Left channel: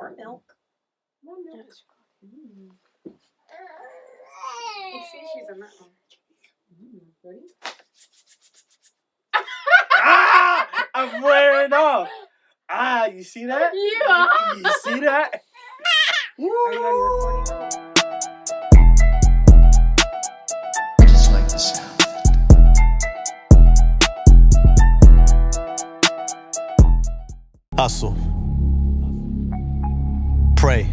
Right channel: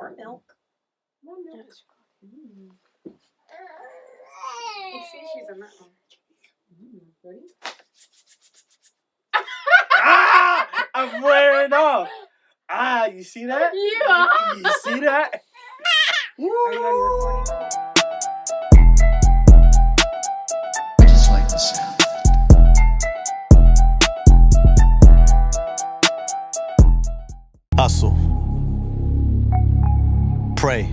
More milk. More milk. You see she's on that one. Ready? I'm flaring off. You see that? You are. You see that? Are you already recording? I just like the sound. Hustle. Pray.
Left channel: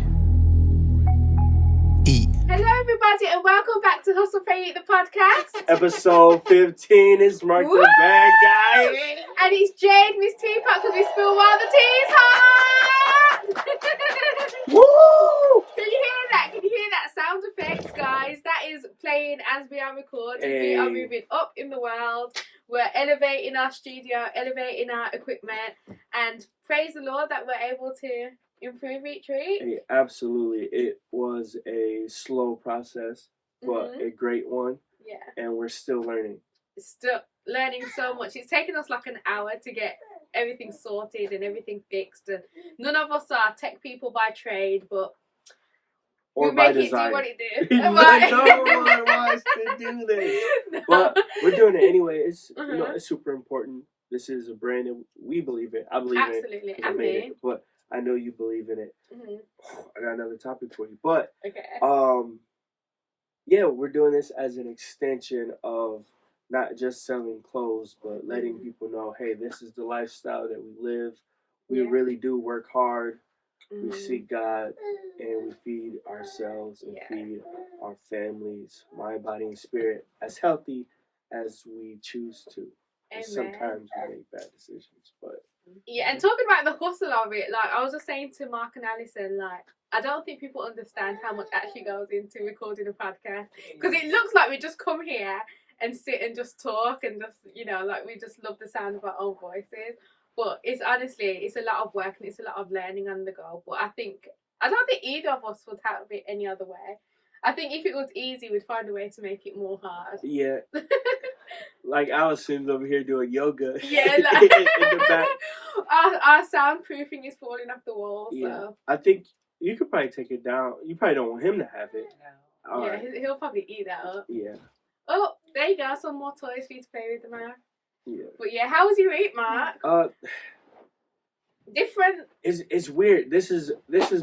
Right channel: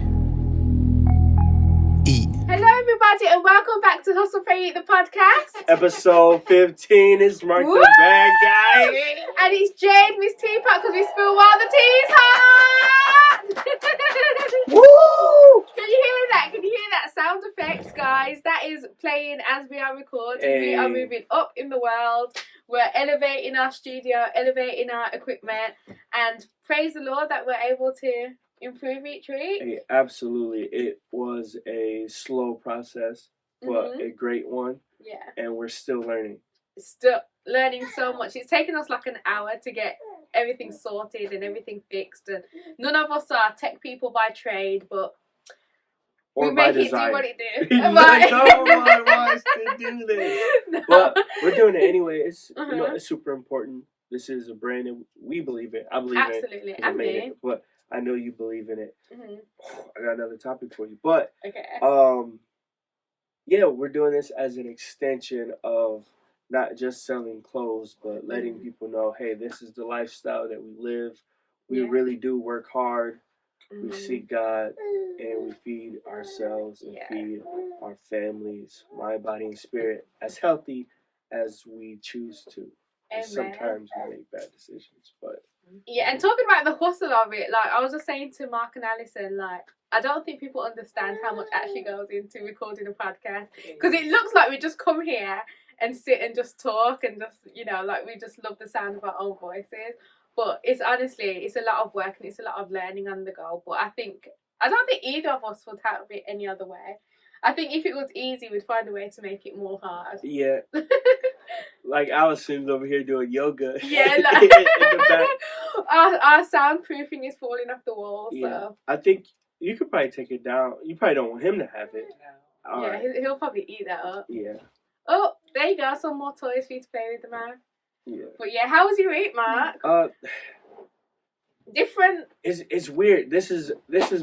Eat. Hello, everybody, and welcome back to Hustle, Pray, Eat, the podcast. Episode 15 is Mark Woo! the Bad Guy. And it's Jade, Miss Teapot, because we spill while the tea's hot. Woo! Can you hear that? Can you hear that sound effects, guys? That is playing as we are recording. Hey. We are moving up in the world. We're elevating our studio, elevating our equipment, and praise the Lord that we're able to improve each week. Hey, absolutely. It was a slow process, but a great one. Yeah. And we're still learning. Still learning so much. It's taken us like an hour to get everything sorted and everything fixed. And none of us are tech people by trade, but Or we by make design. it do what it do. No one wants to do this. No. But we're doing it anyway. It's you know Uh-huh. it's super important. This is a brand that we believe in. I believe Absolutely. in it. 'Cause I made mean. it. But I know you believe in it. Mhm. I got another topic for you. But Okay. yeah, we're doing this as an extension of not just selling clothes, but letting people know, hey, this is the lifestyle that we live. We Yeah. really do work hard. We Mhm. seek God, and we feed ourselves and Yeah. feed our families, mind, body, and spirit, as healthy as we choose to. And Amen. sometimes we make bad decisions, but Yeah, and talking about the hustle of it, like I was just saying to Mark and Alison, like I don't think people understand how much actually goes into recording a podcast, because it looks like we just come here and sit and just talk and just, you know, like we just love the sound of our own voices. But it's honestly, it's a lot of work and it's a lot of learning on the go. But I don't think either of us would have it any other way. I think if it was easy, we'd find a way to make it more hard. yeah, like Allison's over here doing yoga. Yeah, in like, the back. our soundproofing is falling off the wall. Yeah, So I think you could probably take it down. You probably don't want him to have it. All yeah, right. he'll probably eat that up. Yeah. Oh, there you go, some more toys for you to play with, the man. Yeah. But yeah, how was your week, Mark? Different. It's weird. This is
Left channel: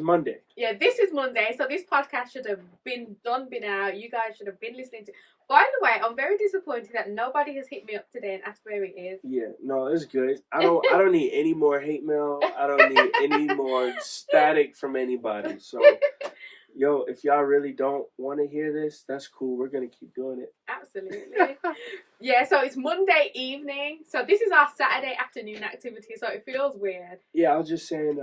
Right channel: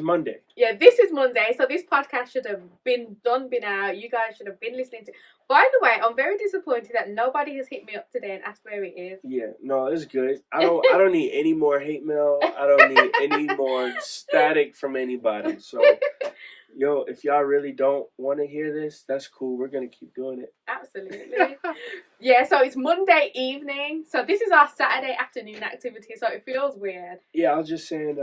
Monday. Yeah, this is Monday, so this podcast should have been out. You guys should have been listening to. By the way, I'm very disappointed that nobody has hit me up today and asked where it is. Yeah, no, it's good. I don't need any more hate mail. I don't need any more static from anybody. So, yo, if y'all really don't want to hear this, that's cool. We're gonna keep doing it. Absolutely. Yeah, so it's Monday evening. So this is our Saturday afternoon activity. So it feels weird. Yeah, I was just saying.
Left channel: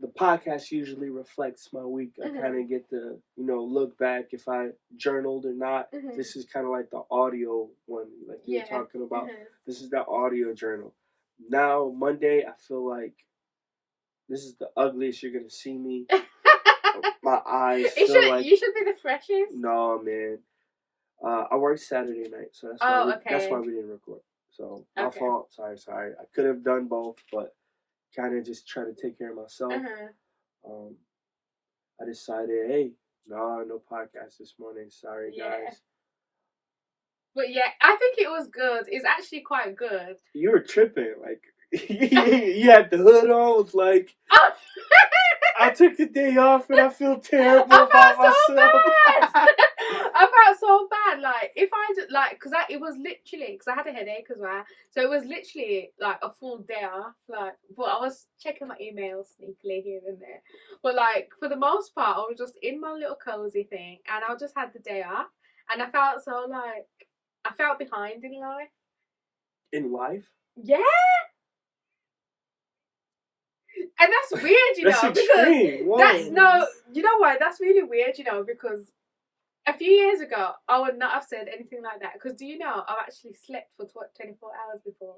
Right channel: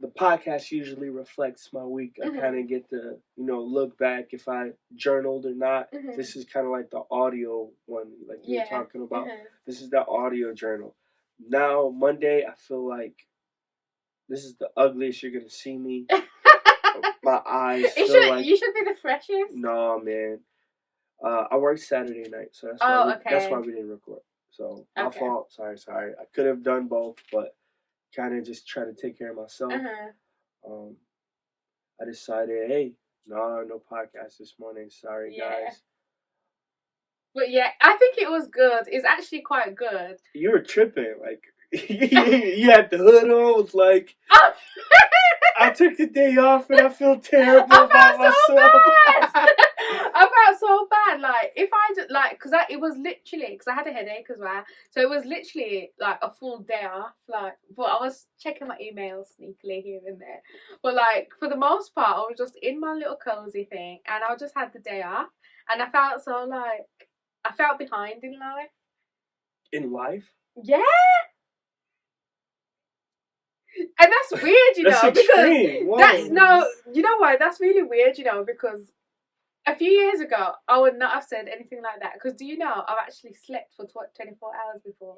The podcast usually reflects my week. I kind of get to look back if I journaled or not. This is kind of like the audio one, like you were talking about. This is the audio journal. Now Monday, I feel like this is the ugliest you're gonna see me. My eyes feel like you should be the freshest. No, man. I worked Saturday night, so that's why we didn't record. So my fault. Sorry. I could have done both, but kind of just try to take care of myself. I decided, hey, no podcast this morning. Sorry, guys. But yeah, I think it was good. It's actually quite good. You were tripping, like you had the hood on. Was like, I took the day off and I feel terrible about myself. I felt so bad. Like if I just it was literally because I had a headache as well, so it was literally like a full day off. Like, but I was checking my emails sneakily here and there. But like for the most part, I was just in my little cozy thing, and I just had the day off, and I felt so like I felt behind in life. In life? Yeah. And that's weird, you know, because you know why? That's really weird, you know, because a few years ago, I would not have said anything like that. Because do you know, I've actually slept for 24 hours before.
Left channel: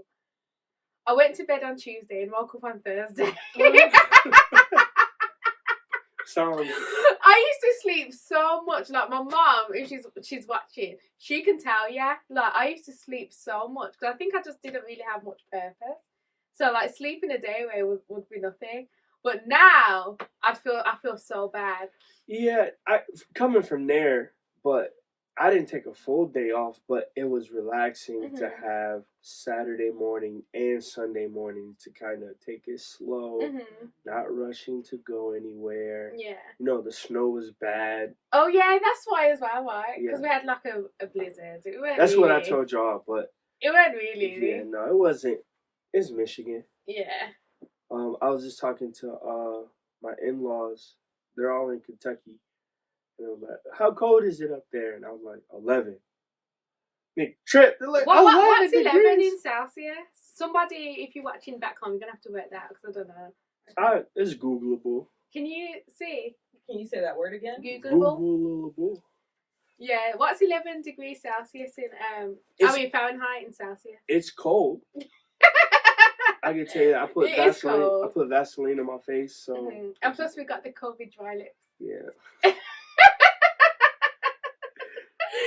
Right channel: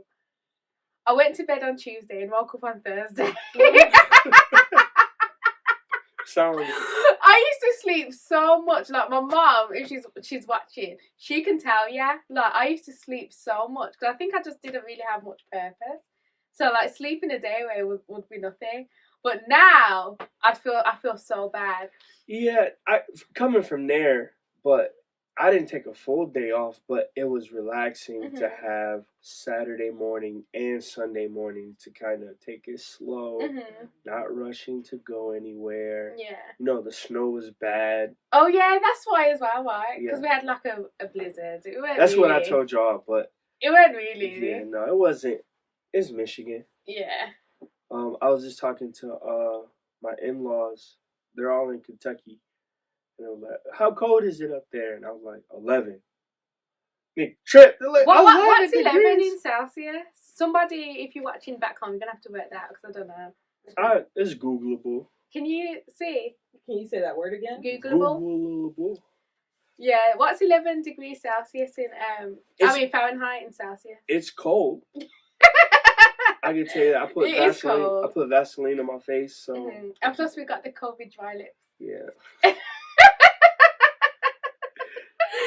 I went to bed on Tuesday and woke up on Thursday. Sorry. I used to sleep so much. Like my mom, if she's watching, she can tell you. Like I used to sleep so much because I think I just didn't really have much purpose. So like sleeping a day away would be nothing. But now I feel so bad. Yeah, coming from there, but I didn't take a full day off, but it was relaxing to have Saturday morning and Sunday morning to kind of take it slow, not rushing to go anywhere. Yeah. You know, the snow was bad. Oh yeah, that's why as well, right? Because Yeah. we had like a blizzard. It weren't That's what I really- told y'all, but It wasn't really. yeah, no, it wasn't. It's Michigan. Yeah. I was just talking to my in-laws. They're all in Kentucky. And I'm like, how cold is it up there? And I was like, 11. Big trip. They're like, What's 11 degrees? in Celsius? Somebody, if you're watching back home, you're going to have to work that out because I don't know. It's Googleable. Can you see? Can you say that word again? Googleable? Googleable. Yeah, what's 11 degrees Celsius in, Fahrenheit in Celsius? It's cold. I can tell you, I put It is Vaseline. cold. I put Vaseline on my face, so And plus we got the COVID dry lips. yeah.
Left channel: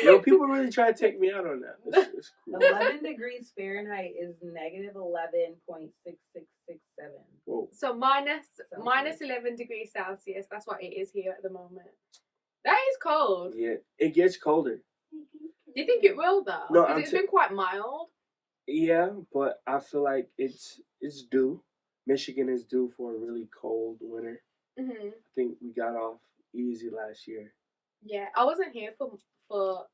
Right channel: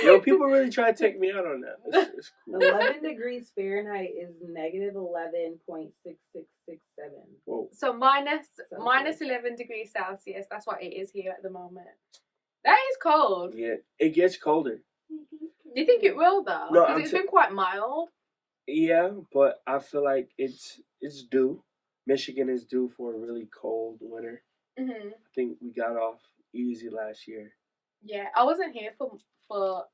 Yo, people really try to take me out on that. It's cool. 11 degrees Fahrenheit is negative 11.6667. Whoa. So minus 11 degrees Celsius. That's what it is here at the moment. That is cold. Yeah, it gets colder. Do you think it will though? No, Because it's been quite mild. Yeah, but I feel like it's due. Michigan is due for a really cold winter. I think we got off easy last year. Yeah, I wasn't here for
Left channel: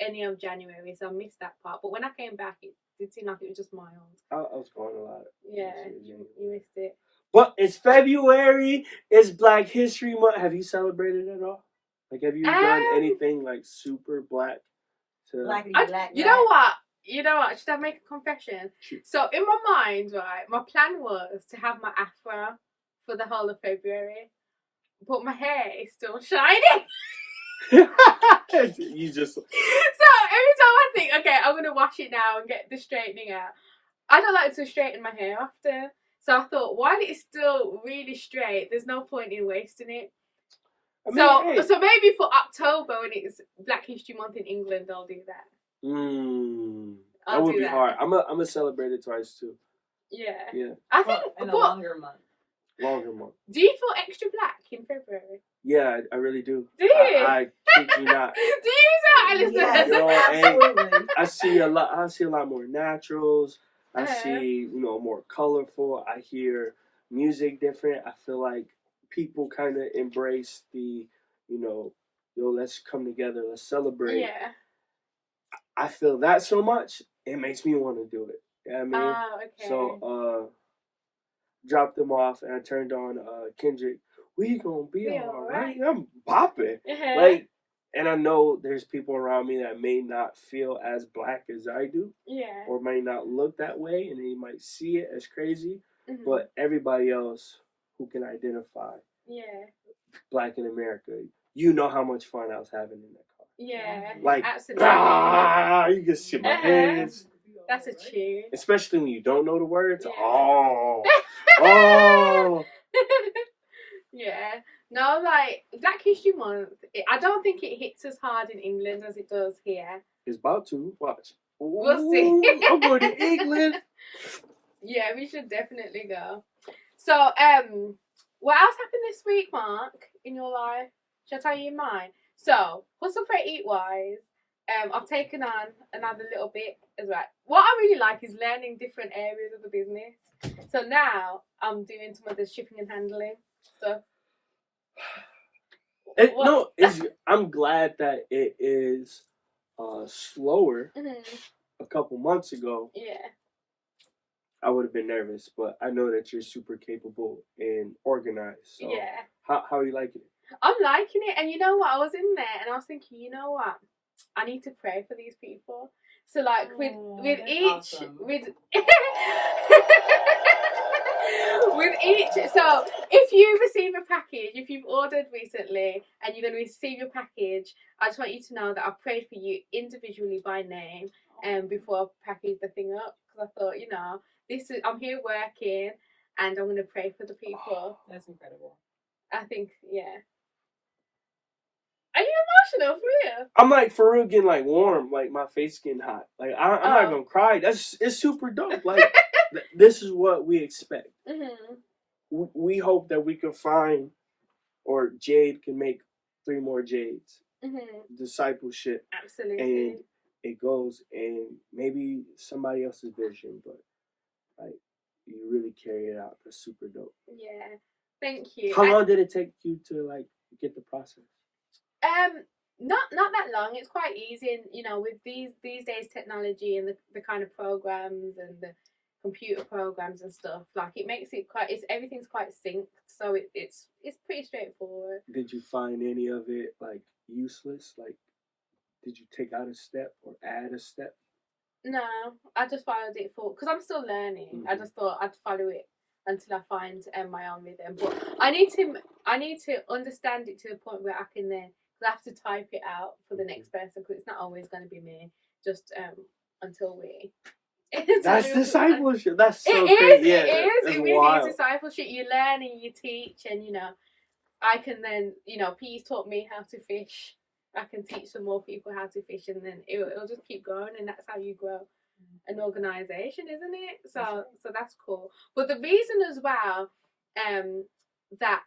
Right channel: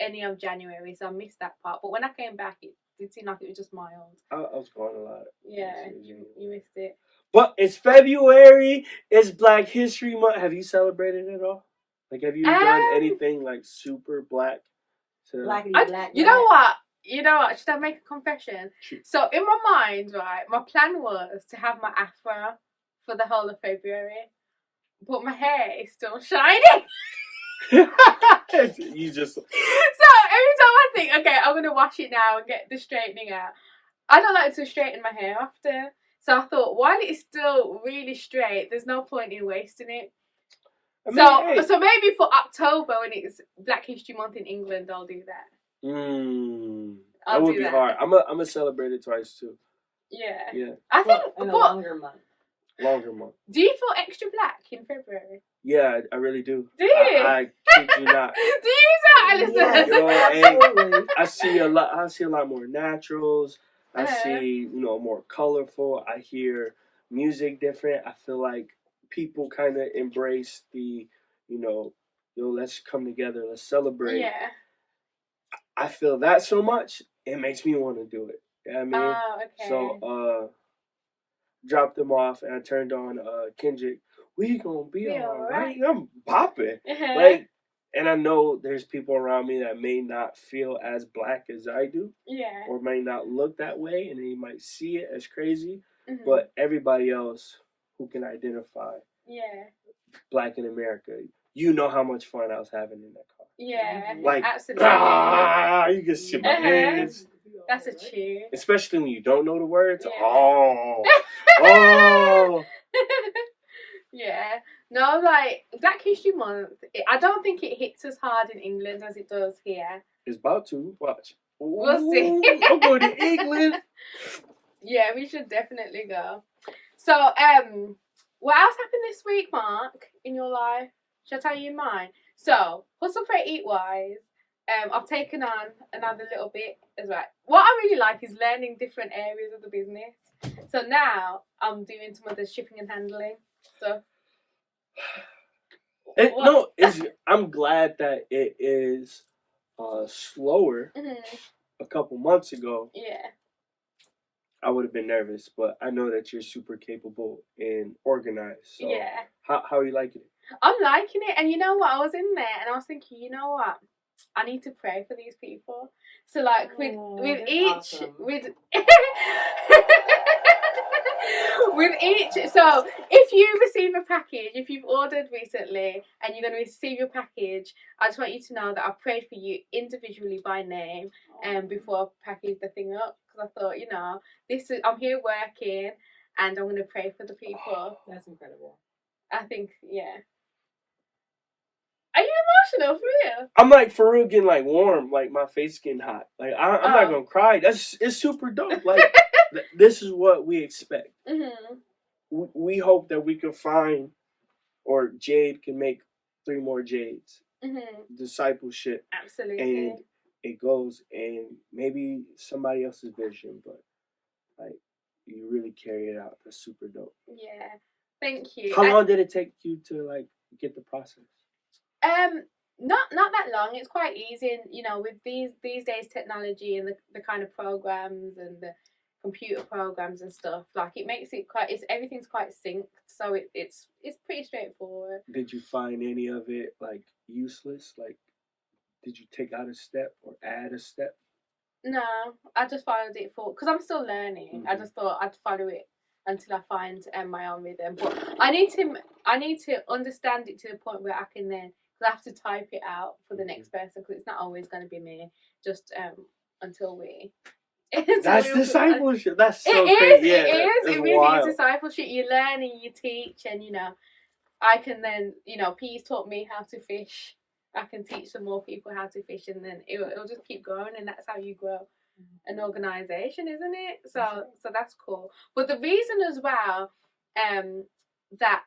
any of January, so I missed that part. But when I came back, it did seem like it was just mild. I was going a lot. Yeah, you missed it. But it's February. It's Black History Month. Have you celebrated at all? Like, have you done anything like super black? You know what? Should I make a confession? So in my mind, right, my plan was to have my afro for the whole of February, but my hair is still shining. You just. So every time I think, okay, I'm gonna wash it now and get the straightening out, I don't like to straighten my hair after. So I thought, while it's still really straight, there's no point in wasting it. I mean, so maybe for October when it's Black History Month in England, I'll do that. That would be hard. I'm gonna celebrate it twice too. Yeah. I think in a longer month. Longer month. Do you feel extra black in February? Yeah, I really do. Do you? I kid you not. Do you not, Alison? Yo, I see a lot more naturals. I see, more colorful. I hear music different. I feel like people kind of embrace the, let's come together, let's celebrate. Yeah. I feel that so much, it makes me want to do it. You know what I mean? Oh, okay. So, dropped them off and I turned on Kendrick. We gonna be alright. I'm popping. And I know there's people around me that may not feel as black as I do. Yeah. Or may not look that way and they might see it as crazy. But everybody else who can identify black in America, you know how much fun I was having in that car. Yeah. Like, absolutely. You can see my hands. That's a cheer. Especially when you don't know the words. Yeah. Oh. Yeah. No, like, Black History Month, I don't think it hits as hard in England as it does here. It's about to. Watch. We'll see. I'm going to England. Yeah, we should definitely go. So, what else happened this week, Mark, in your life? Shall I tell you mine? So, Hustle for Eat Wise, I've taken on another little bit as well. What I really like is learning different areas of the business. So now I'm doing some of the shipping and handling stuff. I'm glad that it is slower. A couple months ago, I would have been nervous, but I know that you're super capable and organized. So how are you liking it? I'm liking it, and you know what? I was in there and I was thinking, you know what? I need to pray for these people. So like with each so if you receive a package, if you've ordered recently and you're going to receive your package, I just want you to know that I prayed for you individually by name before I packaged the thing up, because I thought, I'm here working and I'm going to pray for the people. That's incredible. I think, Are you emotional for real? I'm like for real getting like warm, like my face getting hot. Like I'm not gonna cry. It's super dope. Like this is what we expect. we hope that we can find, or Jade can make 3 more Jades. Discipleship. Absolutely. And it goes in maybe somebody else's vision, but like you really carry it out. That's super dope. Yeah. Thank you. How long did it take you to like get the process? Not that long. It's quite easy, and you know, with these days technology and the kind of programs and the computer programs and stuff, like it makes it everything's quite synced, so it's pretty straightforward. Did you find any of it like useless? Like, did you take out a step or add a step? No, I just followed it because I'm still learning. I just thought I'd follow it until I find my own rhythm. But I need to understand it to the point where I can then. I have to type it out for the next person because it's not always going to be me. Just until we. That's discipleship. That's so it crazy. Is, yeah, it is. It really wild. is discipleship. You learn and you teach, and you know, I can then, you know, Pete's taught me how to fish. I can teach some more people how to fish, and then it'll just keep going, and that's how you grow an organization, isn't it? So that's cool. But the reason as well, that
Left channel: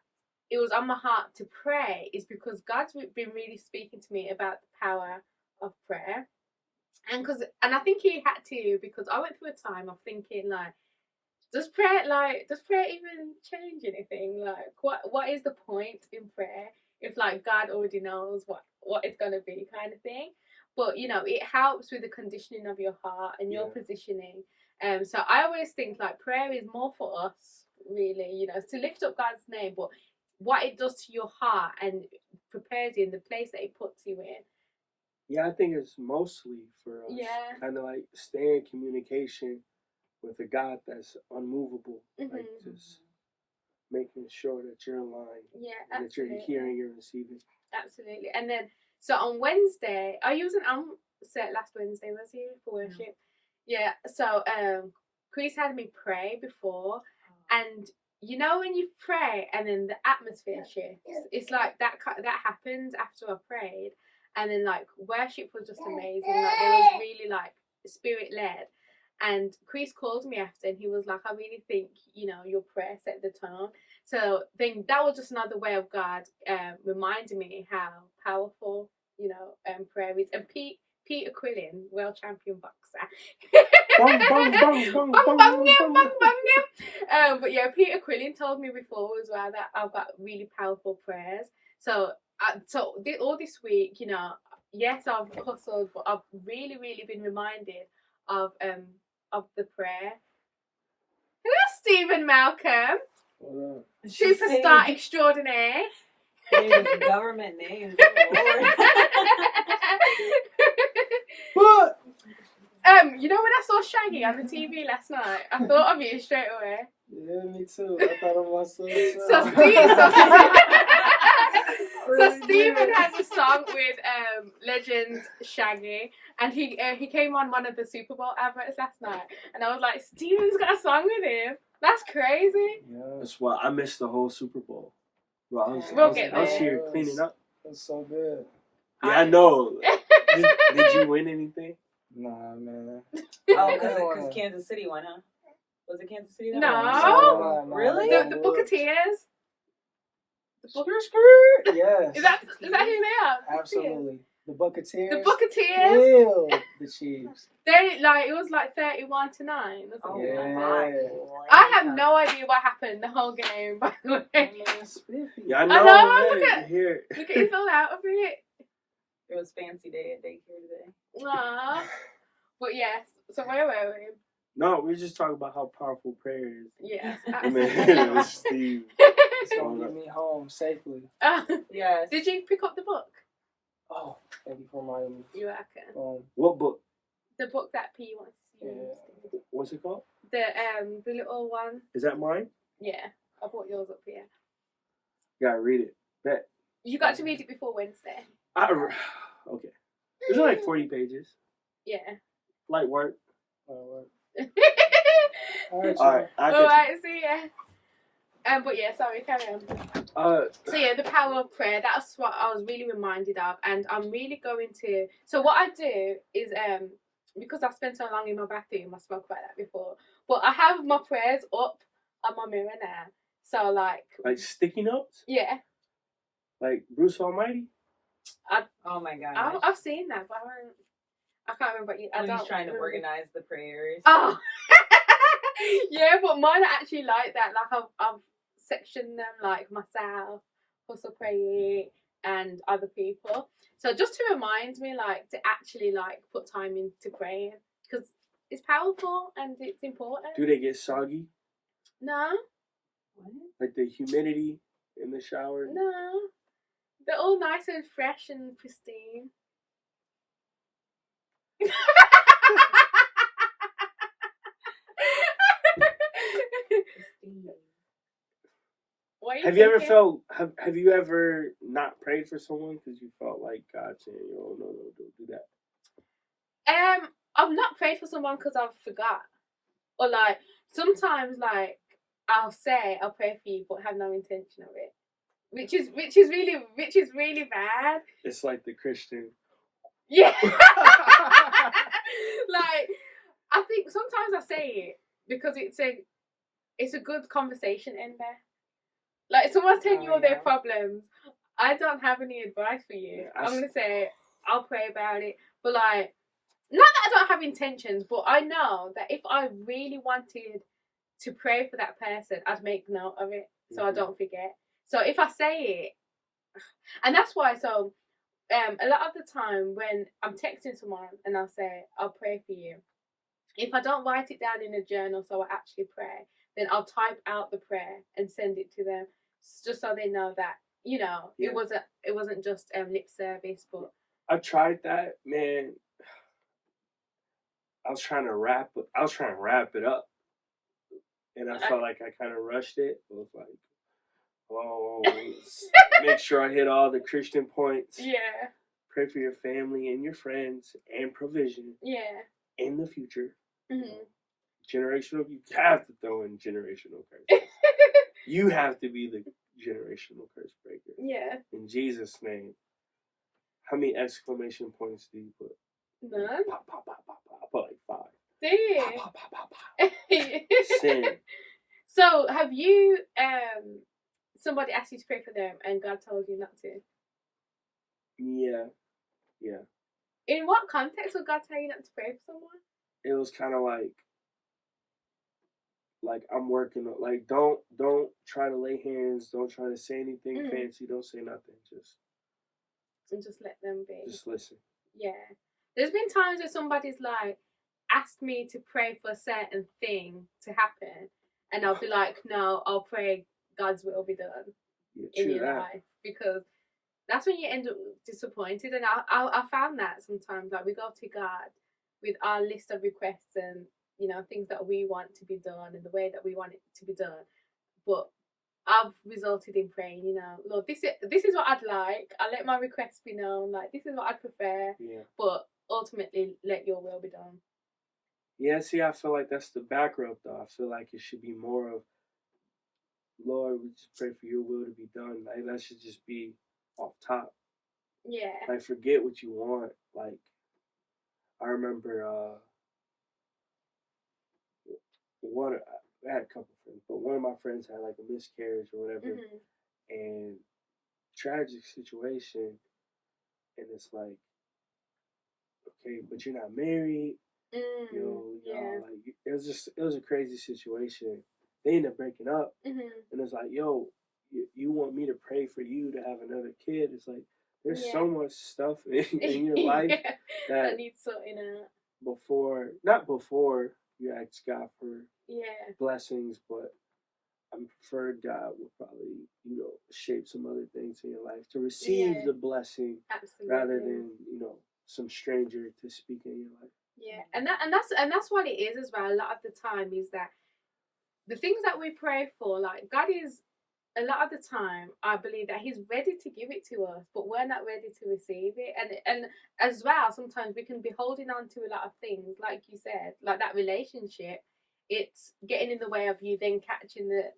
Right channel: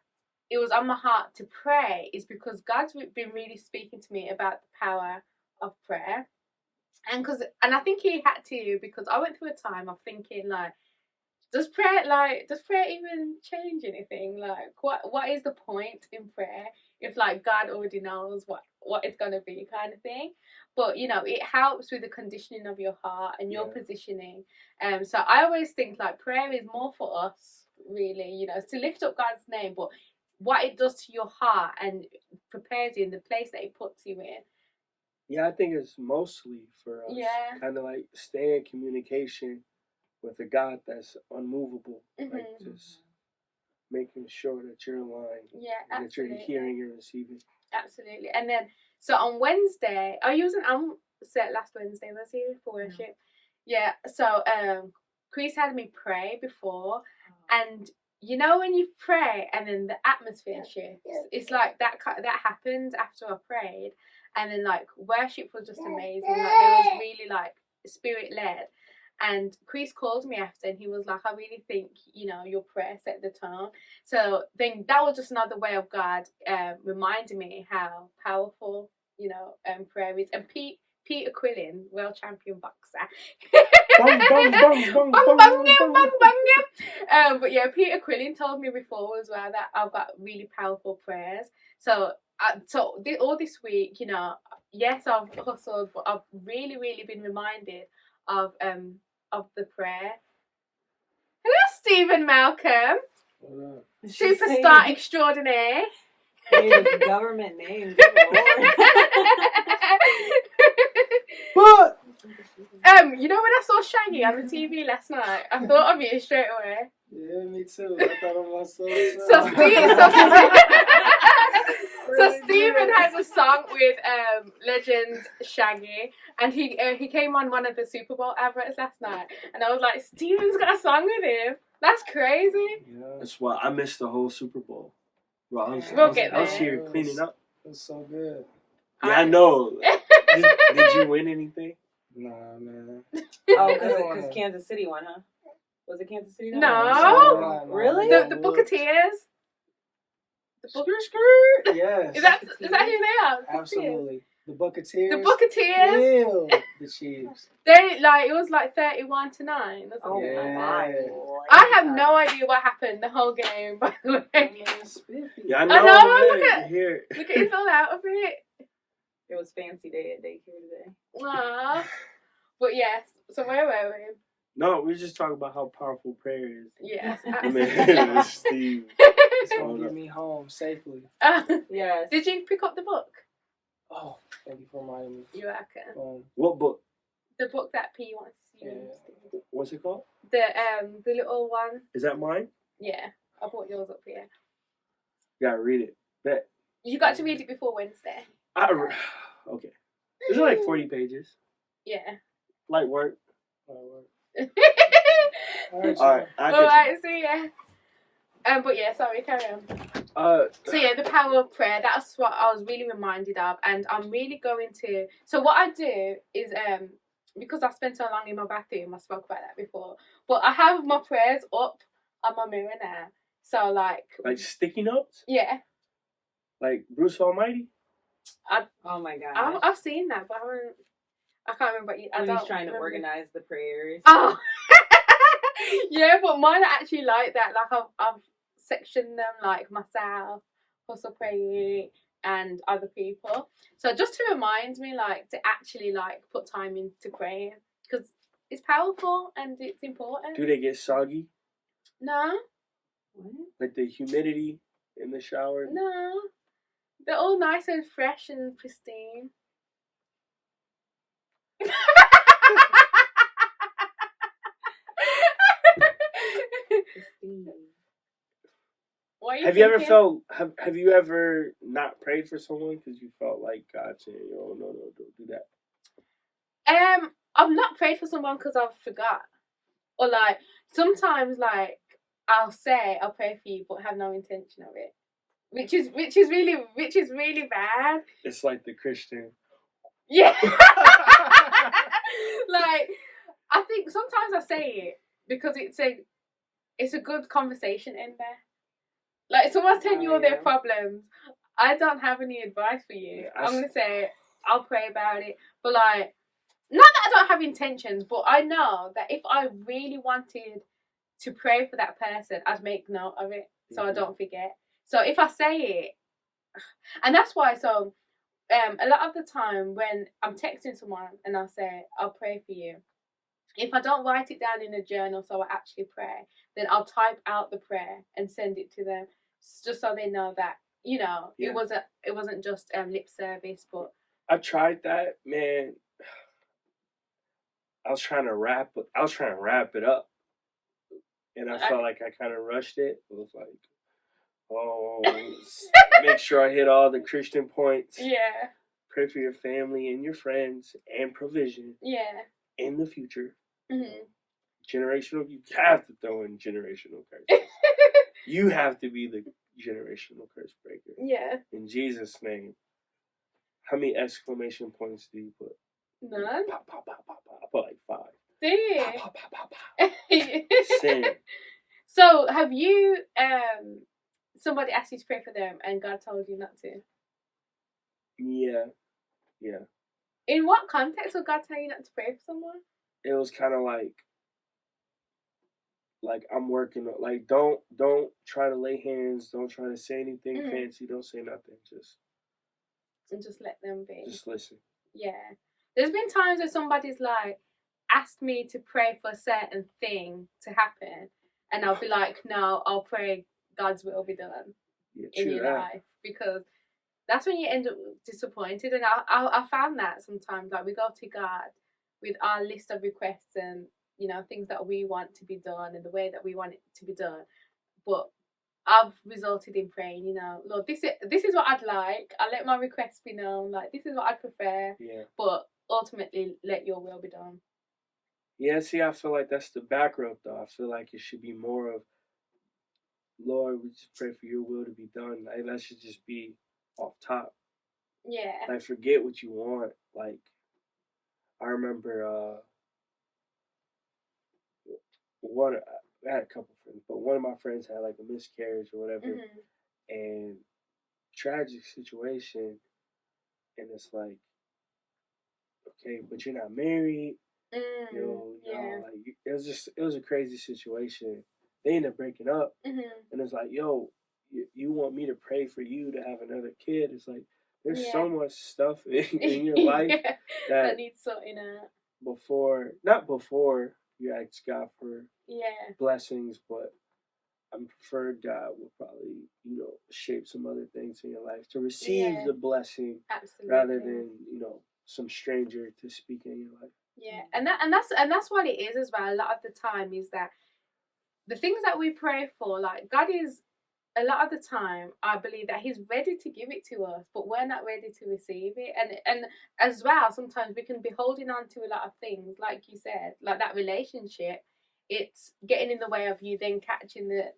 it was on my heart to pray is because God's been really speaking to me about the power of prayer, and I think He had to, because I went through a time of thinking like, does prayer even change anything? Like, what is the point in prayer if like God already knows what it's gonna be, kind of thing? But you know, it helps with the conditioning of your heart and your positioning. So I always think like prayer is more for us, really. You know, to lift up God's name, but what it does to your heart and prepares you in the place that it puts you in. Yeah, I think it's mostly for us. Yeah. Kind of like stay in communication with a God that's unmovable. Like just making sure that you're in line. Yeah, absolutely. That you're hearing and receiving. Absolutely. And then, so on Wednesday, I wasn't on set last Wednesday, was he, for worship? Yeah, so Chris had me pray before, and you know when you pray and then the atmosphere shifts, it's like that happened after I prayed, and then like worship was just amazing. Like it was really like spirit led. And Chris called me after, and he was like, I really think, you know, your prayer set the tone. So then that was just another way of God reminding me how powerful, you know, prayer is. And Peter Quillen, world champion boxer. But yeah, Peter Quillen told me before as well that I've got really powerful prayers. So all this week, you know, yes, I've hustled, but I've really, really been reminded of the prayer. Hello, Stephen Malcolm. Superstar extraordinaire. The government name. What? You know when I saw Shaggy on the TV last night, I thought of you straight away. Yeah, me too. I thought of myself. So Stephen has a song with legend Shaggy, and he came on one of the Super Bowl adverts last night, and I was like, Stephen's got a song with him. That's crazy. Yeah. That's why I missed the whole Super Bowl. Bro, I was here cleaning up. That's so good. Yeah, I know. Did you win anything? Nah, man. Oh, because Kansas City won, huh? Was it Kansas City? No. Really? The Buccaneers. Yes. Is that who they are? Absolutely. The Buccaneers. The Buccaneers. Yeah, the Chiefs. They it was like 31-9 or something. Oh Yeah. my God. I have no idea what happened the whole game, by the way. Yeah, I know, know. look at- Here. Look at you fell out of it. It was fancy day at daycare today. Aww. But yes, so where were we? No, we're just talking about how powerful prayer is. Yes. I mean, Steve. It's gonna get me home safely. Yes. Did you pick up the book? Oh, thank you for reminding me. You reckon? What book? The book that P wants to use. What's it called? The little one. Is that mine? Yeah, I brought yours up here. Gotta read it. Bet. You got to read it before Wednesday. Okay. It's like 40 pages. Yeah. Light work. All Alright. Alright, so yeah. But yeah, sorry, carry on. So yeah, the power of prayer, that's what I was really reminded of, and I'm really going to, so what I do is, because I spent so long in my bathroom, I spoke about that before, but I have my prayers up on my mirror now, So like sticky notes, yeah, like Bruce Almighty. Oh my gosh. I've seen that, but I can't remember. I When don't. he's trying to remember. organize the prayers. Oh, yeah, but mine are actually like that. Like I've sectioned them, like myself, hustle praying, and other people. So just to remind me, like to actually like put time into praying because it's powerful and it's important. Do they get soggy? No, What? Like the humidity in the shower? no, they're all nice and fresh and pristine. Christine. Why Have you ever thinking? felt? Have you ever not prayed for someone because you felt like God saying, "Oh no, don't do that." I've not prayed for someone because I've forgot, or like sometimes like I'll say I'll pray for you but have no intention of it, which is really bad. It's like the Christian. Yeah, like I think sometimes I say it because it's a good conversation in there. Like if someone's telling you all their problems, I don't have any advice for you. I'm gonna say I'll pray about it, but like. Not that I don't have intentions, but I know that if I really wanted to pray for that person, I'd make note of it so I don't forget. So if I say it, and that's why, so a lot of the time when I'm texting someone and I'll say, I'll pray for you, if I don't write it down in a journal so I actually pray, then I'll type out the prayer and send it to them just so they know that, you know, Yeah. it wasn't just lip service, but I tried that, man. I was trying to wrap it up, and I felt like I kind of rushed it. It was like, oh, make sure I hit all the Christian points. yeah, Pray for your family and your friends and provision yeah. in the future. Mm-hmm. Generational, you have to throw in generational curse. You have to be the generational curse breaker. Yeah. In Jesus' name. How many exclamation points do you put? None. Pop, pop, pop, pop, pop. I put like 5. Do you? Pop, pop, pop, pop, pop. Sin. So, have you somebody asked you to pray for them and God told you not to? Yeah. In what context would God tell you not to pray for someone? It was kind of like I'm working on, like don't try to lay hands, don't try to say anything fancy, don't say nothing, just let them be. Just listen. Yeah. There's been times where somebody's like asked me to pray for a certain thing to happen, and I'll be like, no, I'll pray God's will be done in your life, because that's when you end up disappointed. And I found that sometimes, like, we go to God with our list of requests and, you know, things that we want to be done and the way that we want it to be done, but I've resulted in praying, you know, Lord, this is what I'd like. I let my requests be known. Like, this is what I prefer. Yeah. But ultimately, let your will be done. Yeah, see, I feel like that's the back rope, though. I feel like it should be more of, Lord, we just pray for your will to be done. Like, that should just be off top. Yeah. Like, forget what you want. Like, I remember I had a couple friends, but one of my friends had like a miscarriage or whatever, and tragic situation, and it's like, okay, but you're not married, you know, like it was a crazy situation. They ended up breaking up, and it's like, yo, you want me to pray for you to have another kid? It's like there's so much stuff in your life that needs sorting out. Not before you ask God for blessings, but I prefer God will probably, you know, shape some other things in your life to receive the blessing. Absolutely. Rather than, you know, some stranger to speak in your life. Yeah, and that's what it is as well. A lot of the time is that the things that we pray for, like, God is, a lot of the time, I believe that He's ready to give it to us, but we're not ready to receive it. And as well, sometimes we can be holding on to a lot of things, like you said, like that relationship. It's getting in the way of you then catching the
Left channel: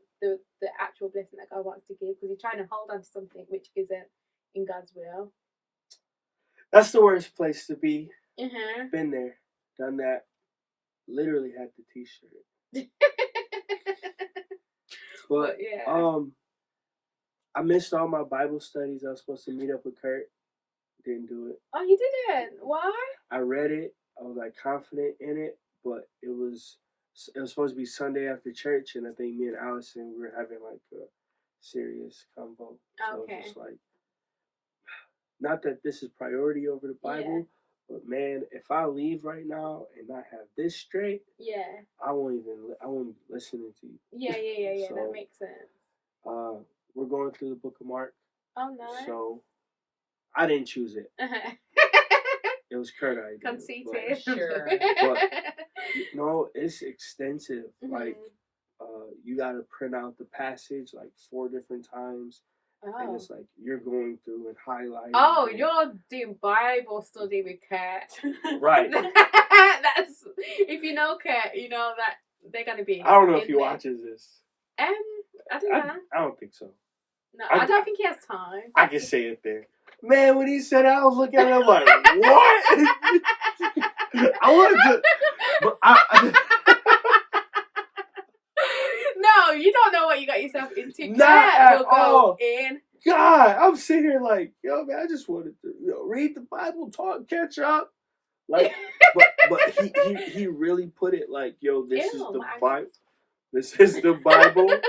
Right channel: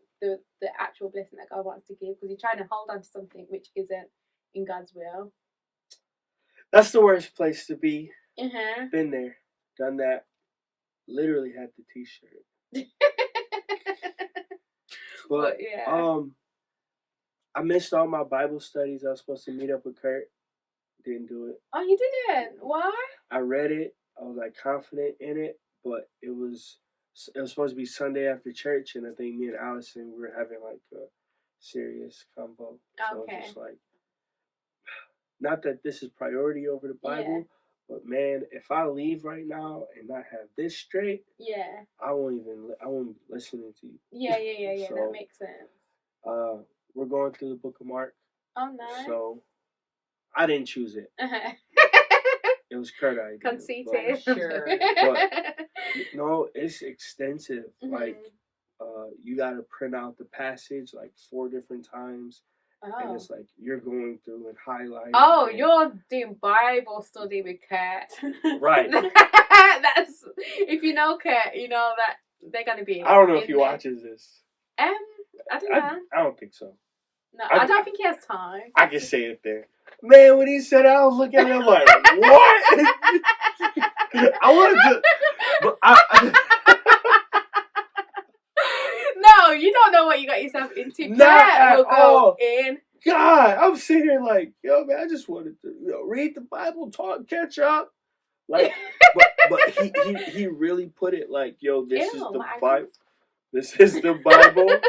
actual blessing that God wants to give, because you're trying to hold on to something which isn't in God's will. That's the worst place to be. Mm-hmm. Been there, done that. Literally had the t-shirt. But yeah. I missed all my Bible studies. I was supposed to meet up with Kurt. Didn't do it. Oh, you didn't? Why? I read it. I was like confident in it, but it was supposed to be Sunday after church, and I think me and Allison we were having like a serious convo. So Okay. just like, not that this is priority over the Bible, but man, if I leave right now and not have this straight, Yeah. I won't be listening to you. Yeah. So, That makes sense. We're going through the book of Mark. Oh, nice. So I didn't choose it. Uh-huh. It was Kurt I did. Conceited. Sure. But no, it's extensive. Mhm. Like, you got to print out the passage like 4 different times. And it's like you're going through and highlighting. Oh, you're doing Bible study with Kurt. Right. That's, if you know Kurt, you know that they're going to be. I don't know if he watches this. I don't know. I don't think so. No, I don't think he has time. I can say it there. Man, when he said that, I was looking at him like, what? I wanted to, but No, you don't know what you got yourself into. Not at You'll all. go in. God, I'm sitting here like, yo, man, I just wanted to, read the Bible, talk, catch up. Like, but he really put it like, yo, this is the Bible. This is the Bible.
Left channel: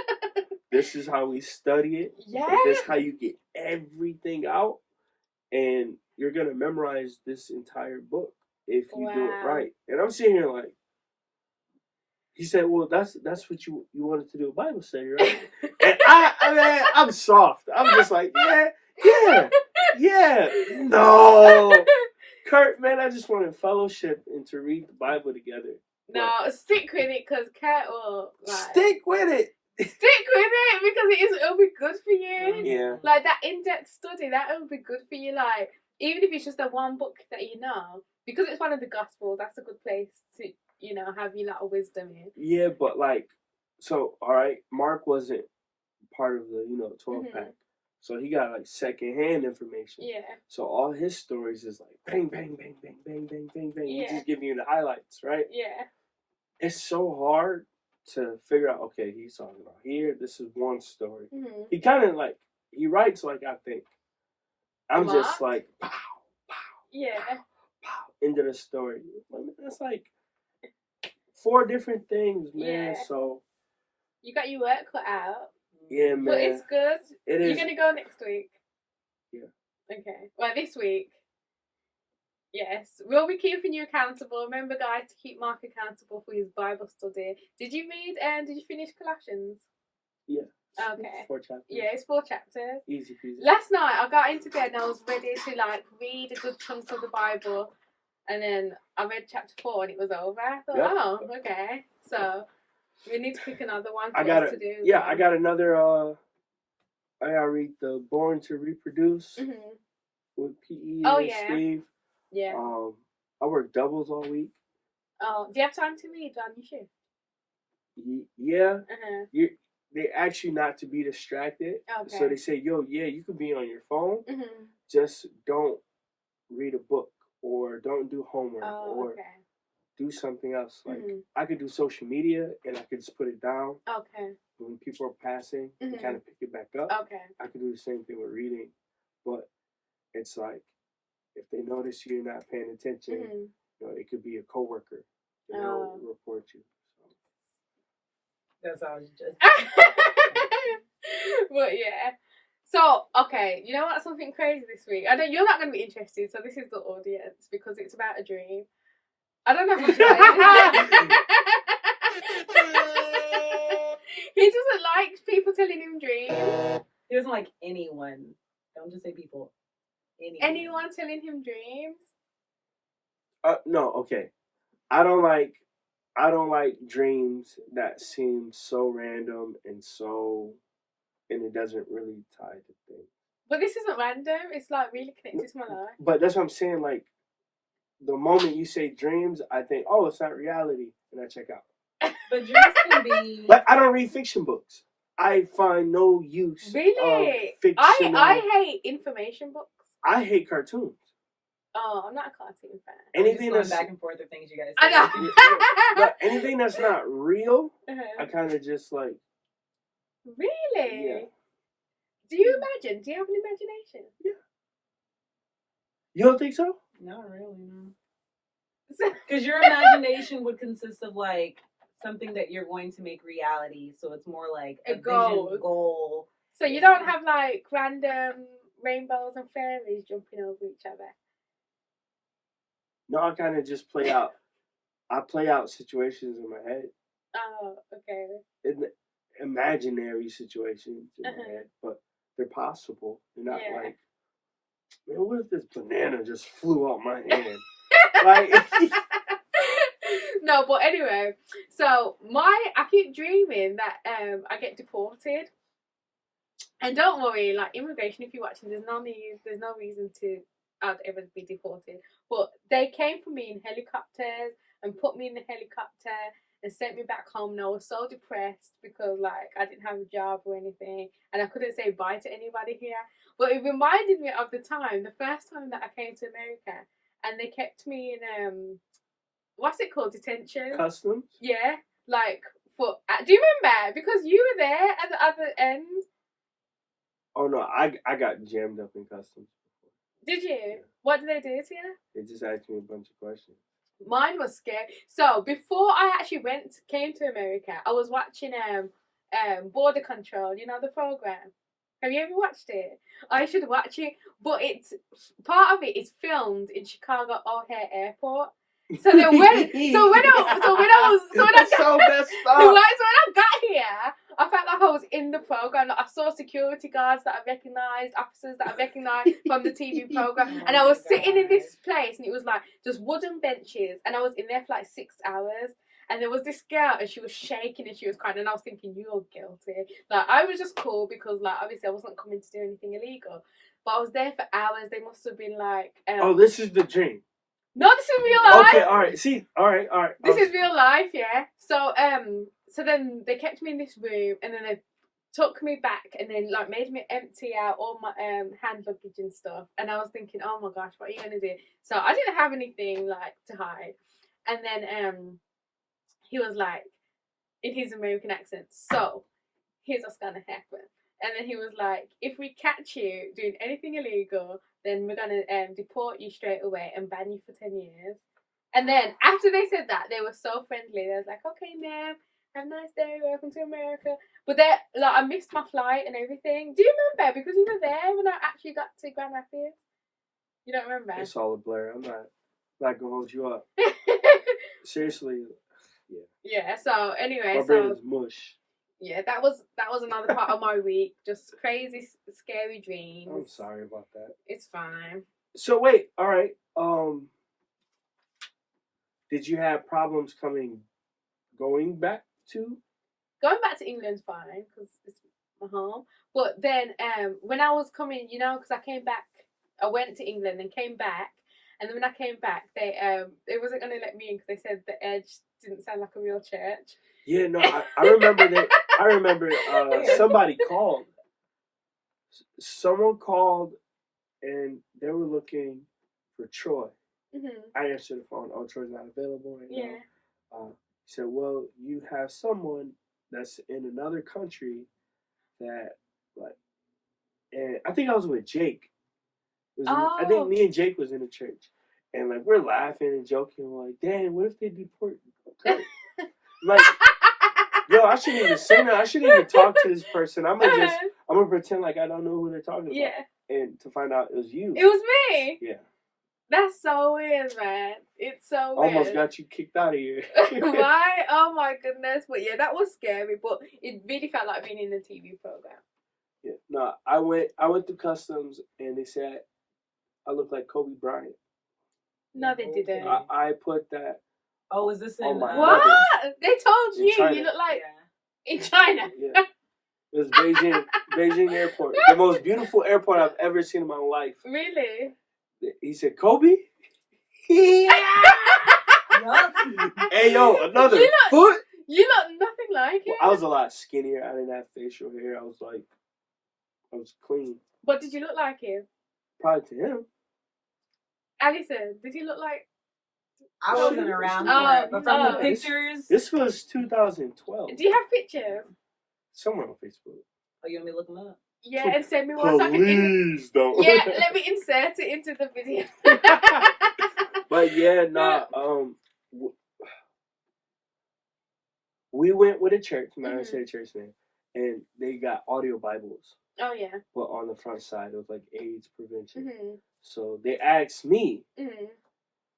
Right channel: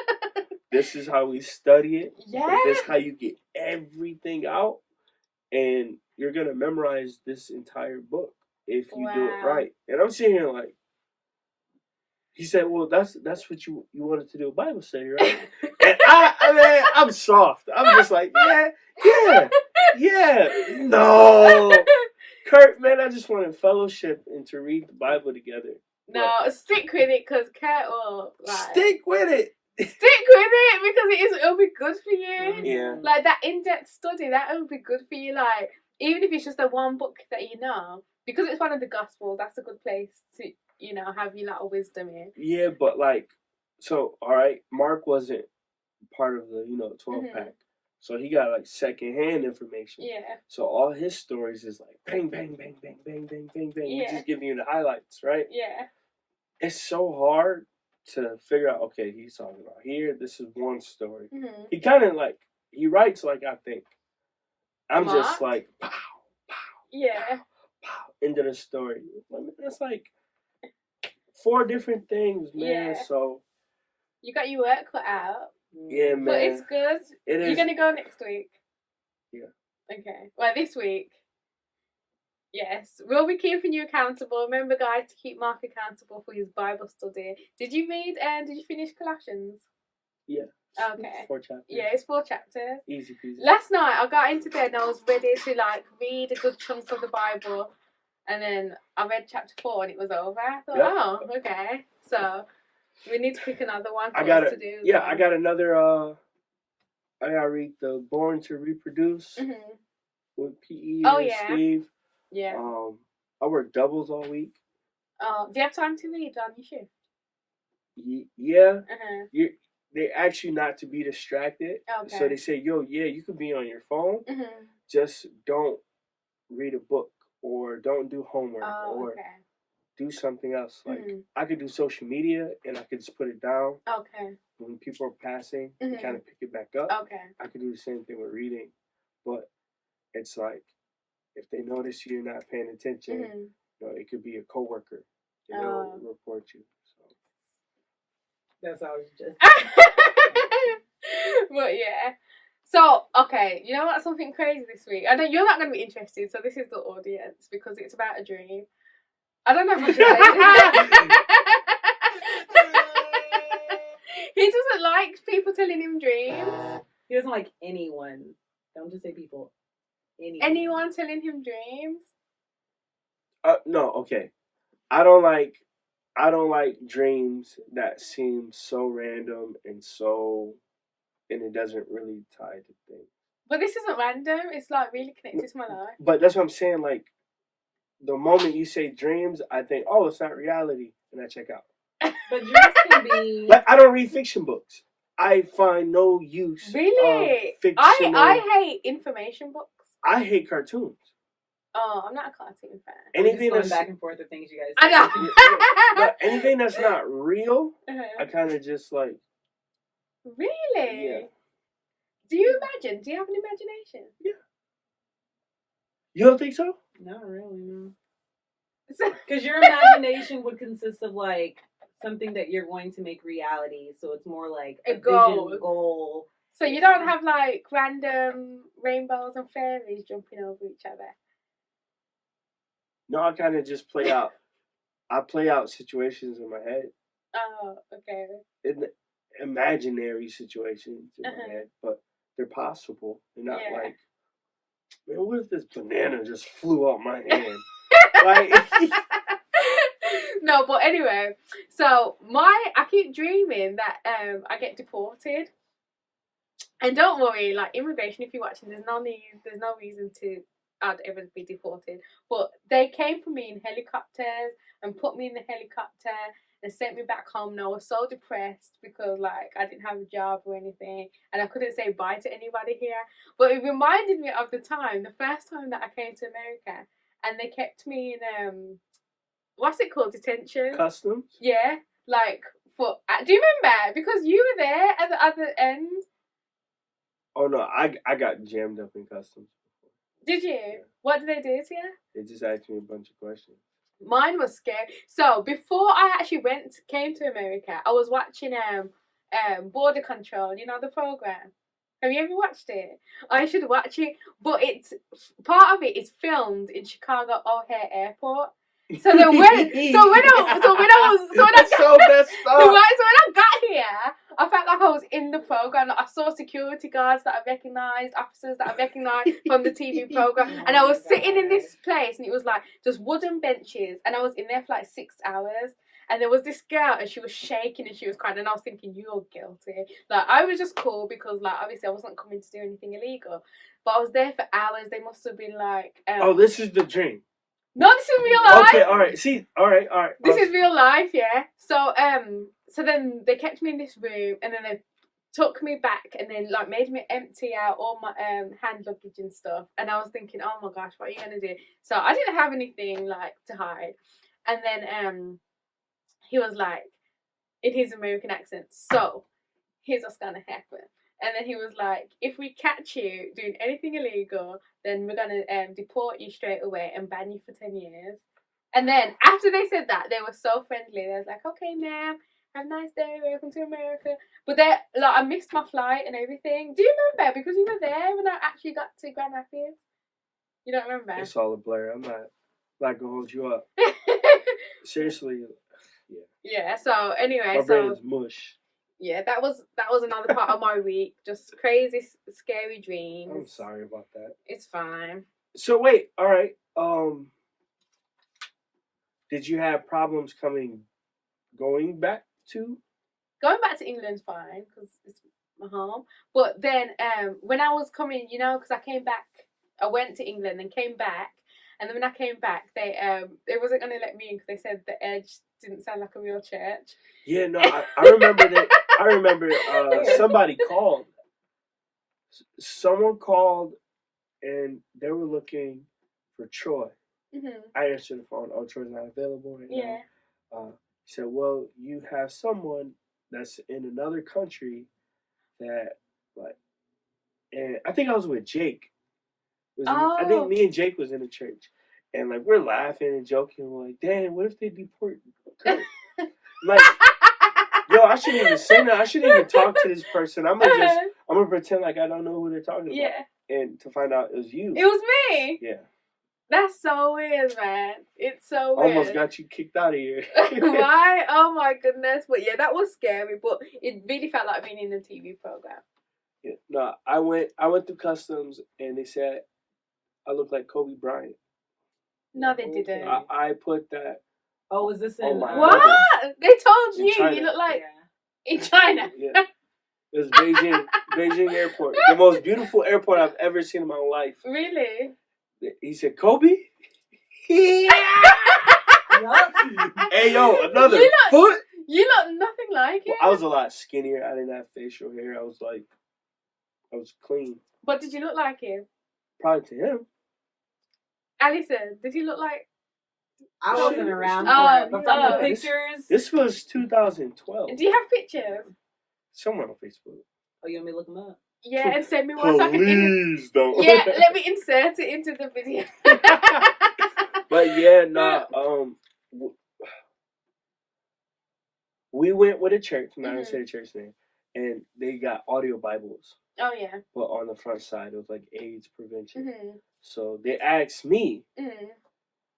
This is how we study it. Yeah. This is how you get everything out. And you're going to memorize this entire book if you do it right. And I'm sitting here like, he said, well, that's what you wanted to do a Bible study, right? And I'm soft. I'm just like, yeah. No. Kurt, man, I just wanted fellowship and to read the Bible together. No, stick with it because Kurt will. Like, stick with it. Stick with it because it'll be good for you. Yeah. Like that in-depth study, that will be good for you. Like, even if it's just the one book that you know, because it's one of the Gospels, that's a good place to, have your lot of wisdom in. Yeah, but like, so, all right, Mark wasn't part of the, 12-pack. So he got like secondhand information. Yeah. So all his stories is like bang, bang, bang, bang, bang, bang, bang, bang. Yeah. He's just giving you the highlights, right? Yeah. It's so hard to figure out, okay, he's talking about here, this is one story. Mm-hmm. He kind of like, he writes like I think. I'm Mark? just like, pow, pow, Yeah. pow, pow, into the story. It's like 4 different things, man. Yeah. So. You got your work cut out. Yeah, man. But it's good. It is. You're going to go next week? Yeah. Okay. Well, this week. Yes. We'll be keeping you accountable. Remember, guys, to keep Mark accountable for his Bible study. Did you finish Colossians? Yeah. Okay. 4 chapters. Yeah, it's 4 chapters. Easy peasy. Last night, I got into bed and I was ready to, read a good chunk of the Bible. And then I read chapter 4 and it was over. I thought, okay. So, we need to pick another one for us to do. Yeah, I got another, I gotta read the Born to Reproduce with P.E. and Steve. Yeah. I work doubles all week. Oh, do you have time to read on your shift? Yeah. They ask you not to be distracted. Okay. So they say, you could be on your phone. Mm-hmm. Just don't read a book or don't do homework or do something else. Like, I could do social media and I could just put it down. Okay. When people are passing, you kind of pick it back up. Okay. I could do the same thing with reading. But it's like, if they notice you're not paying attention, it could be a coworker. They'll report you. That's how it's just. But yeah. So, okay, you know what's something crazy this week? I know you're not going to be interested, so this is the audience because it's about a dream. I don't know how to say it. He doesn't like people telling him dreams. He doesn't like anyone. Don't just say people. Anyone telling him dreams? No, okay. I don't like dreams that seem so random and it doesn't really tie to things. But this isn't random. It's really connected to my life. But that's what I'm saying. Like, the moment you say dreams, I think, it's not reality, and I check out. But dreams can be. Like, I don't read fiction books. I find no use. Really? Of I hate information books. I hate cartoons. Oh, I'm not a cartoon fan. Anything that's back and forth of things you guys. I know. But anything that's not real, I kind of just like. Really? Yeah. Do you imagine? Do you have an imagination? You don't think so? Not really, no. Because your imagination would consist of like something that you're going to make reality. So it's more like A vision, goal. goal. So you don't have like random rainbows and fairies jumping over each other? No, I kind of just play out. I play out situations in my head, Oh, okay. in imaginary situations in my Uh-huh. head, but they're possible. They're not Yeah. like, man, what if this banana just flew out my hand? Like, No, but anyway, so I keep dreaming that I get deported. And don't worry, like immigration, if you're watching, there's no reason to I'd ever be deported. But they came for me in helicopters and put me in the helicopter and sent me back home. And I was so depressed because like I didn't have a job or anything, and I couldn't say bye to anybody here. But it reminded me of the first time that I came to America, and they kept me in what's it called, detention? customs? Yeah, like for do you remember? Because you were there at the other end. Oh no, I got jammed up in customs. Did you? Yeah. What did they do to you? They just asked me a bunch of questions. Mine was scary. So before I actually came to America, I was watching Border Control. You know the program. Have you ever watched it? I should watch it, but it's part of it is filmed in Chicago O'Hare Airport. So then when I That's so messed up. right, so when I got here, I felt like I was in the program. Like I saw security guards that I recognised, officers that I recognised from the TV program, and I was sitting in this place, and it was like just wooden benches, and I was in there for like 6 hours. And there was this girl, and she was shaking, and she was crying, and I was thinking, you're guilty. Like I was just cool because, like, obviously I wasn't coming to do anything illegal, but I was there for hours. They must have been like, oh, this is the dream. no, this is real life. Okay, all right. See, all right. This is real life, yeah. So then they kept me in this room, and then they took me back, and then like made me empty out all my hand luggage and stuff. And I was thinking, oh my gosh, what are you gonna do? So I didn't have anything like to hide. And then he was like, in his American accent, so here's what's gonna happen. And then he was like, if we catch you doing anything illegal, then we're gonna deport you straight away and ban you for 10 years. And then after they said that, they were so friendly. They was like, okay, ma'am, have a nice day, welcome to America. But they like I missed my flight and everything. Do you remember? Because you were there when I actually got to Grand Rapids. You don't remember? It's all a blur. I'm not gonna hold you up. Seriously. Yeah. So anyway, My brain is mush. yeah, that was another part of my week. Just crazy, scary dreams. I'm sorry about that. It's fine. So wait, all right. Did you have problems going back to? Going back to England's fine because it's my home. But then when I was coming, you know, because I came back, I went to England and came back. And then when I came back, they wasn't going to let me in because they said the Edge didn't sound like a real church. Yeah, no, I remember that. I remember somebody called. Someone called, and they were looking for Troy. Mm-hmm. I answered the phone. Oh, Troy's not available right Yeah. now. He said, well, you have someone that's in another country that, like, and I think I was with Jake. I think me and Jake was in the church. And, like, we're laughing and joking. We're like, damn, what if they deport Kurt? Like, yo, I shouldn't even say that. I shouldn't even talk to this person. I'm gonna pretend like I don't know who they're talking about. Yeah. And to find out it was you. It was me. Yeah. That's so weird, man. It's so weird. Almost got you kicked out of here. Why? Oh my goodness. But yeah, that was scary, but it really felt like being in a TV program. Yeah. No, I went through customs and they said I look like Kobe Bryant. No, they didn't. I put that. Oh, was this Oh in my What? God. They told In you China. you look like Yeah. in China. Yeah. It was Beijing Airport. The most beautiful airport I've ever seen in my life. Really? He said, Kobe? Yucky. Hey, yo, another foot? You look nothing like Well, it. I was a lot skinnier. I didn't have facial hair. I was clean. But did you look like him? Probably to him. Alison, did he look like... I wasn't around Oh, for it, but from oh. the pictures. This was 2012. Do you have pictures? Somewhere on Facebook. Oh, you want me to look them up? Yeah, and send me one so I can Please don't. yeah, let me insert it into the video. But yeah, we went with a church, I'm not gonna say the church name, and they got audio Bibles. Oh yeah. But on the front side, it was like AIDS prevention. Mm-hmm. So they asked me, Mm-hmm.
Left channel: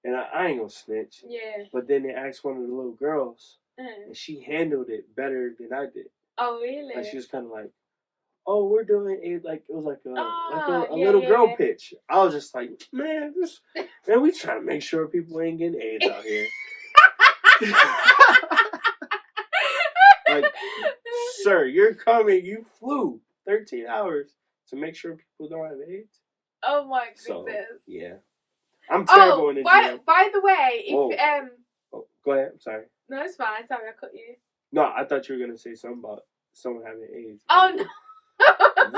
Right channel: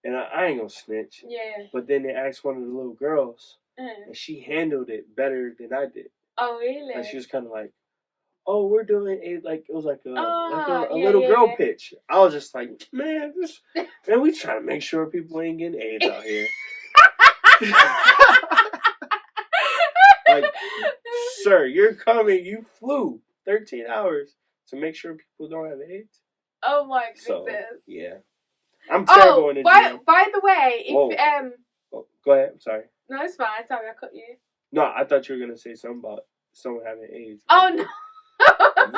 and I ain't gonna snitch. Yeah. But then they asked one of the little girls, Mm. and she handled it better than I did. Oh really? Like she was kind of like, "Oh, we're doing it like it was like a yeah, little girl yeah. pitch." I was just like, "Man, we trying to make sure people ain't getting AIDS out here." Like, sir, you're coming. You flew 13 hours to make sure people don't have AIDS. Oh my goodness. So yeah, I'm terrible in the gym. By the way, if Oh, go ahead. I'm sorry. no, it's fine. Sorry, I cut you. No, I thought you were gonna say something about someone having AIDS. Oh no.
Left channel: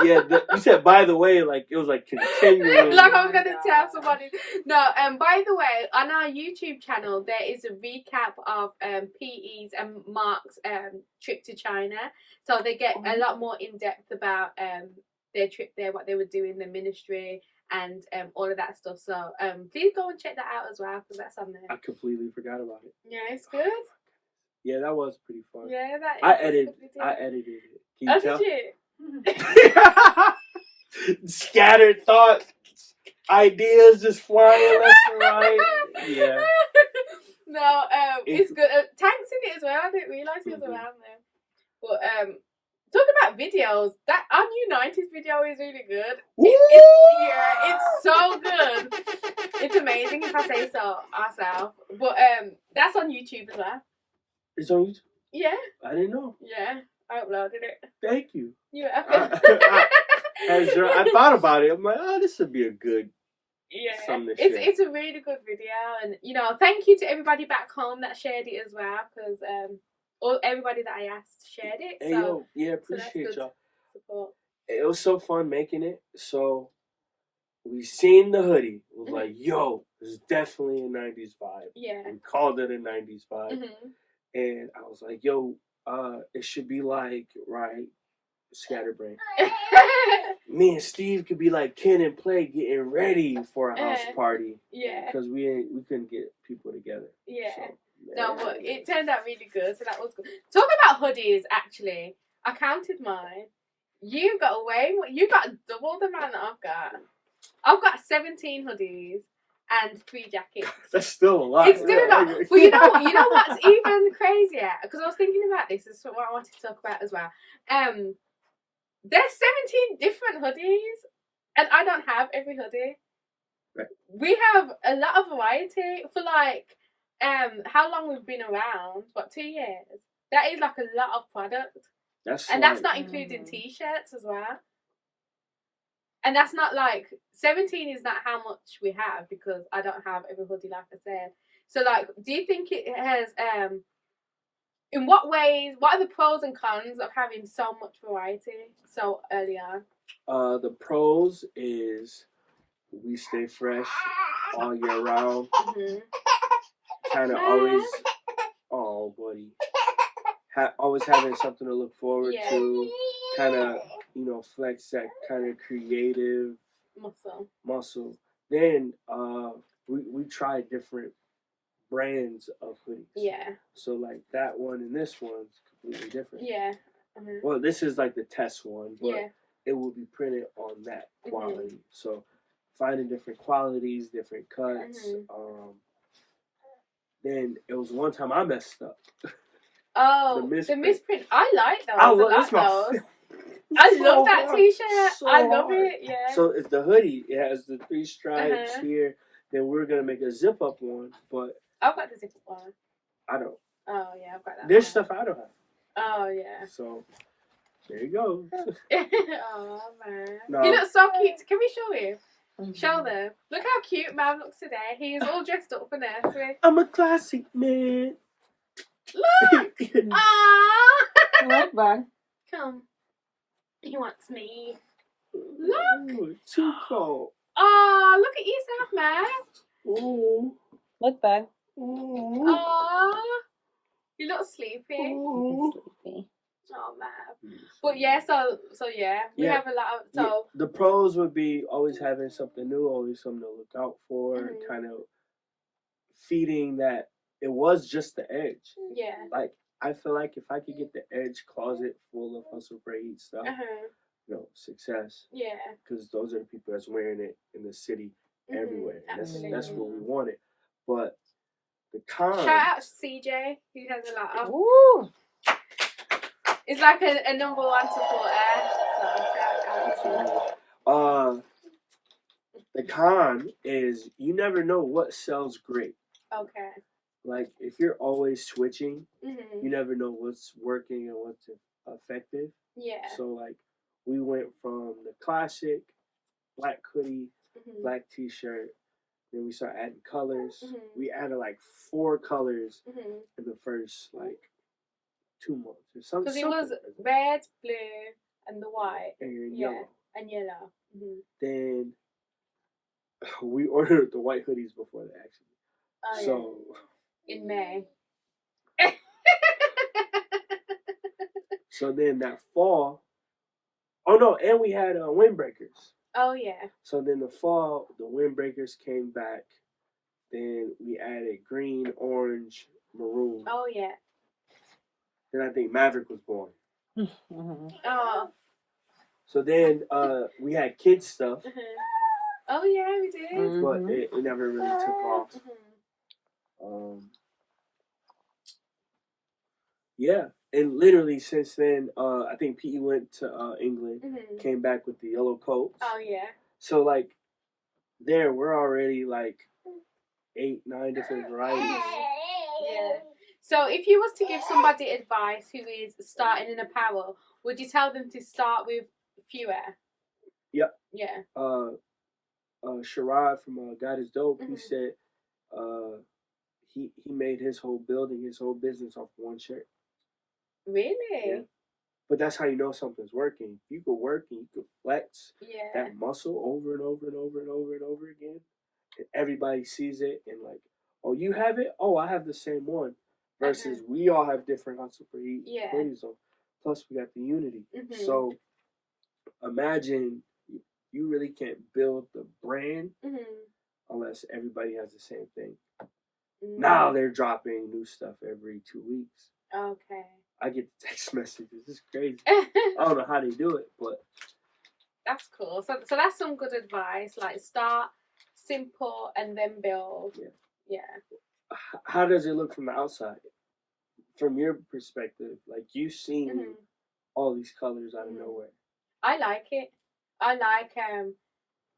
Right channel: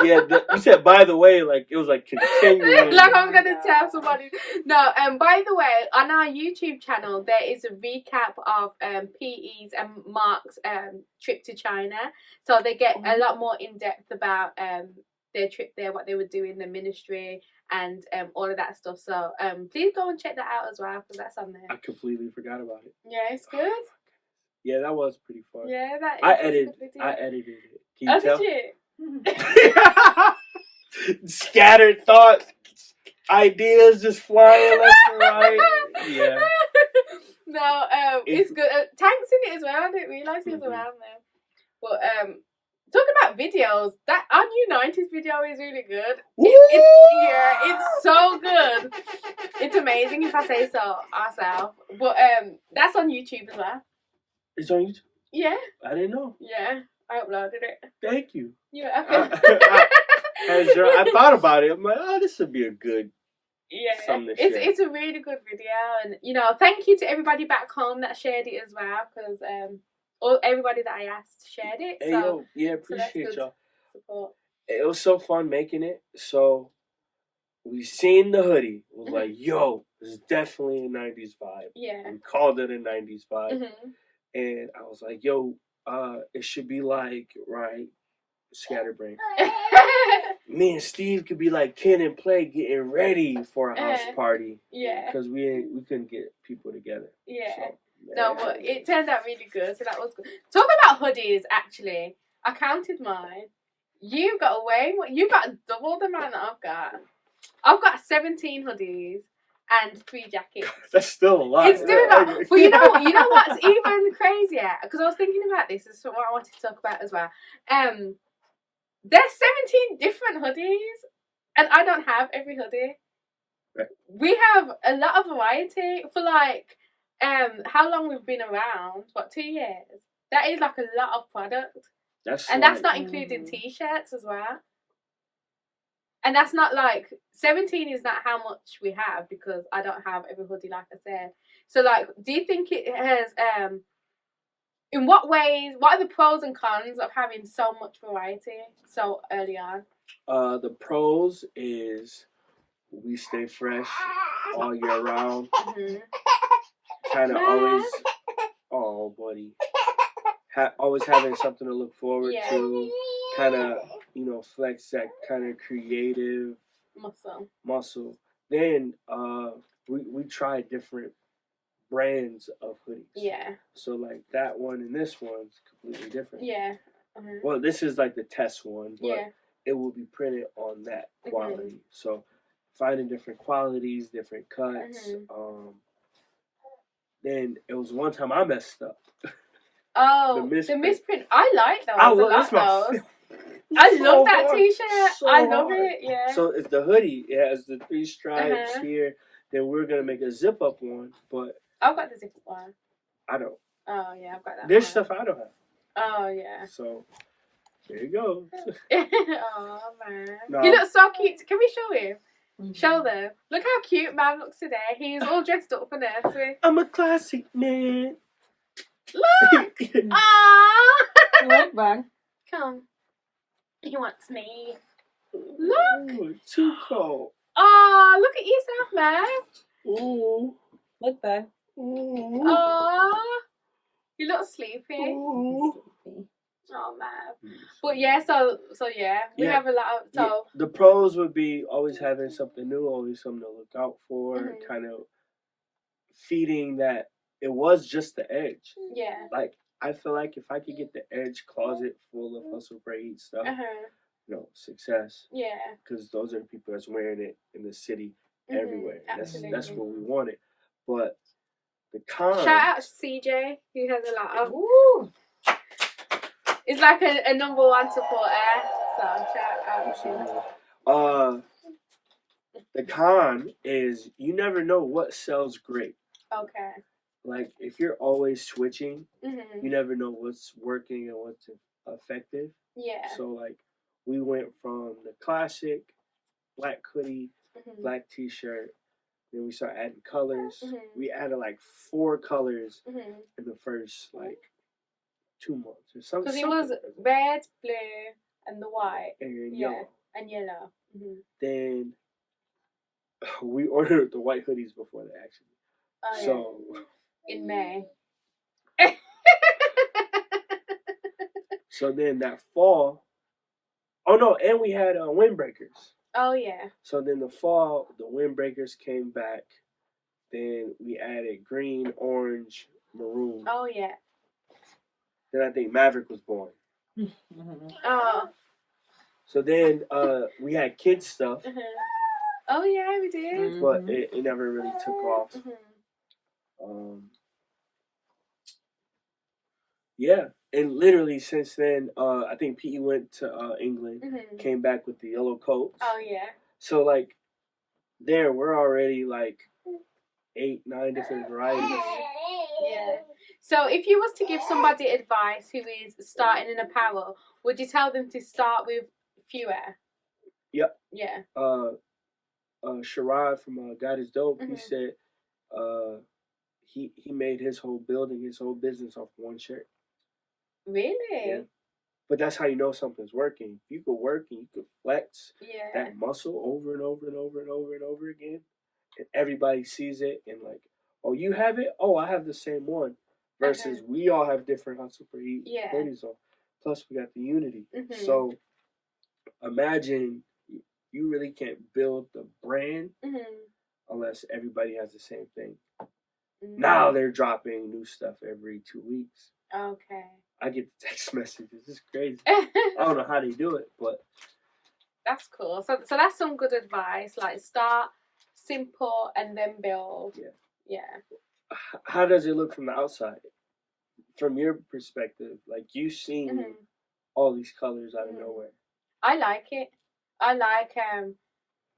Yeah, you said by the way, like it was like continuing. Like I was gonna tell somebody. No, by the way, on our YouTube channel there is a recap of PE's and Mark's trip to China. So they get a lot more in depth about their trip there, what they were doing, the ministry, and all of that stuff. So please go and check that out as well because that's on there. I completely forgot about it. Yeah, it's good. Yeah, that was pretty fun. Yeah, that. I edited it. Can you tell? Did you? Scattered thoughts, ideas just flying left and right. Yeah. No, it's good. Tank's in it as well. I didn't realise he was around there. But talking about videos, that our new 90s video is really good. It's so good. It's amazing if I say so ourselves. But that's on YouTube as well. It's on YouTube? Yeah. I didn't know. Yeah, I uploaded it. Thank you. You're welcome. I thought about it. I'm like, oh, this would be a good something to share. It's a really good video, and thank you to everybody back home that shared it as well, because everybody that I asked shared it. Hey, so yeah, appreciate y'all. Support. It was so fun making it. So we seen the hoodie. It was like, yo, this is definitely a 90s vibe. Yeah. We called it a 90s vibe. Mm-hmm. And I was like, yo, it should be like, right, Scatterbrain. Me and Steve could be like Ken and Play getting ready for a house party. Yeah. Because we couldn't get people together. Yeah. So, no, but it turned out really good, so that was good. Talking about hoodies, actually, I counted mine. You got double the amount that I've got. I've got 17 hoodies and 3 jackets. That's still a lot. It's still a lot. But you know what's even crazier? Because I was thinking about this. This is what I wanted to talk about as well. There's 17 different hoodies, and I don't have every hoodie. Right. We have a lot of variety for like how long we've been around. What, 2 years? That is like a lot of product. That's not including t-shirts as well. And that's not like 17 is not how much we have, because I don't have every hoodie, like I said. So like, do you think it has in what ways, what are the pros and cons of having so much variety so early on? The pros is we stay fresh all year round. Mm-hmm. Kind of always, buddy, always having something to look forward to. Kind of, flex that kind of creative muscle. Then we try different brands of hoodies. Yeah. So like that one and this one's completely different. Yeah. Mm-hmm. Well, this is like the test one, but yeah. it will be printed on that quality. Mm-hmm. So finding different qualities, different cuts. Mm-hmm. Then it was one time I messed up. Oh, the misprint. I like those. I love that t-shirt. So I love it. Yeah. So it's the hoodie. It has the 3 stripes here. Then we're gonna make a zip up one, but I've got the zip up one. I don't. Oh yeah, I've got that. There's stuff I don't have. Oh yeah. So there you go. Oh man, no. He looks so cute. Can we show him? Mm-hmm. Show them. Look how cute man looks today. He's all dressed up for nursery. I'm a classic man. Look! Aww! Look back. Come. He wants me. Look! Ooh, too cold. Oh, look at yourself, man. Ooh. Look back. Ooh. Aww. You look sleepy. Ooh. Sleepy. Oh man. But yeah, so yeah, we have a lot of the pros would be always having something new, always something to look out for, kind of feeding that it was just the edge. Yeah. Like I feel like if I could get the edge closet full of hustle braid stuff, success. Yeah. Because those are the people that's wearing it in the city everywhere. Absolutely. That's what we wanted. But the con. Shout out to CJ, who has a lot of. Woo! It's like a number one supporter. So shout out to him. The con is you never know what sells great. Okay. Like if you're always switching, you never know what's working and what's effective. Yeah. So like we went from the classic black hoodie, black t-shirt, then we started adding colors. We added like 4 colors in the first like 2 months or something. Because it was red, blue, and the white. And yellow. And yellow. Then we ordered the white hoodies before that actually. Oh, so in May. So then that fall, oh no, and we had windbreakers. Oh yeah. So then the fall, the windbreakers came back. Then we added green, orange, maroon. Oh yeah. Then I think Maverick was born. Oh. So then we had kids stuff. Oh yeah, we did. But it never really took off. Yeah, and literally since then, I think P.E. went to England, came back with the yellow coats. Oh yeah. So like, we're already like 8, 9 different varieties. Yeah. So if you was to give somebody advice who is starting in apparel, would you tell them to start with fewer? Yep. Yeah. Sherrod from God is Dope, he said he made his whole building, his whole business off one shirt. Really? Yeah. But that's how you know something's working. You could work and you could flex that muscle over and over and over and over and over again. And everybody sees it and like, oh, you have it? Oh, I have the same one. Versus we all have different hustle for hoodies on. Plus we got the unity. So imagine you really can't build the brand unless everybody has the same thing. Now they're dropping new stuff every 2 weeks. Okay. I get the text messages. It's crazy. I don't know how they do it, but that's cool. So that's some good advice. Like start simple and then build. Yeah. How does it look from the outside? From your perspective, like you've seen all these colors out of nowhere. I like it. I like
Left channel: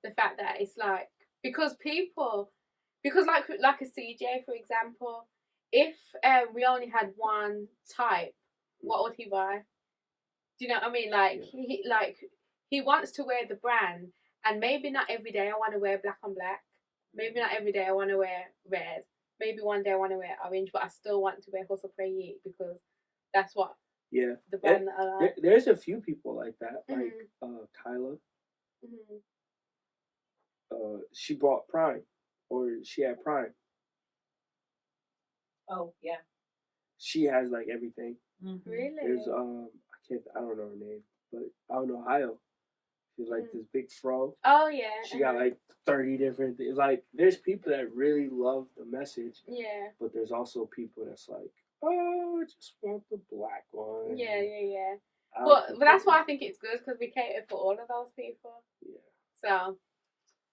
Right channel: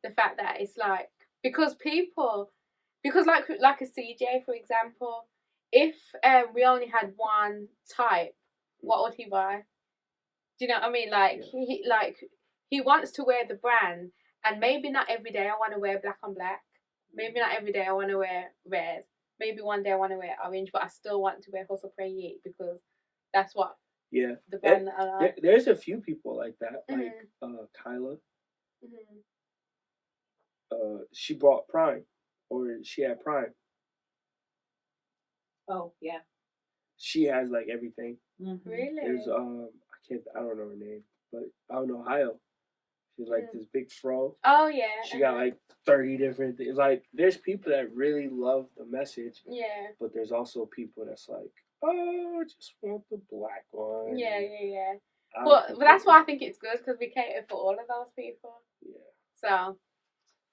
the fact that it's like because like a CJ for example, if we only had one type, what would he buy? Do you know what I mean? Like he wants to wear the brand, and maybe not every day I want to wear black on black. Maybe not every day I want to wear red. Maybe one day I want to wear orange, but I still want to wear Hustle Pray Eat because that's what the brand that I like. There's a few people like that, like Kyla. She bought Prime, or she had Prime. Oh yeah. She has like everything. Really? There's I don't know her name, but out in Ohio, she's like this big fro. Oh yeah. She got like 30 different things. Like there's people that really love the message. Yeah. But there's also people that's like, oh, I just want the black one. Yeah. But that's why I think it's good because we cater for all of those people. Yeah.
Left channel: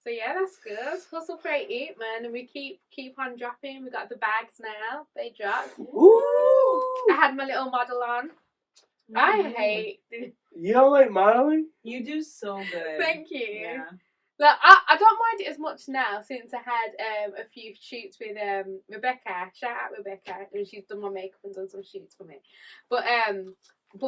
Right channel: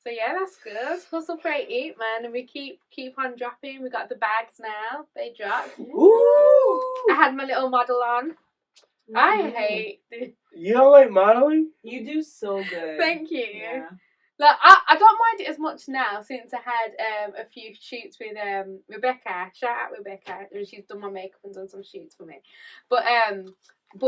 So yeah, that's good. Hustle Pray Eat, man, and we keep on dropping. We got the bags now. They dropped. Ooh! I had my little model on. I hate. You don't like modeling? You do so good. Thank you. Yeah. Like I don't mind it as much now since I had a few shoots with Rebecca. Shout out Rebecca. She's done my makeup and done some shoots for me. But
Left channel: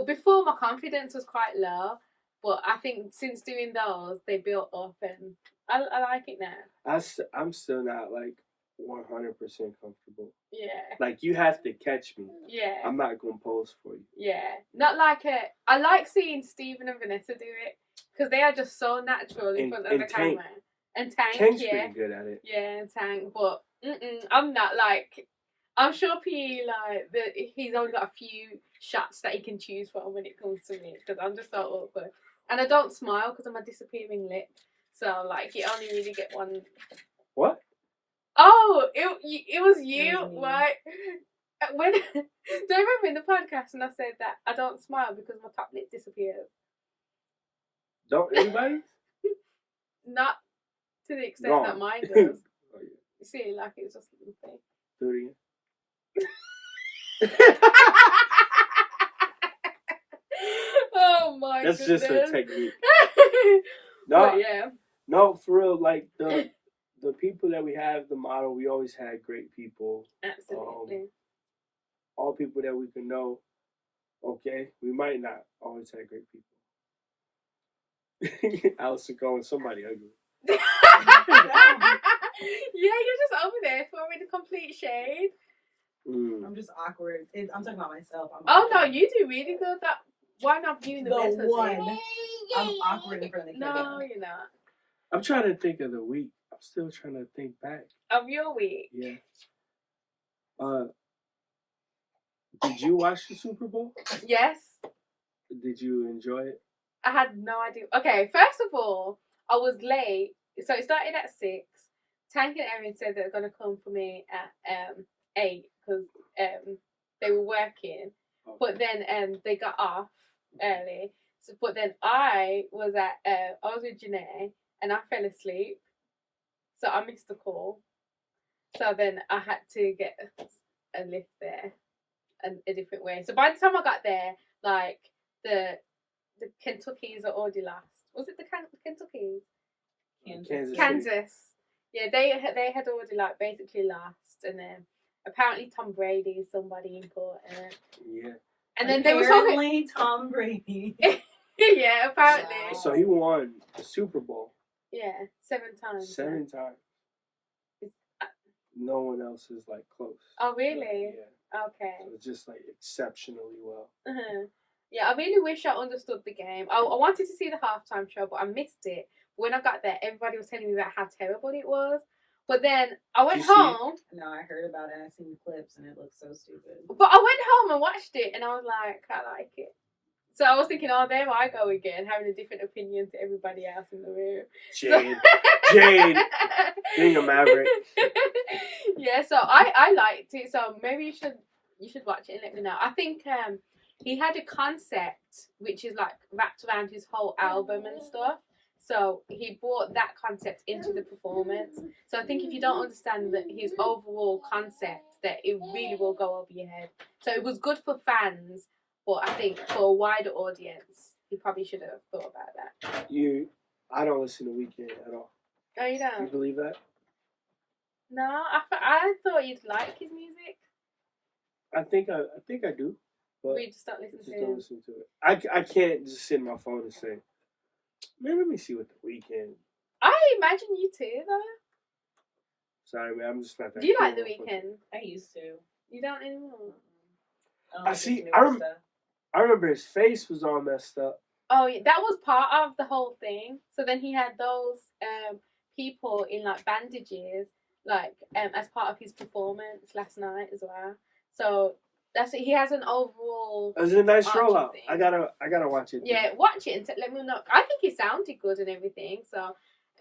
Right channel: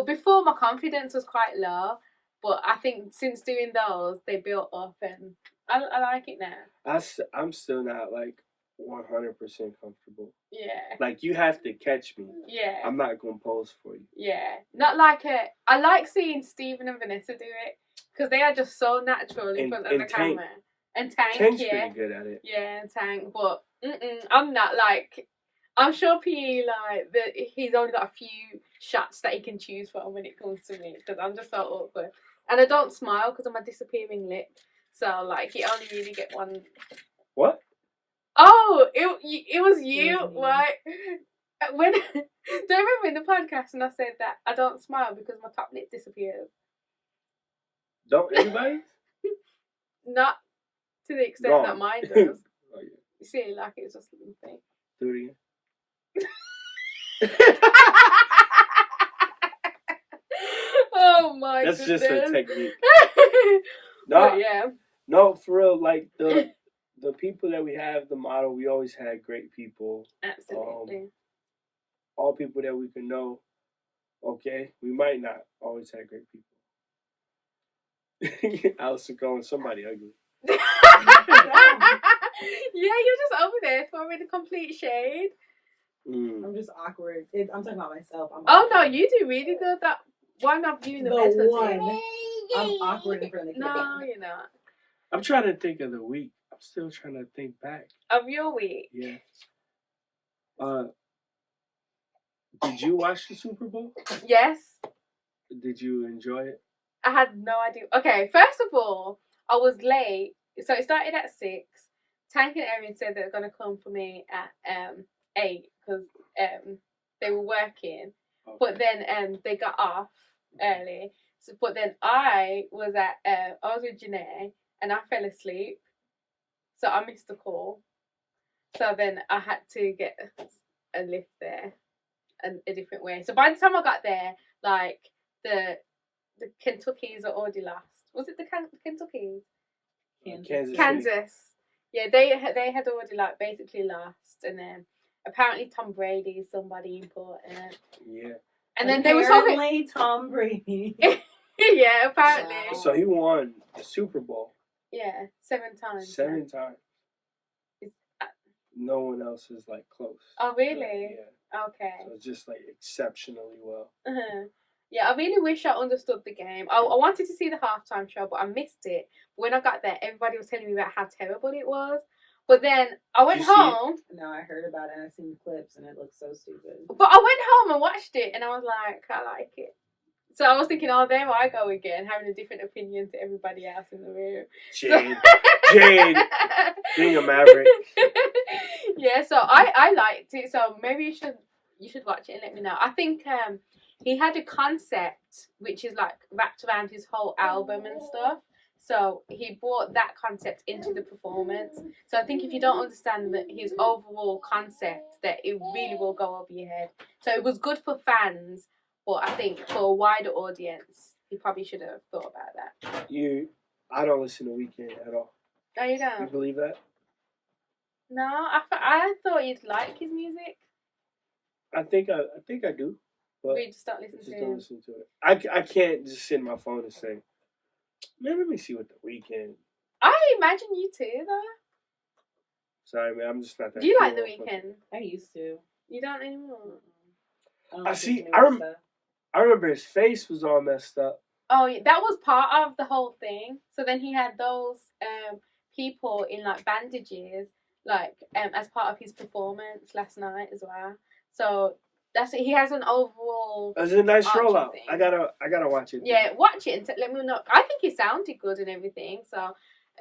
before my confidence was quite low. But I think since doing those, they built up and I like it now. I'm still not like 100% comfortable. Yeah. Like you have to catch me. Yeah. I'm not gonna pose for you. Yeah. Not like I like seeing Stephen and Vanessa do it because they are just so natural in front of the camera. And Tank's pretty good at it. Yeah, and Tank. But I'm not like I'm sure PE, like, he's only got a few shots that he can choose from when it comes to me, because I'm just so awkward. And I don't smile because I'm a disappearing lip. So, like, you only really get one. What? Oh, it was you, Mhm. like, when, do you remember in the podcast when I said that I don't smile because my top lip disappears? Don't everybody? Not to the extent Gone. that mine does. Oh, yeah. You see, like, it's just a little thing. Do it again. Oh my That's goodness. just a technique. But No, yeah. no, for real. Like the people that we have, the model, we always had great people. Absolutely. All people that we can know. Okay, we might not always have great people. Allison calling somebody ugly. Yeah, you're just over there throwing a complete shade. I'm just awkward. I'm talking about myself. Oh no, you do really good. That one of you in the The best one. I'm awkward in front of the camera. No, you're not. I'm trying to think of the week. I'm still trying to think back. Of your week. Yeah. Did you watch the Super Bowl? Yes. Did you enjoy it? I had no idea. Okay, first of all, I was late. So it started at 6. Tank and Erin said they were going to come for me at 8 because they were working. Okay. But then they got off early. So, but then I was with Janae and I fell asleep. So I missed the call. So then I had to get a lift there a different way. So by the time I got there, like the Kentuckys are already lost. Was it the Kentuckys? Kansas. City. Yeah, they had already like basically lost, and then apparently Tom Brady is somebody important. Yeah. And then they were talking. Apparently Tom Brady. Yeah, apparently. Wow. So he won the Super Bowl. Yeah, 7 times. 7 times. No one else is like close. Oh really? Yeah. Okay. So it's just like exceptionally well. Uh-huh. Yeah, I really wish I understood the game. I wanted to see the halftime show, but I missed it. When I got there, everybody was telling me about how terrible it was. But then I went home. No, I heard about it and I seen the clips and it looks so stupid. But I went home and watched it and I was like, I like it. So I was thinking, oh, there I go again, having a different opinion to everybody else in the room. Jade, being a maverick. Yeah, so I liked it. So maybe you should watch it and let me know. I think he had a concept which is like wrapped around his whole album and stuff. So he brought that concept into the performance. So I think if you don't understand his overall concept, that it really will go over your head. So it was good for fans, but I think for a wider audience, he probably should have thought about that. I don't listen to Weeknd at all. No, you don't? You believe that? No, I thought you'd like his music. I think I do. But We just don't listen I to just him. don't listen to it. I can't just sit in my phone and say, man, let me see what the Weeknd. I imagine you too, though. Sorry, man, I'm just not that. Do you like cool The motherfucker. Weeknd? I used to. You don't anymore. don't I listen see. to I new stuff. I remember his face was all messed up. Oh, yeah, that was part of the whole thing. So then he had those people in like bandages, like as part of his performance last night as well. So he has an overall. It was a nice arching rollout. thing. I gotta watch it. Yeah, watch it and let me know. I think it sounded good and everything. So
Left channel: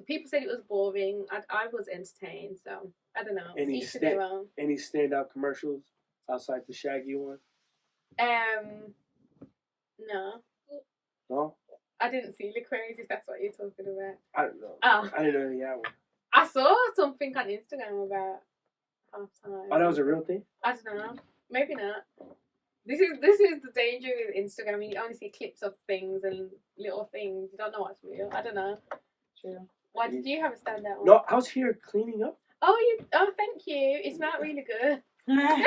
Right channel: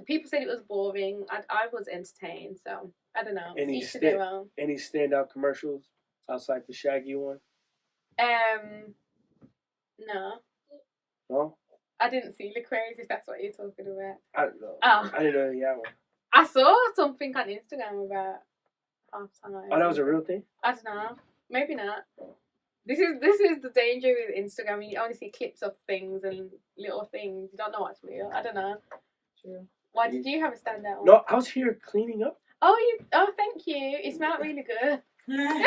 people said it was boring. I was entertained. So I don't know. Any Each to their own. standout commercials outside the Shaggy one? No. No, I didn't see Lecrae's if that's what you're talking about. I don't know. Oh. I didn't know he had one. I saw something on Instagram about halftime. Oh, that was a real thing. I don't know. Maybe not. This is the danger with Instagram. You only see clips of things and little things. You don't know what's real. I don't know. True. Why did you have a standout one? No, I was here cleaning up. Oh, thank you. It smelled really good. Podcast.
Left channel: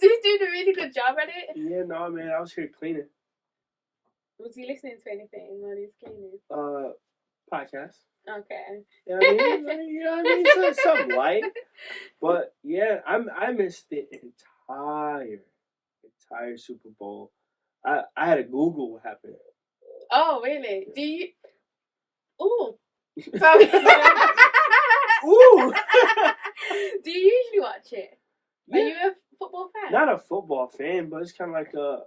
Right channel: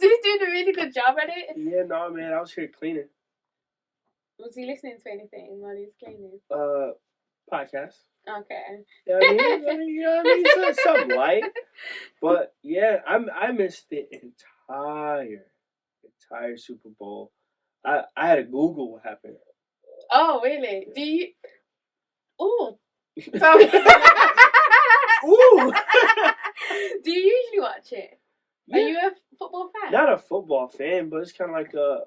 He's doing a really good job at it. Yeah, no, man, I was here cleaning. Was he listening to anything while he was cleaning? Podcast. Okay. Yeah, I mean, something light. But yeah, I missed the entire Super Bowl. I had to Google what happened. Oh, really? Do you? Oh. Sorry. Ooh. Do you usually watch it? Are you a football fan? Not a football fan, but it's kind of like a.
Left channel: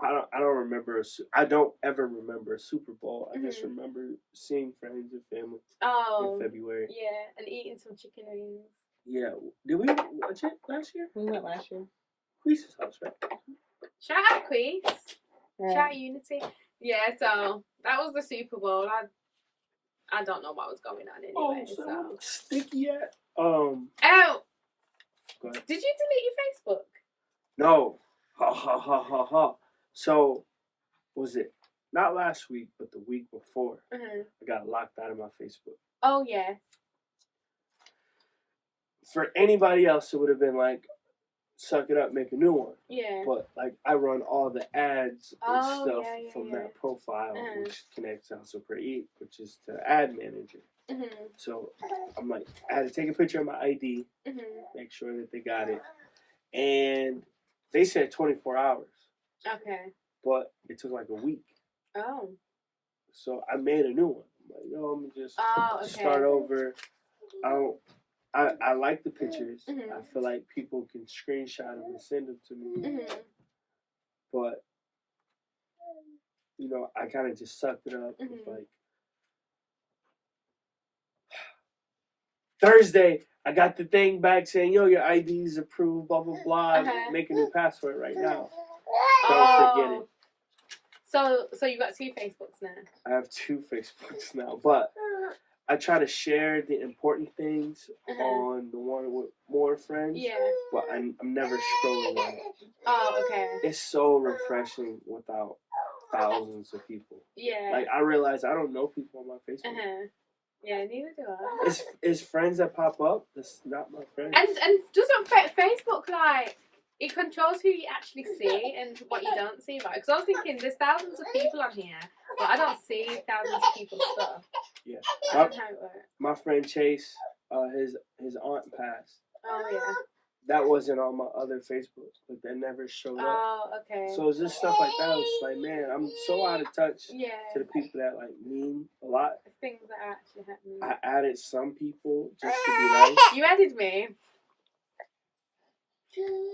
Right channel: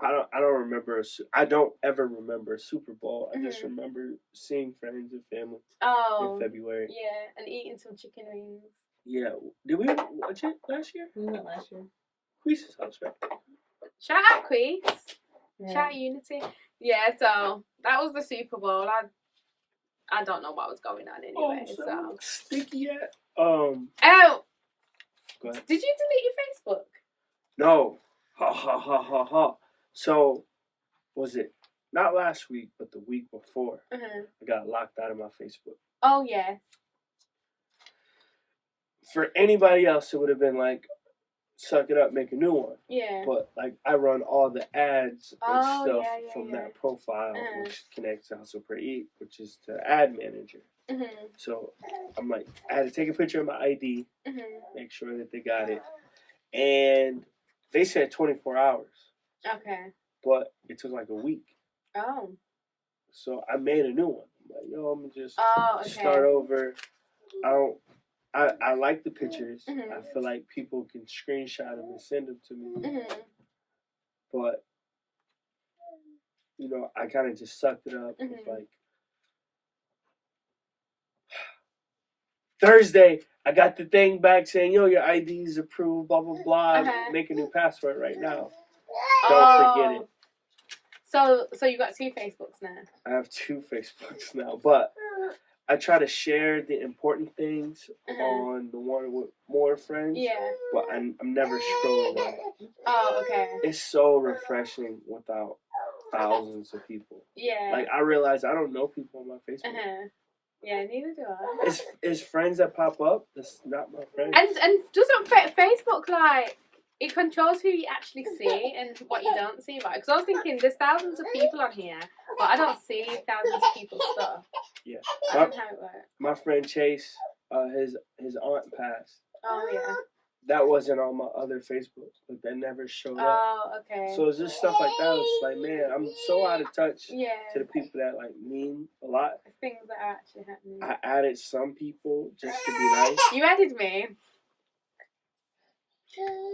I don't remember. I don't ever remember a Super Bowl. I just remember seeing friends and family in February. Yeah, and eating some chicken wings. Yeah, did we watch it last year? We went last year. Queese's house, right? Shout out Queez. Right. Shout out Unity. Yeah, so that was the Super Bowl. I don't know what was going on anyway. So sticky yet? Oh, Go ahead. did you delete your Facebook? No. Ha ha ha ha ha. So, was it not last week, but the week before? I got locked out of my Facebook. Oh yeah. For anybody else, it would have been like, suck it up, make a new one. Yeah. But like, I run all the ads and stuff from yeah. that profile, which connects to Hustle Pray Eat, which is to Ad Manager. So I'm like, I had to take a picture of my ID, make sure that they got it, and they said 24 hours. Okay. But it took like a week. Oh. So I made a new one. I'm like, yo, I'm gonna just okay. start over. I like the pictures. I feel like people can screenshot them and send them to me. But you know, I kind of just sucked it up. It's like Thursday, I got the thing back saying, yo, your ID is approved, blah blah blah. Make a new password right now. Don't forget it. So you got 2 Facebooks now? I have 2 Facebooks now, but I try to share the important things on the one with more friends. Yeah. But I'm never scrolling on it. Oh, okay. It's so refreshing without thousands of people. Yeah. Like, I realize I don't know people on my Facebook. Yeah, neither do I. It's friends that pop up. That's not my friends. And doesn't Facebook, like, it controls who you actually see and what you don't see, right? Because I was thinking, there's thousands of people on here, but I don't see thousands of people's stuff. Yeah. I don't know how it works. My friend Chase, his aunt passed. Oh, yeah. That wasn't on my other Facebook, but that never showed up. Oh, okay. So it's just stuff like that. It's like, man, I'm so out of touch to the people that like mean a lot. Things that are actually happening. I added some people just to be nice. You added me.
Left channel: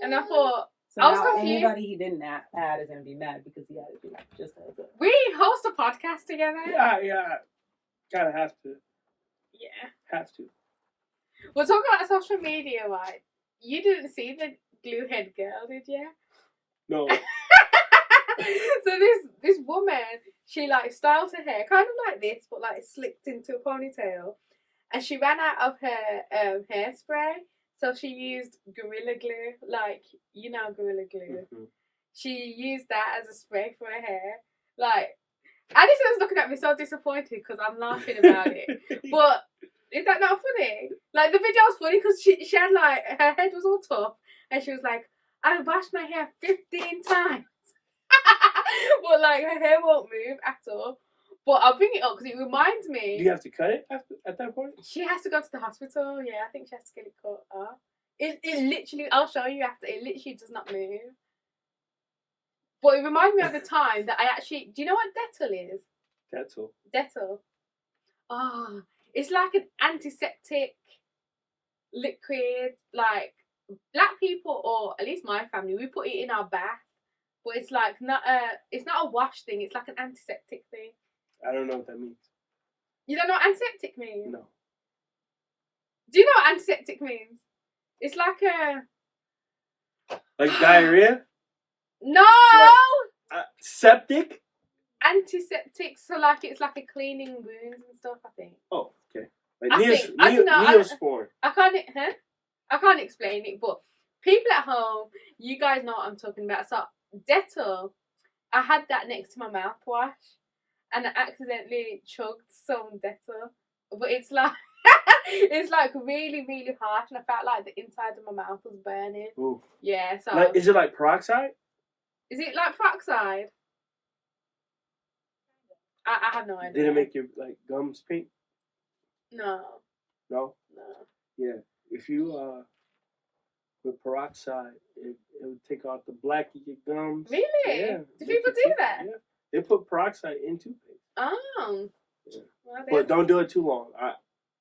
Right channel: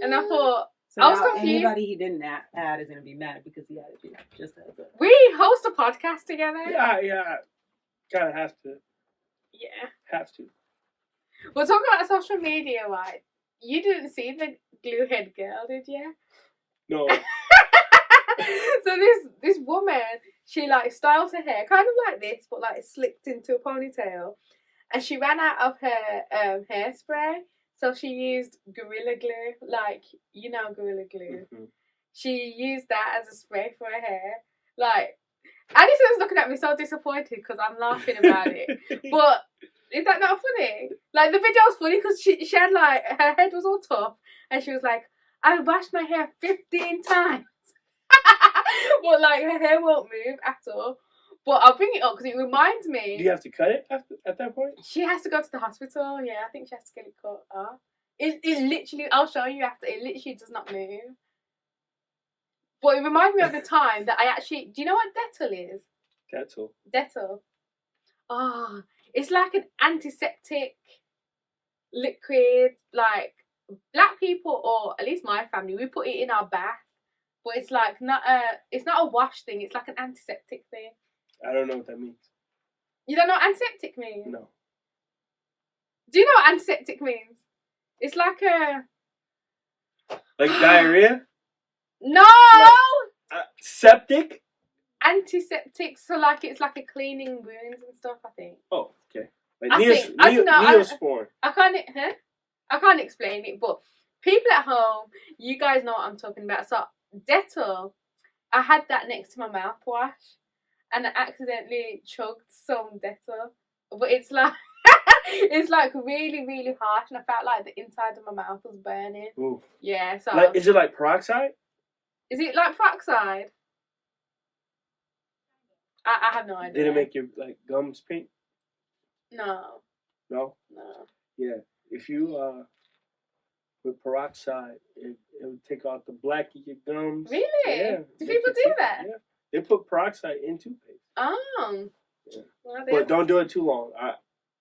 And I thought, so I was now confused. anybody he didn't add is going to be mad because he added you. Just as a... We host a podcast together. Yeah. Kind of have to. Yeah. Have to. We'll talk about social media, right? You didn't see the glue head girl, did you? No. So this woman, she like styled her hair kind of like this, but like slicked into a ponytail, and she ran out of her hairspray, so she used Gorilla Glue, like you know Gorilla Glue. She used that as a spray for her hair. Like, Addison's looking at me so disappointed because I'm laughing about it, but. Is that not funny? Like, the video was funny because she had, like, her head was all tough and she was like, I washed my hair 15 times. But, like, her hair won't move at all. But I'll bring it up because it reminds me. Do you have to cut it at that point? She has to go to the hospital. Yeah, I think she has to get it cut off. It literally, I'll show you after, it literally does not move. But it reminds me of the time that I actually, do you know what Dettol is? Dettol. Oh, it's like an antiseptic liquid. Like, black people, or at least my family, we put it in our bath. But it's like it's not a wash thing. It's like an antiseptic thing. I don't know what that means. You don't know what antiseptic means? No. Do you know what antiseptic means? It's like a... Like diarrhea? No! Septic? Antiseptic, so like it's like a cleaning wounds and stuff, I think. Oh, okay. Like Neosporin. I can't explain it, but people at home, you guys know what I'm talking about. So Dettol, I had that next to my mouthwash, and I accidentally chugged some Dettol, but it's like it's like really, really harsh, and I felt like the inside of my mouth was burning. Ooh. Yeah. So like, is it like peroxide? Is it like peroxide? I have no idea. Did it make your like gums pink? No. No? No. Yeah. If you with peroxide, it would take out the black of your gums. Really? Yeah. Do people do that? Yeah. They put peroxide in toothpaste. Oh. Yeah. Well, but don't do it too long.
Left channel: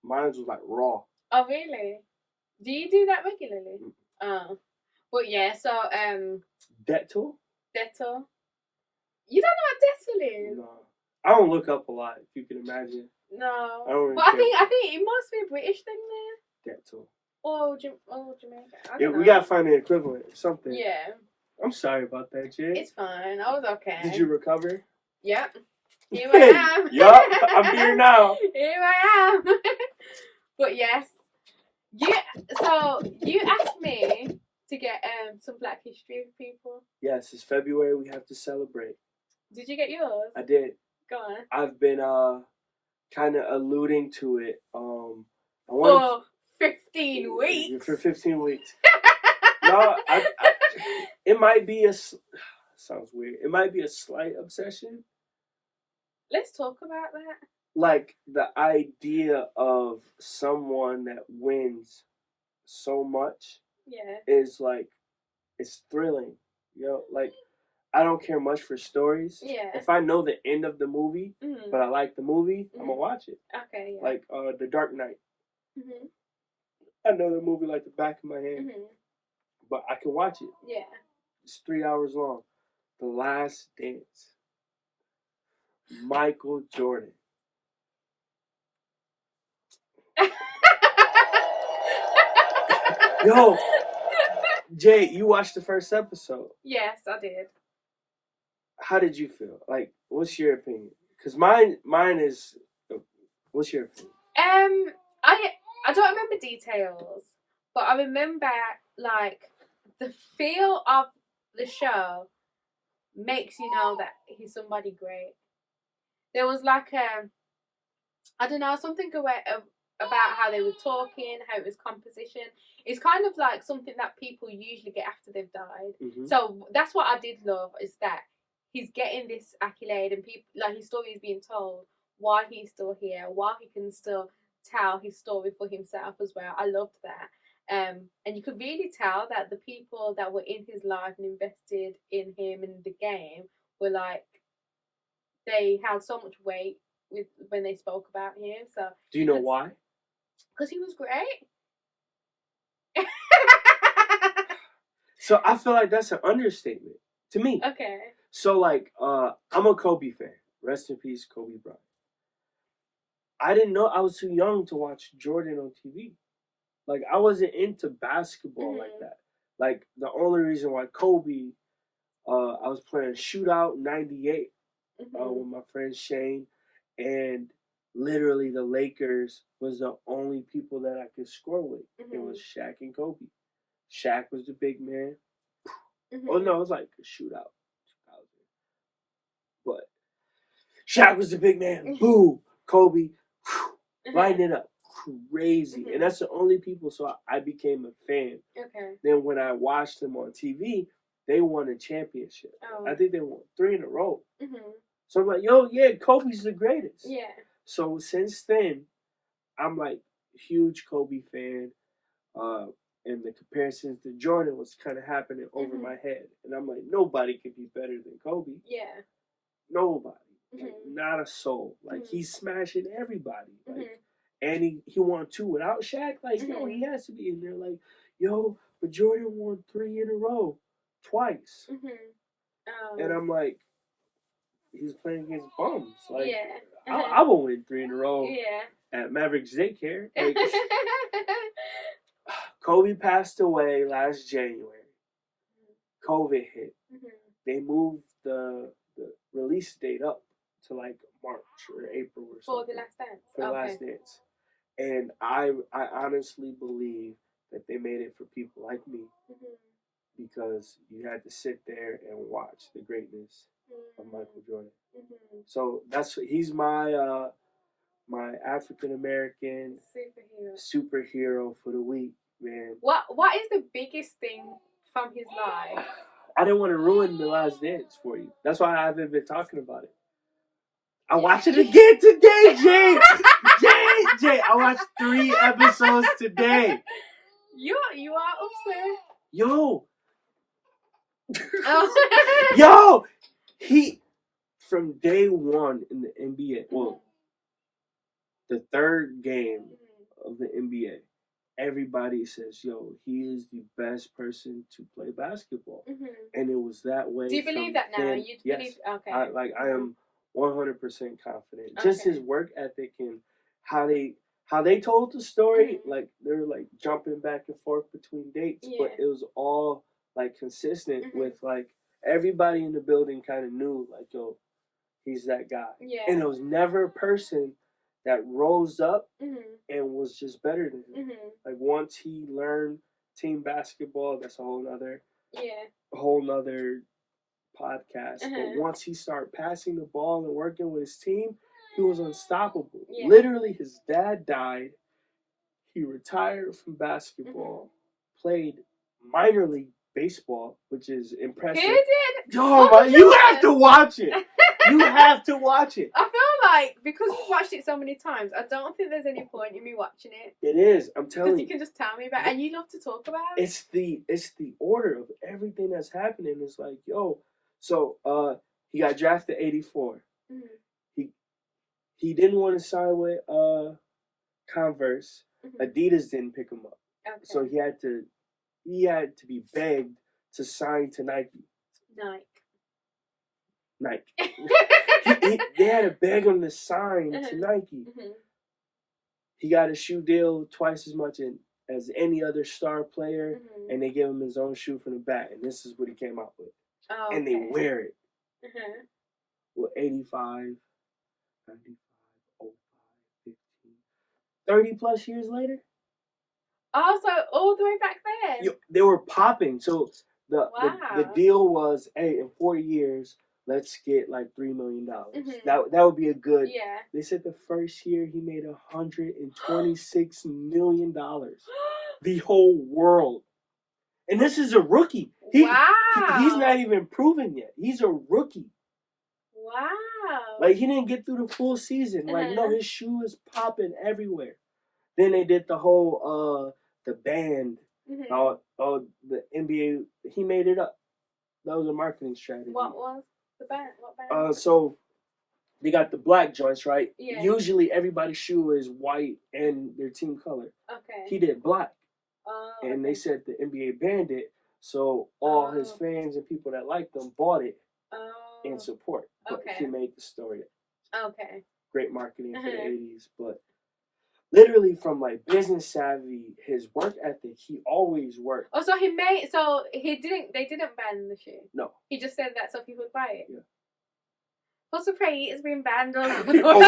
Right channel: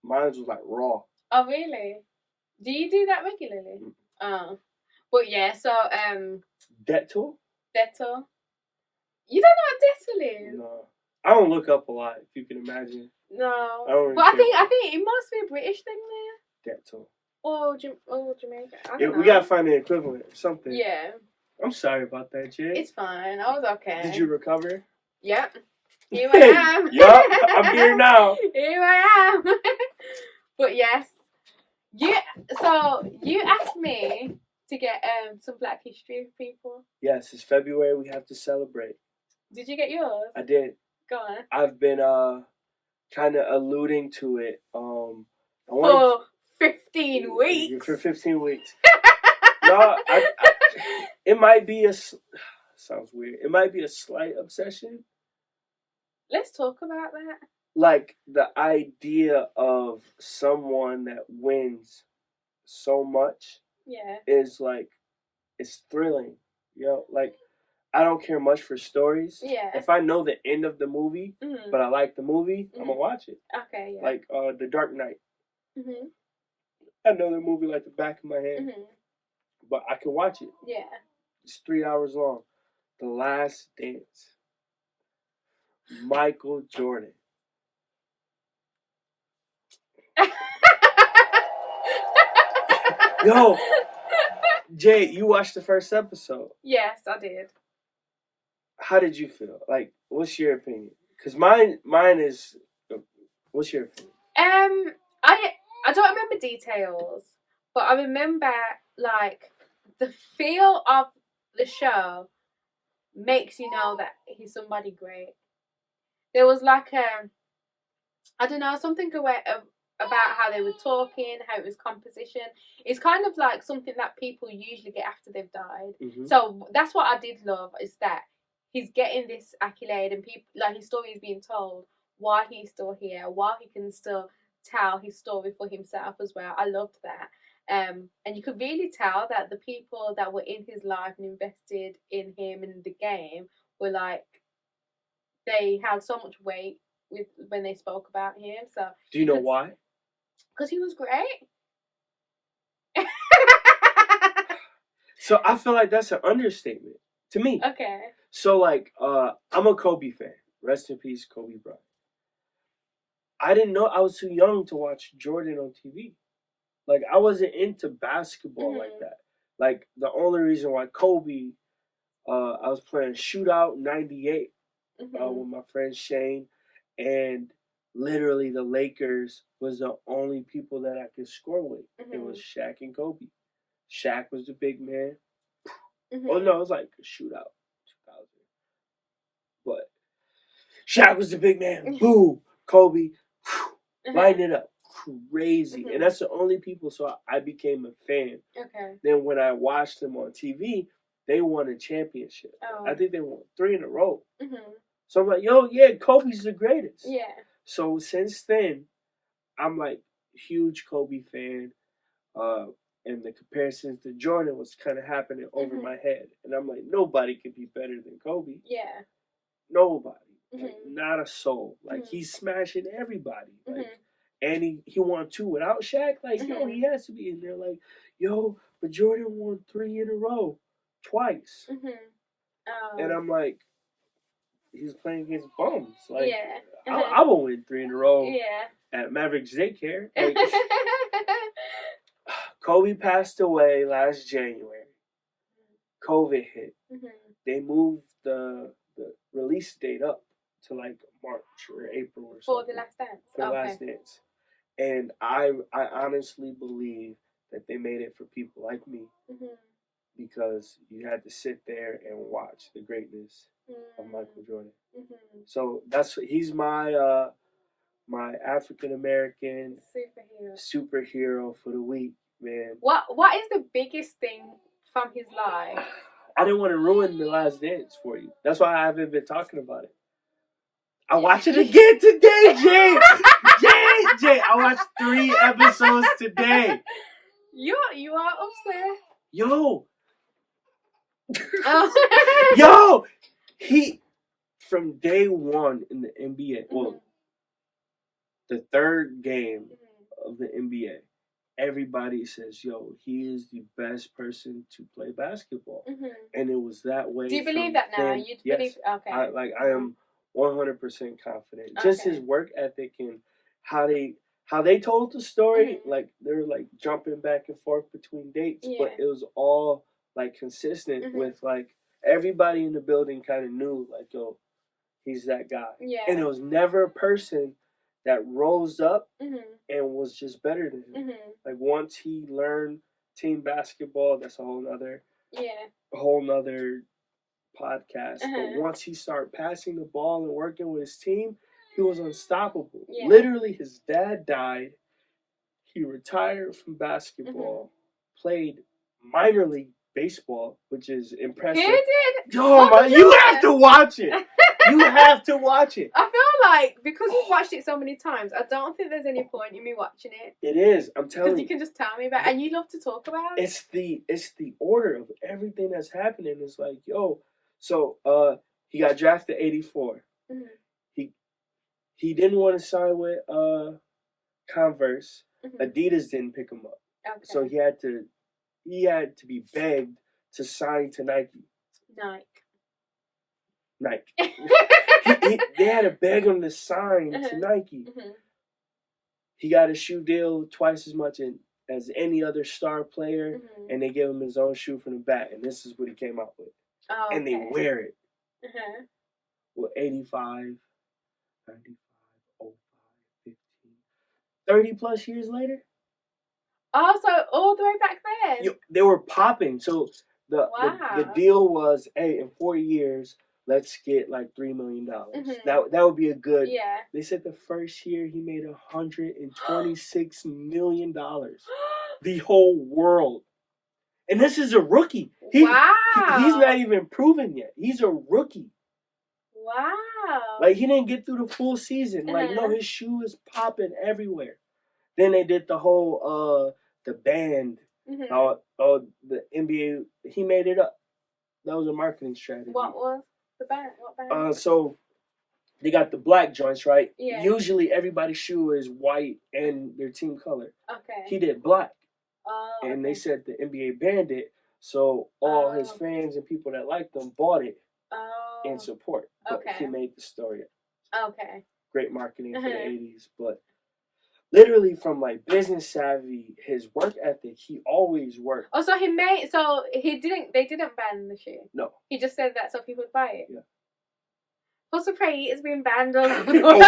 Mine was like raw. Oh really? Do you do that regularly? Oh. But yeah, so, Dettol? Dettol. You don't know what Dettol is? No. I don't look up a lot, if you can imagine. No. I don't really But I care think about it must be a British thing there. Dettol. Or Jamaica. I Yeah, don't we know. gotta find an equivalent or something. Yeah. I'm sorry about that, Jade. It's fine. I was okay. Did you recover? Yep. Here I am. Yup, I'm here now. Here I am. But yes. So you asked me to get some Black History for people. Yes, it's February. We have to celebrate. Did you get yours? I did. Go on. I've been kind of alluding to it. For 15 weeks. For 15 weeks. No, it might be sounds weird. It might be a slight obsession. Let's talk about that. Like the idea of someone that wins so much is like, it's thrilling. You know, like I don't care much for stories. Yeah. If I know the end of the movie, but I like the movie, I'm gonna watch it. Okay. Yeah. Like The Dark Knight. Mhm. I know the movie like the back of my hand, but I can watch it. Yeah. It's 3 hours long. The Last Dance. Michael Jordan. Yo, Jay, you watched the first episode. Yes, I did. How did you feel? Like, what's your opinion? Because mine is. What's your opinion? I don't remember details, but I remember like the feel of the show makes you know that he's somebody great. There was like I don't know, something about how they were talking, how it was composition. It's kind of like something that people usually get after they've died. Mm-hmm. So that's what I did love, is that he's getting this accolade and people like his story is being told while he's still here, while he can still tell his story for himself as well. I loved that. And you could really tell that the people that were in his life and invested in him and the game were like, they held so much weight with when they spoke about him. So do you know why? Because he was great. So I feel like that's an understatement to me. Okay. So like, I'm a Kobe fan. Rest in peace, Kobe Bryant. I didn't know, I was too young to watch Jordan on TV. Like, I wasn't into basketball like that. Like, the only reason why Kobe, I was playing Shootout 98 with my friend Shane, and literally the Lakers was the only people that I could score with. It was Shaq and Kobe. Shaq was the big man. Oh no, it was like a Shootout 2000. But Shaq was the big man. Boom. Kobe. Lighting it up. Crazy. And that's the only people, so I became a fan. Okay. Then when I watched them on TV, they won a championship. Oh. I think they won 3 in a row. Mm-hmm. So I'm like, yo, yeah, Kobe's the greatest. Yeah. So since then, I'm like huge Kobe fan. And the comparisons to Jordan was kind of happening over my head. And I'm like, nobody could be better than Kobe. Yeah. Nobody. Like, not a soul. Like, he's smashing everybody. Like, and he won 2 without Shaq. Like, yo, he has to be in there. Like, yo, but Jordan won 3 in a row. Twice. And I'm like, he's playing against bums. Like, I will win 3 in a row at Mavericks Daycare. Like, Kobe passed away last January. COVID hit. They moved the release date up to like March or April or something. For The Last Dance. For The Last Dance. And I honestly believe that they made it for people like me. Because you had to sit there and watch the greatness of Michael Jordan. So he's my my African American superhero for the week, man. What is the biggest thing from his life? I didn't want to ruin The Last Dance for you. That's why I haven't been talking about it. I watched it again today, Jay. Jay, I watched 3 episodes today. You are upset. Yo. Oh. Yo, he from day 1 in the NBA. Well, the 3rd game of the NBA, everybody says, yo, he is the best person to play basketball. Mm-hmm. And it was that way. Do you believe from that now? then. You Yes. believe? Okay. I am 100% confident. Just Okay. his work ethic and how they told the story, Mhm. like they're like jumping back and forth between dates, Yeah. but it was all like consistent Mhm. with like everybody in the building kind of knew like, yo, he's that guy. Yeah. And it was never a person that rose up Mm-hmm. and was just better than him. Mm-hmm. Like once he learned team basketball, that's a whole nother podcast. But once he started passing the ball and working with his team, he was unstoppable. Yeah. Literally, his dad died. He retired from basketball, played minor league baseball, which is impressive. He did. Oh my! You have to watch it. You have to watch it. I feel like because we've watched it so many times, I don't think there's any point in me watching it. It is. I'm telling Because you. you can just tell me about it, and you love to talk about it. It's the order of everything that's happening. It's like, yo, so he got drafted 84. Mm-hmm. He didn't want to sign with Converse. Mm-hmm. Adidas didn't pick him up. Okay. So he had to be begged to sign to Nike. They had to beg him to sign to Nike. Mm-hmm. He got a shoe deal twice as much as any other star player, and they gave him his own shoe from the back, and this is what he came out with. Oh, okay. And they wear it. Uh-huh. Well, 85, 95, 05, 15, 30 plus years later. Oh, so all the way back then? They were popping. So the deal was, hey, in 4 years, let's get like $3 million. Mm-hmm. That would be a good. Yeah. They said the first year he made $126 million. The whole world. And this is a rookie. Wow. He's not even proven yet. He's a rookie. Wow. Like, he didn't get through the full season. Like, no, his shoe is popping everywhere. Then they did the whole, the band. Mm-hmm. The NBA, he made it up. That was a marketing strategy. What was the band? What band? So, they got the black joints, right? Yeah. Usually, everybody's shoe is white and their team color. Okay. He did black. Oh, and they said the NBA banned it, so all his fans and people that liked them bought it in support. But he made the story up. Okay. Great marketing for the 80s, but literally from like business savvy, his work ethic, he always worked. Oh, so they didn't ban the shoe? No. He just said that so people would buy it? Yeah. What's pray it's been banned all over. No.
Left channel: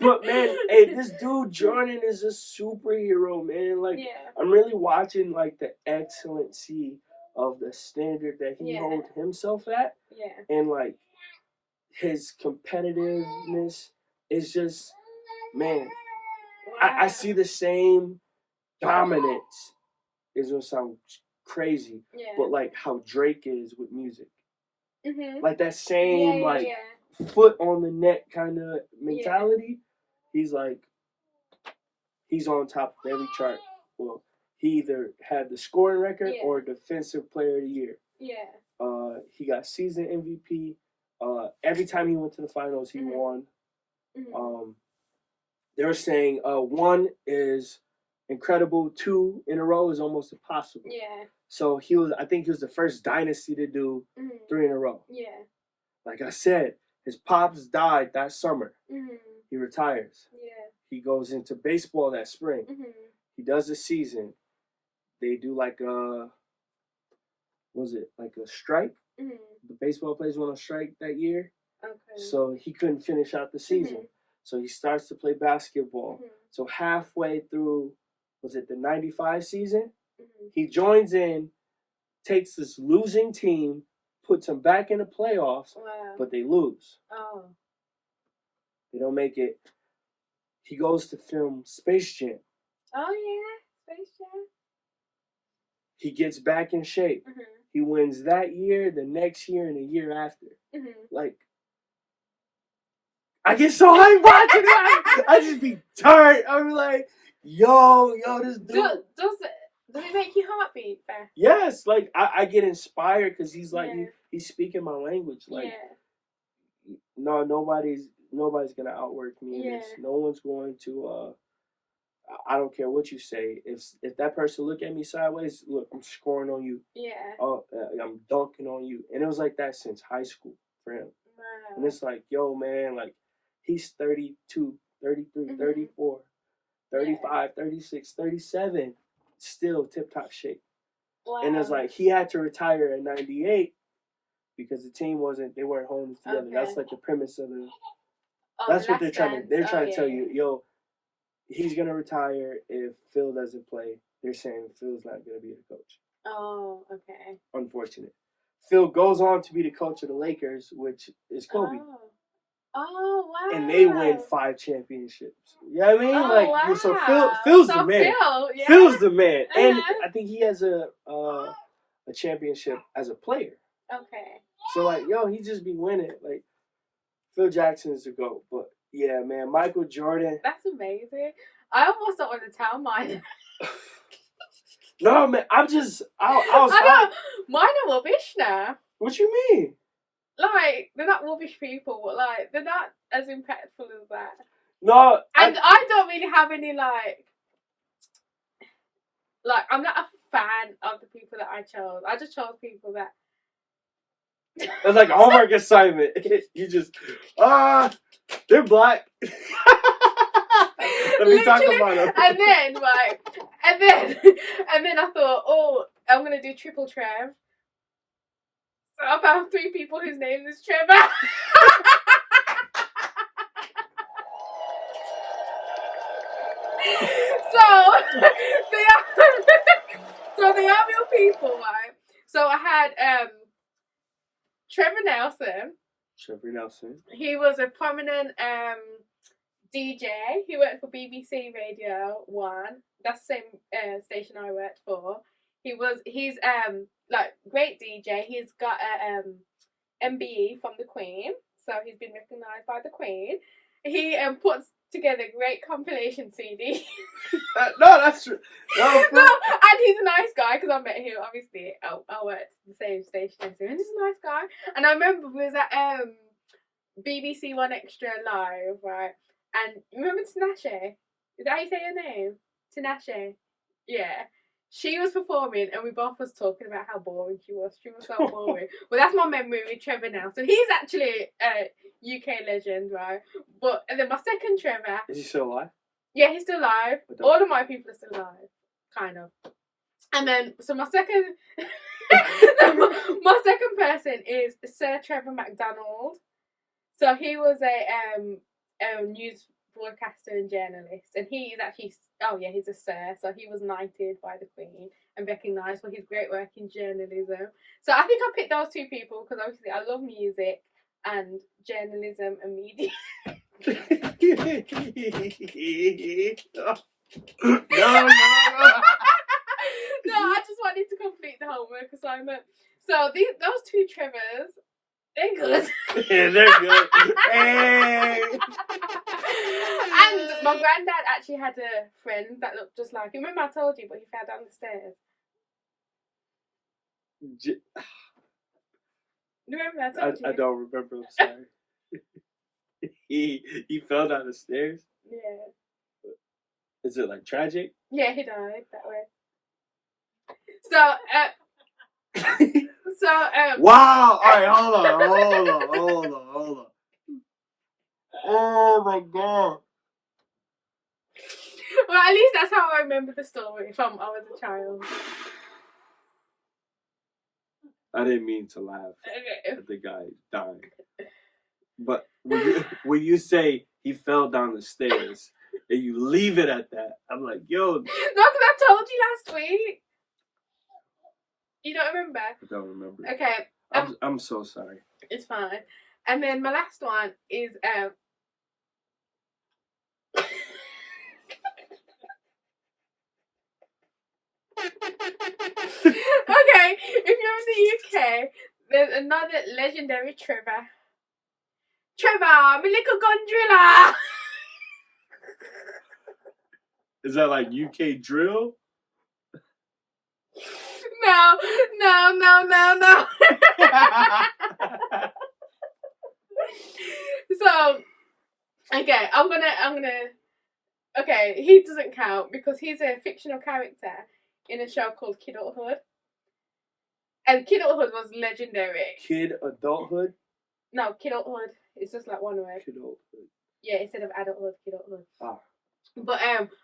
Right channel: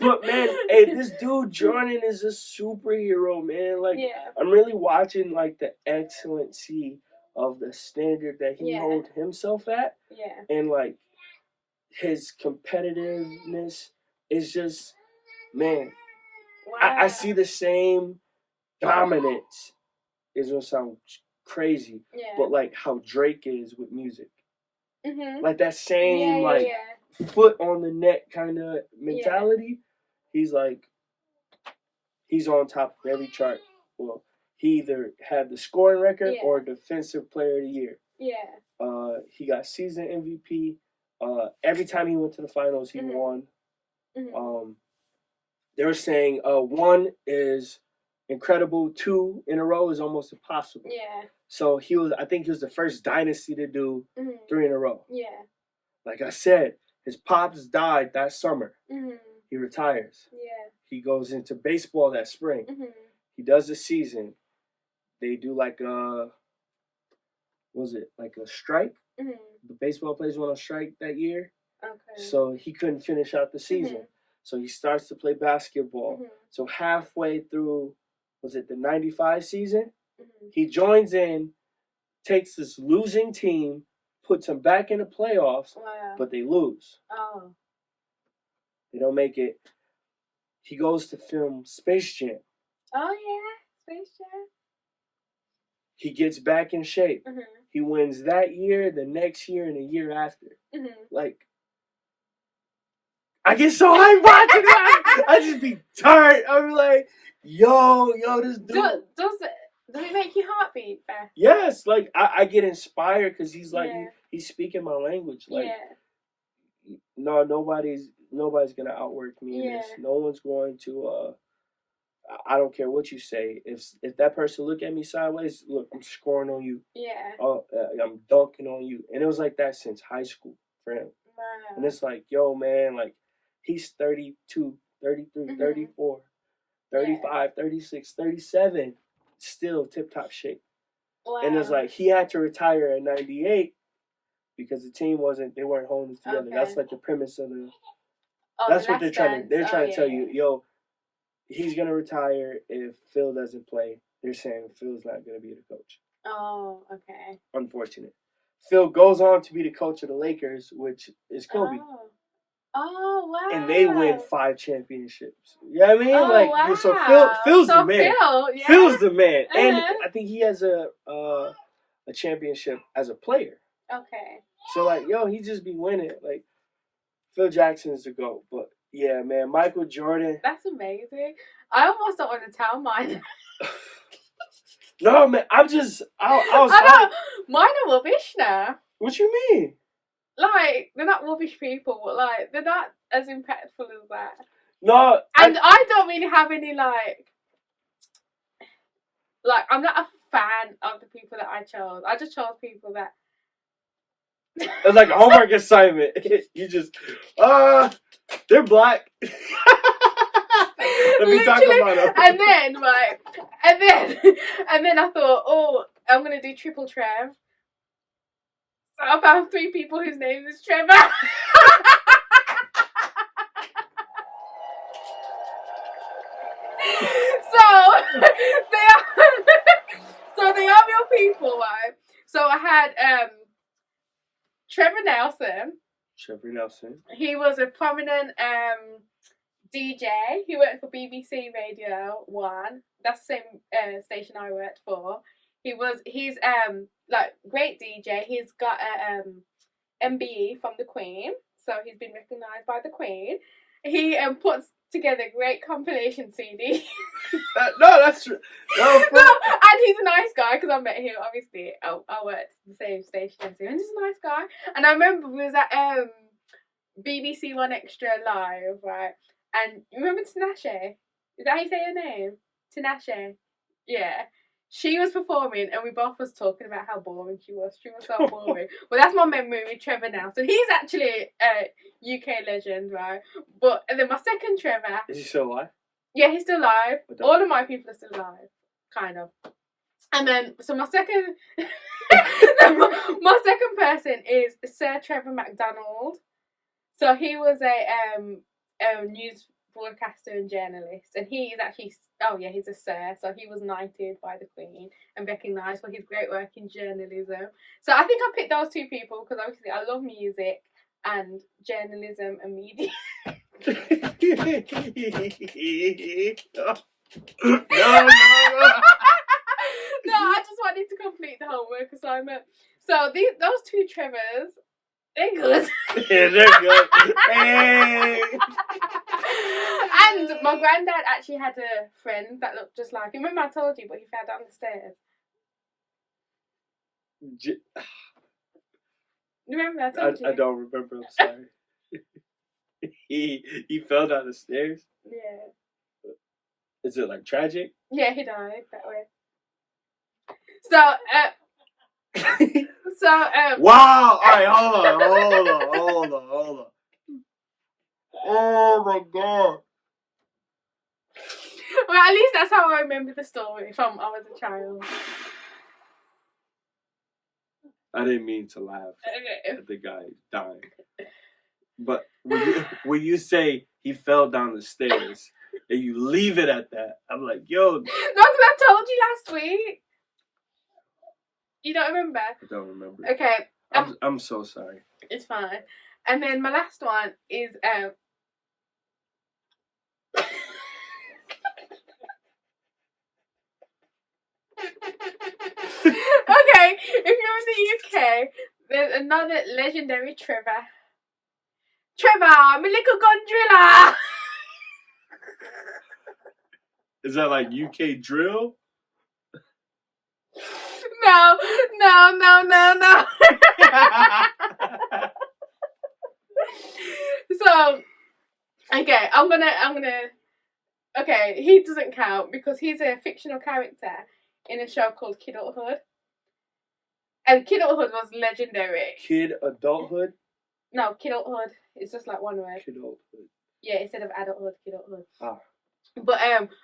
But man, hey, this dude Jordan is a superhero, man. Like, I'm really watching like the excellency of the standard that he holds himself at. Yeah. And like his competitiveness is just, man. Wow. I see the same dominance. It's gonna sound crazy, but like how Drake is with music. Mm-hmm. Like that same foot on the neck kind of mentality. He's on top of every chart. Well, he either had the scoring record or defensive player of the year. Yeah. He got season MVP. Every time he went to the finals, he won. Mm-hmm. They were saying 1 is incredible, 2 in a row is almost impossible. Yeah. So I think he was the first dynasty to do 3 in a row. Yeah. Like I said, his pops died that summer. Mm-hmm. He retires. Yeah. He goes into baseball that spring. Mm-hmm. He does a season. They do like a strike? Mm-hmm. The baseball players went on strike that year. Okay. So he couldn't finish out the season. Mm-hmm. So he starts to play basketball. Mm-hmm. So halfway through, was it the 95 season? Mm-hmm. He joins in, takes this losing team, puts them back in the playoffs, but they lose. Oh. They don't make it. He goes to film Space Jam. Oh, yeah. Space Jam. He gets back in shape. Mm-hmm. He wins that year, the next year, and the year after. Mm-hmm. Like, I get so hyped watching it. I just be tired. I'm like, yo, this dude. Does it make your heart beat fast? Yes. Like, I get inspired because he's like, he's speaking my language. Like, no, nobody's nobody's gonna outwork me in this. Yeah. No one's going to. I don't care what you say. If that person look at me sideways, look, I'm scoring on you. Yeah. Oh, I'm dunking on you. And it was like that since high school for him. Wow. And it's like, yo, man, like he's 32, 33, 34, 35, 36, 37, still tip top shape. Wow. And it's like he had to retire at 98 because the team they weren't holding it together. Okay. That's like the premise of the. Oh, That's the what they're Last trying to. They're Dance. trying Oh, to tell yeah. you, yo, he's gonna retire if Phil doesn't play. They're saying Phil's not gonna be the coach. Oh, okay. Unfortunate. Phil goes on to be the coach of the Lakers, which is Kobe. Oh, wow. And they win 5 championships. You know what I mean? Oh, like, wow. so Phil's the man. Phil, yeah. Phil's the man, and Uh-huh. I think he has a championship as a player. Okay. So like, yo, he just be winning. Like, Phil Jackson is the GOAT. But yeah, man, Michael Jordan. That's amazing. I almost don't want to tell mine. No, man, I was. I know. Mine are rubbish now. What you mean? Like, they're not rubbish people, but like, they're not as impactful as that. No, And I don't really have any like, I'm not a fan of the people that I chose. I just chose people that. it's like a homework assignment. You just, they're black. Let me talk about them. And then, right, and then I thought, oh, I'm gonna do triple Trev. So I found 3 people whose name is Trevor. So they are real people, right? So I had Trevor Nelson. Trevor Nelson. He was a prominent DJ. He worked for BBC Radio 1. That's the same station I worked for. He's like great DJ. He's got a MBE from the Queen, so he's been recognised by the Queen. He puts together great compilation CD. No, that's true. No, and he's a nice guy because I met him. Obviously, I worked at the same station as him, and he's a nice guy. And I remember we was at BBC One Extra Live, right? And you remember Tinashe? Is that how you say her name? Tinashe. Yeah. She was performing, and we both was talking about how boring she was. She was so boring. Well, that's my memory with Trevor Nelson. He's actually a UK legend, right? But and then my second Trevor. Is he still alive? Yeah, he's still alive. All of my people are still alive, kind of. And then, so my second, my second person is Sir Trevor MacDonald. So he was a news broadcaster and journalist, and he is actually, he's a sir. So he was knighted by the Queen and recognised for his great work in journalism. So I think I picked those 2 people because obviously I love music and journalism and media. No. No, I just wanted to complete the homework assignment. So those 2 Trevors, they're good. Yeah, they're good. Hey. And my granddad actually had a friend that looked just like him. Remember I told you, but he fell down the stairs. Remember I told you? I don't remember. I'm sorry. He fell down the stairs. Yeah. Is it like tragic? Yeah, he died that way. So, Wow! Alright, hold on. Oh my god. Well, at least that's how I remember the story from I was a child. I didn't mean to laugh Okay. at the guy dying. But when you say he fell down the stairs and you leave it at that, I'm like, yo. No, because I told you last week. You don't remember? I don't remember. Okay. I'm so sorry. It's fine. And then my last one is okay, if you're in the UK, there's another legendary Trevor. Trevor, I'm a little gondrilla. Is that like UK drill? No. So Okay, I'm gonna. Okay, he doesn't count because he's a fictional character in a show called Kidulthood, and Kidulthood was legendary. Kid adulthood. No, Kidulthood. It's just like one word. Kidulthood. Yeah, instead of adulthood, Kidulthood. Ah. But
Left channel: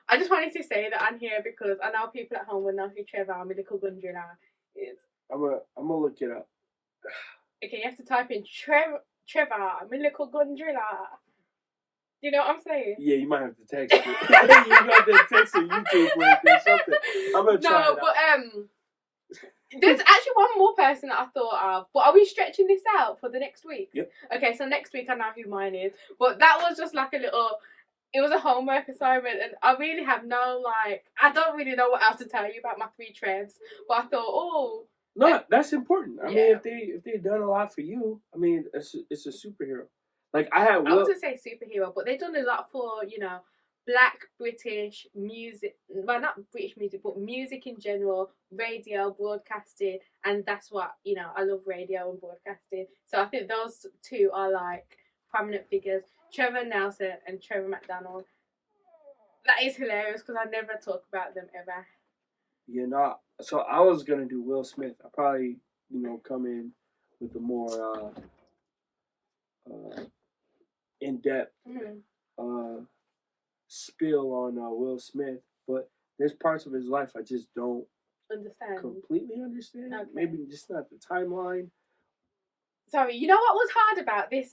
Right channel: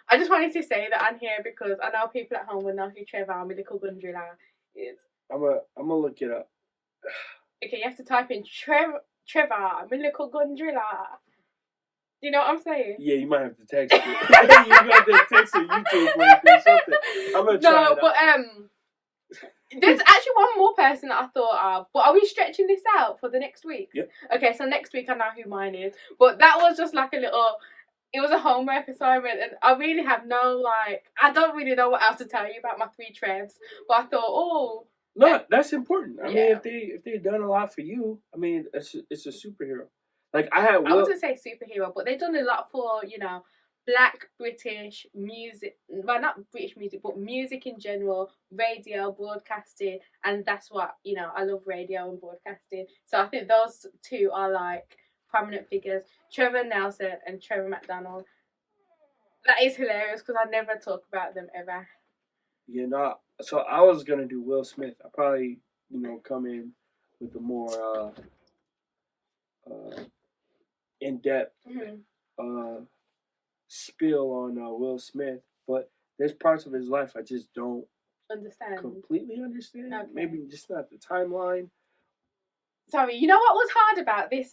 I just wanted to say that I'm here because I know people at home will know who Trevor, my little gun driller, is. I'm gonna look it up. Okay, you have to type in Trevor, my little gun driller. You know what I'm saying? Yeah, you might have to text it. You got to text a YouTube link or something. I'm gonna try No, it but out. there's actually one more person that I thought of. But are we stretching this out for the next week? Yep. Okay, so next week I know who mine is. But that was just like a little. It was a homework assignment, and I really have no I don't really know what else to tell you about my 3 Trevs. But I thought, No, that's important. I mean, Yeah. if they've done a lot for you, I mean, it's a superhero. Like I had I Will. wouldn't say superhero, but they've done a lot for Black British music. Well, not British music, but music in general, radio, broadcasting, and that's what I love radio and broadcasting. So I think those 2 are like prominent figures. Trevor Nelson and Trevor McDonald. That is hilarious because I never talk about them ever. Yeah, no. So I was gonna do Will Smith. I probably come in with a more in depth spill on Will Smith, but there's parts of his life I just don't completely understand. Okay. Maybe just not the timeline. Sorry, you know what was hard about this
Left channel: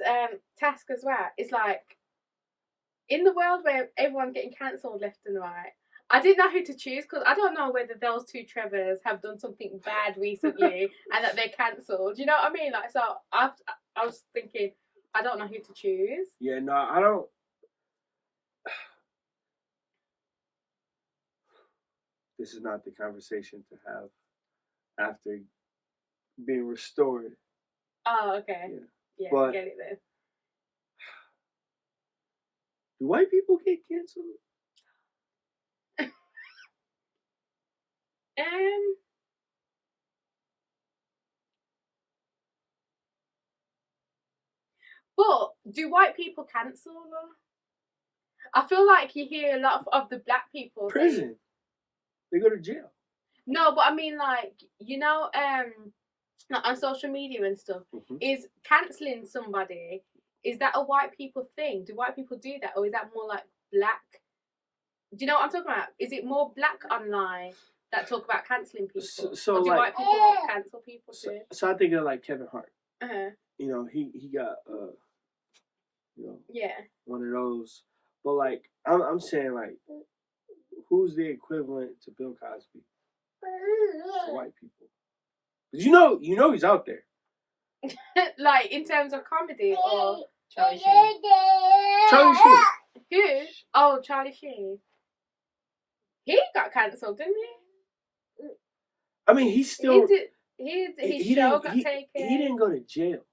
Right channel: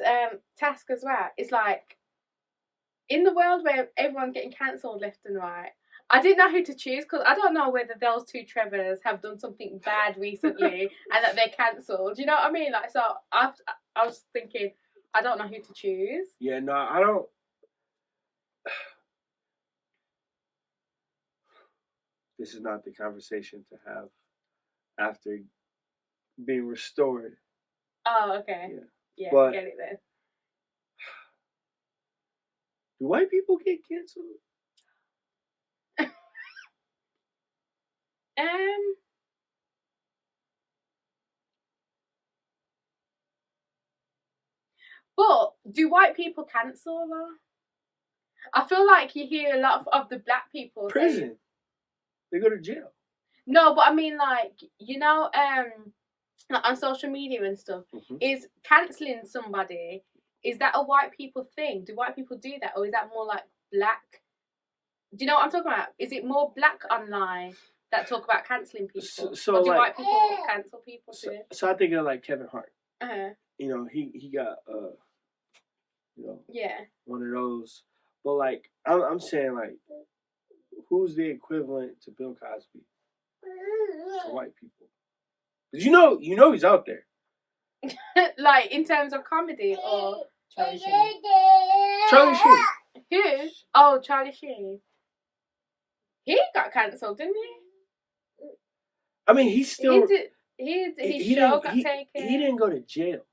task as well? It's like, in the world where everyone's getting cancelled left and right, I didn't know who to choose because I don't know whether those 2 Trevors have done something bad recently and that they're cancelled. You know what I mean? Like, so I was thinking, I don't know who to choose. Yeah, no, I don't. This is not the conversation to have after being restored. Oh, okay. Yeah, But get it then. do white people get canceled? But do white people cancel though? I feel like you hear a lot of the black people Prison. They go to jail. No, but I mean like like on social media and stuff, is cancelling somebody, is that a white people thing? Do white people do that, or is that more like black? Do you know what I'm talking about? Is it more black online that talk about cancelling people? So or do like, white people cancel people too? So I think of like Kevin Hart. Uh-huh. He got yeah, one of those. But like I'm saying, like, who's the equivalent to Bill Cosby to white people? 'Cause you know he's out there. like in terms of comedy or Charlie Sheen. Charlie Sheen. who? Oh, Charlie Sheen. He got cancelled, didn't he? I mean, he's still. His show got taken. He didn't go to jail.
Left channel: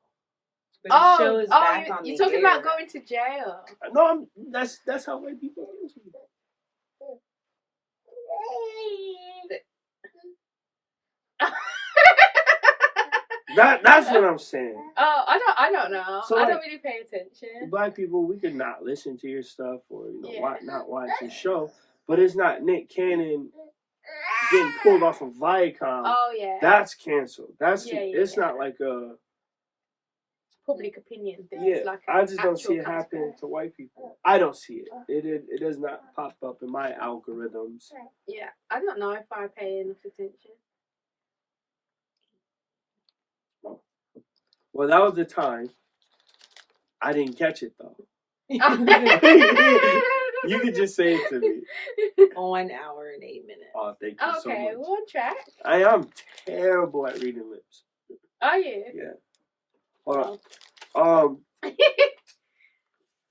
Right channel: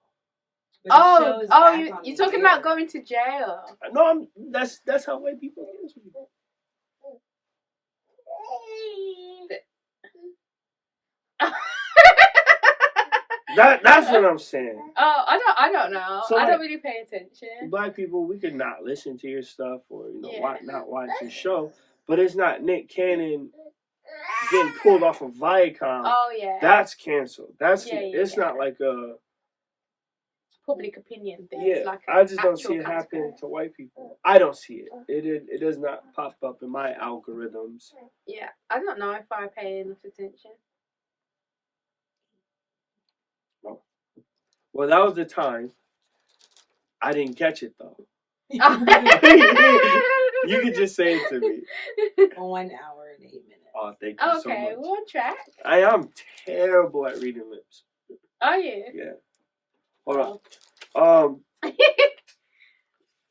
But his show is back on you're the talking air. about going to jail. No, that's how white people cancel people. That's what I'm saying. Oh, I don't know. So, I like, don't really pay attention. Black people, we could not listen to your stuff or Yeah. not watch your show, but it's not Nick Cannon getting pulled off of Viacom. Oh yeah. That's canceled. That's it's yeah. not like a public opinion thing. yeah. It's like I just don't see it actual happening consequence. to white people. I don't see it. It does not pop up in my algorithms. Yeah, I don't know if I pay enough attention. Well, that was the time. I didn't catch it though. You could just say it to me. 1 hour and 8 minutes. Oh, thank you so Okay, much. we're on track. I am terrible at reading lips. Are you? Yeah. Hold on.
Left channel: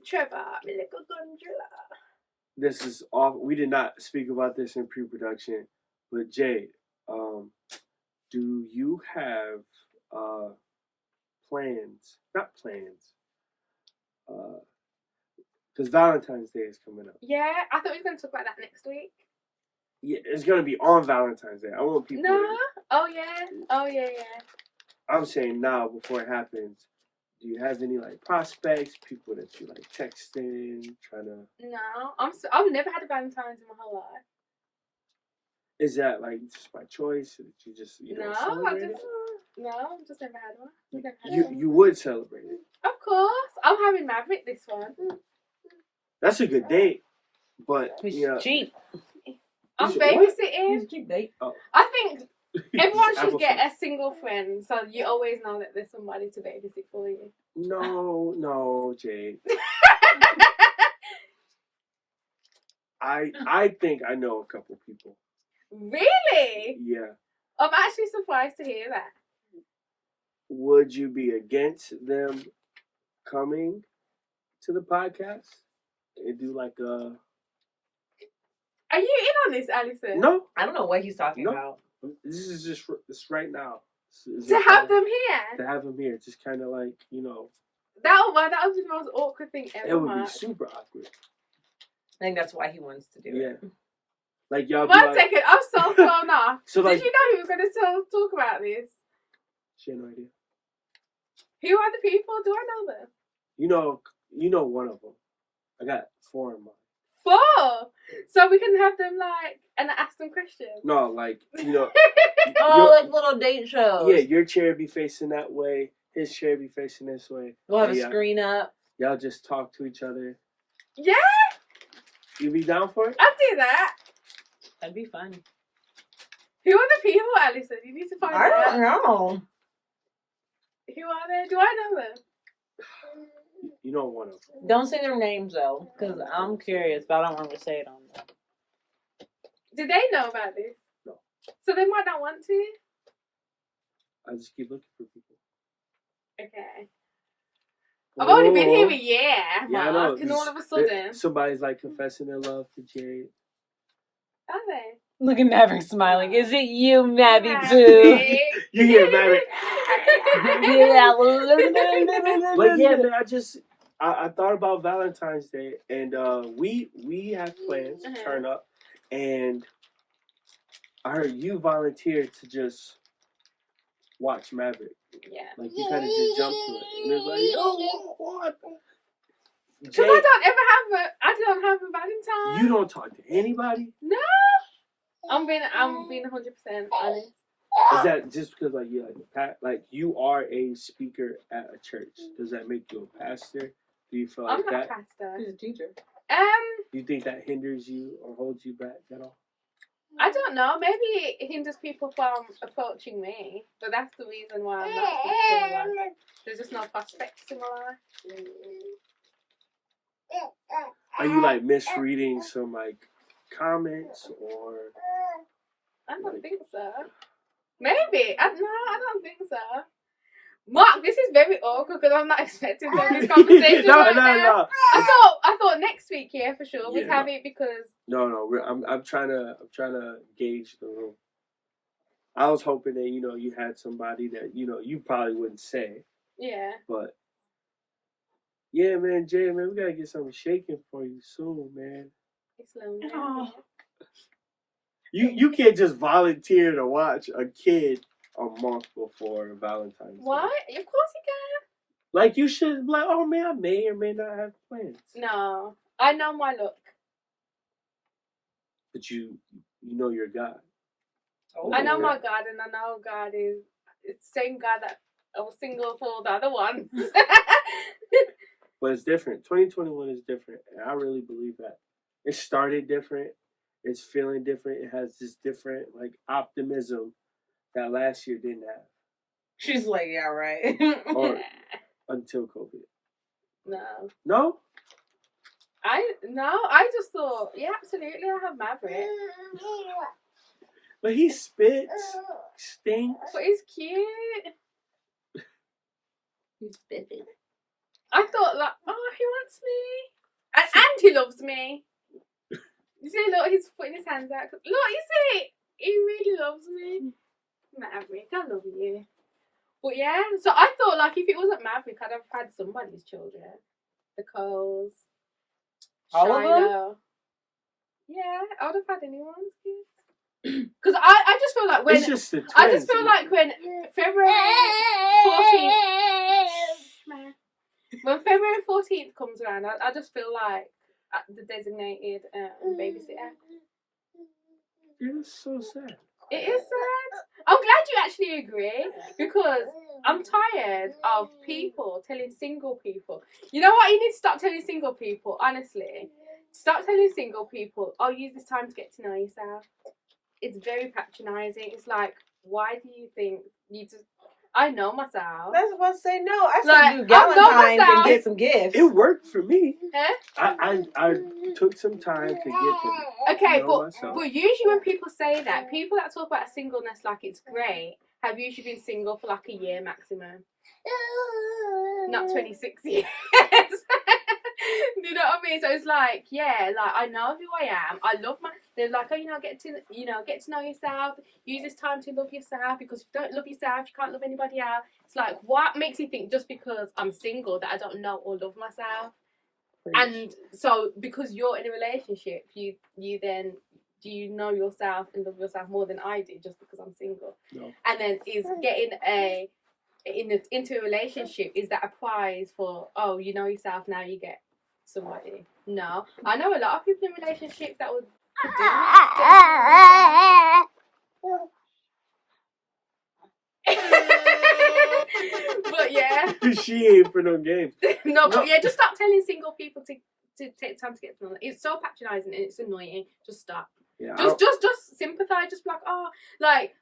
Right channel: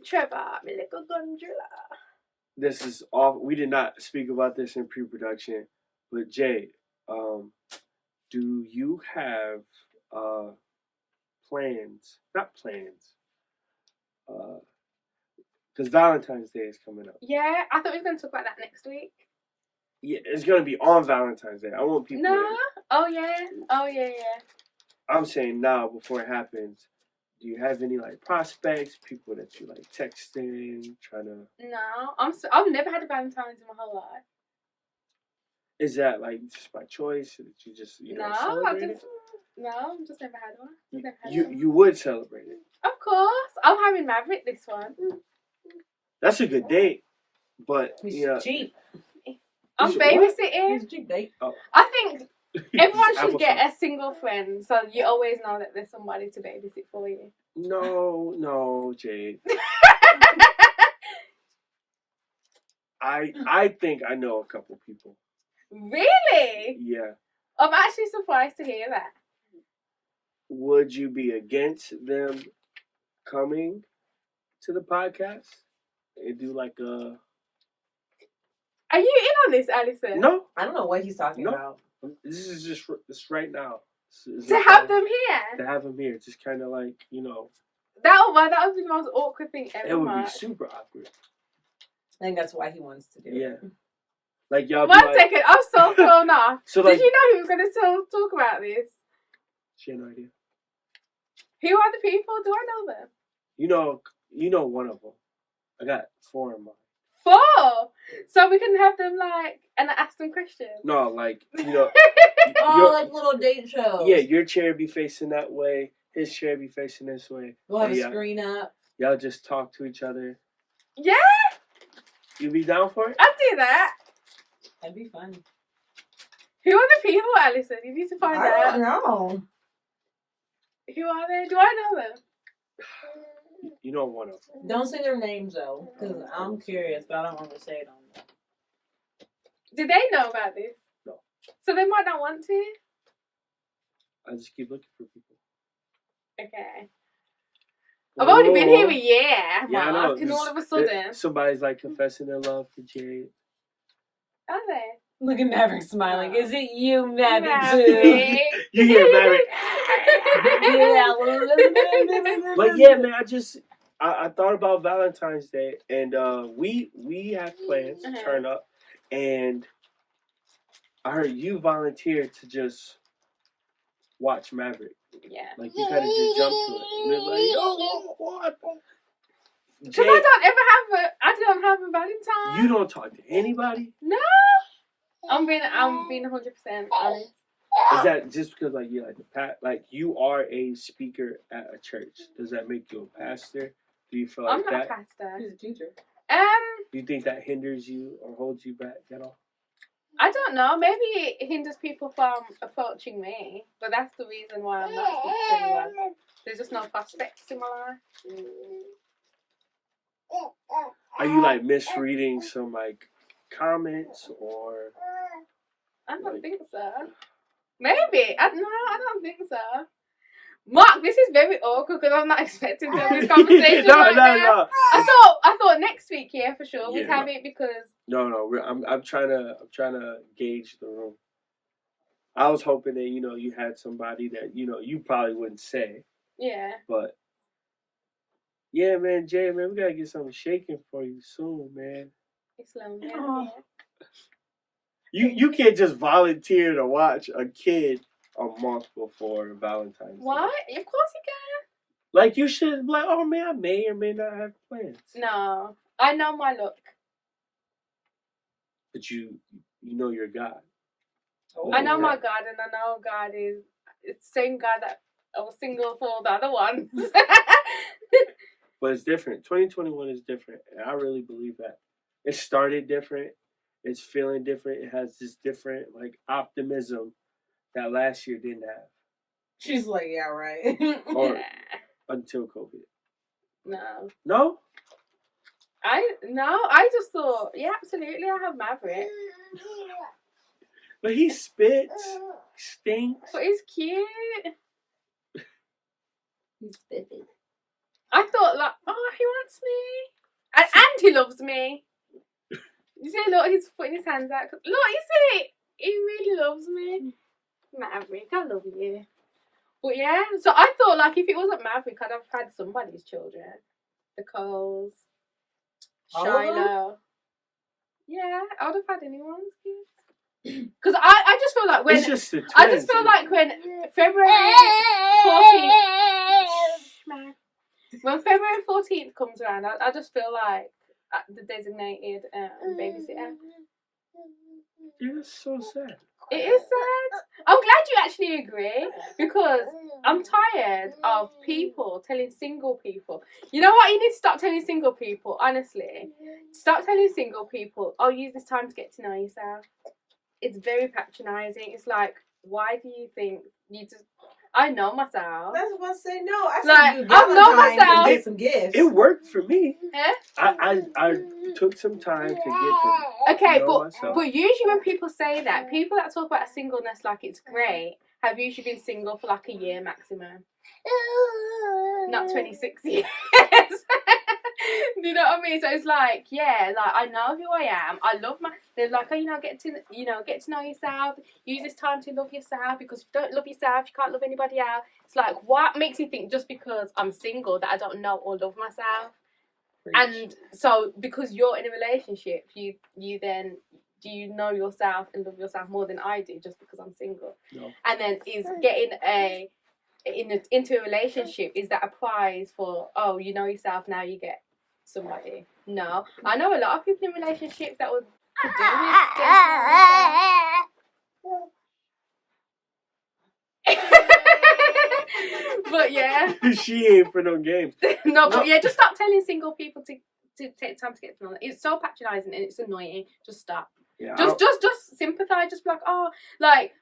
Trevor, my little gondola. This is off. We did not speak about this in pre-production, but Jade, do you have plans? Not plans. Because Valentine's Day is coming up. Yeah, I thought we were going to talk about that next week. Yeah, it's gonna be on Valentine's Day. I want people. No. Oh yeah. Oh yeah. I'm saying now before it happens. Do you have any like prospects, people that you like texting, trying to? No, I've never had a Valentine's in my whole life. Is that like just by choice, or did you just No, celebrate it? I've just never had one. Never had You one. you would celebrate it. Of course, I'm having Maverick this one. That's a good date, but He's yeah. cheap. I'm You should- what? babysitting. He's cheap date. I think everyone should Apple get pie. a single friend, so you always know that there's somebody to babysit for you. No, Jade. I think I know a couple people. Really? Yeah. I'm actually surprised to hear that. Would you be against them coming to the podcast and do like a? Are you in on this, Alison? No, I don't know what he's talking No. about. this is just this right now. To have them here? To have them here, just kind of like That would be the most awkward thing ever. it would Mark. be super awkward. I think that's why he wants to do Yeah. it. Like y'all be One like, second, I'm so thrown off. So, like- Did you know he was going to talk about this? she had no idea. Who are the people? Do I know them? You know one of them. I got 4 in mind. 4! So we can have them and ask them questions. No, like Oh, your- like little date shows. yeah, your chair be facing that way, his chair be facing this way. We'll have a Yeah. screen up. Y'all just talk to each other. Yeah, You be down for it? I'd do that. That'd be fun. Who are the people, Alison? You need to find I out. don't know. Who are they? Do I know them? You know one of them. Don't say their names though, because I'm curious, but I don't want to say it on there. Do they know about this? No. So they might not want to? I just keep looking for people. Okay. I've only been here a Oh. year, Yeah, I know. Mark, and all of a sudden... Somebody's like confessing their love for Jade. Are they? Look at Maverick smiling. Is it you, Maverick? Maverick. You hear Maverick? But yeah, man, I thought about Valentine's Day, and we have plans to turn up, and I heard you volunteered to just watch Maverick. Yeah. Like you kind of just jumped to it, and it's like, yo, what? Because Jade, I don't have a Valentine. you don't talk to anybody. No. I'm being 100% honest. Is that just because like you like you are a speaker at a church? Does that make you a pastor? Do you feel like I'm not that? a pastor. He's a teacher. Do you think that hinders you or holds you back at all? I don't know. Maybe it hinders people from approaching me, but that's the reason why I'm not speaking to anyone. There's just no prospects in my life. Are you like misreading some like comments or? I don't think so. Maybe. I don't think so. Mark, this is very awkward because I'm not expecting to have this conversation. no. I thought next week, yeah, for sure, we'd Yeah, have it because No. I'm trying to gauge the room. I was hoping that you had somebody that you probably wouldn't say, yeah. but yeah, man, Jay, man, we gotta get something shaking for you soon, man. It's lonely. Oh. You can't just volunteer to watch a kid a month before Valentine's Day. What? Of course you can. Like you should be like, oh man, I may or may not have plans. No, I know my look. But you know your God. Oh, I know yeah. my God, and I know God is it's the same God that I was single for the other one. But it's different. 2021 is different, and I really believe that. It started different. It's feeling different. It has this different like optimism that last year didn't have. She's like, yeah, right. Or until COVID. No. No? I just thought, yeah, absolutely, I have Maverick. But he spits, stinks. But he's cute. He's spiffy. I thought he wants me. And he loves me. You see, look, he's putting his hands out. Look, you see, he really loves me. Maverick, I love you. But yeah, so I thought if it wasn't Maverick, I'd have had somebody's children. The Coles. All of them? Shiloh. Yeah, I would have had anyone's kids. Because I just feel like when It's just the twins. I just feel like when February 14th, When February 14th comes around, I just feel like the designated babysitter. You're so sad. It is sad. I'm glad you actually agree, because I'm tired of people telling single people. You know what? You need to stop telling single people, honestly. Stop telling single people, oh, use this time to get to know yourself. It's very patronising. It's like, why do you think you just... I know myself. That's what I say. No, I should Like, do I know Valentine's and myself. get some gifts. It worked for me. Eh? I took some time to get to Okay, know myself. but usually when people say that, people that talk about singleness like it's great have usually been single for like a year maximum. Not 26 years. Do you know what I mean? So it's like, yeah, like I know who I am. I love my... They're like, oh, get to know yourself. Use this time to love yourself, because if you don't love yourself, you can't love anybody else. It's like, what makes you think just because I'm single that I don't know or love myself? And so, because you're in a relationship, you then, do you know yourself and love yourself more than I do just because I'm single? No. And then is getting into a relationship, is that a prize for, oh, you know yourself, now you get somebody? No. I know a lot of people in relationships that would do with but yeah. She ain't for no games. No, but yeah, just stop telling single people to take time to get to know them. It's so patronising and it's annoying. Just stop. Yeah, Just sympathise. Just be like, oh, like,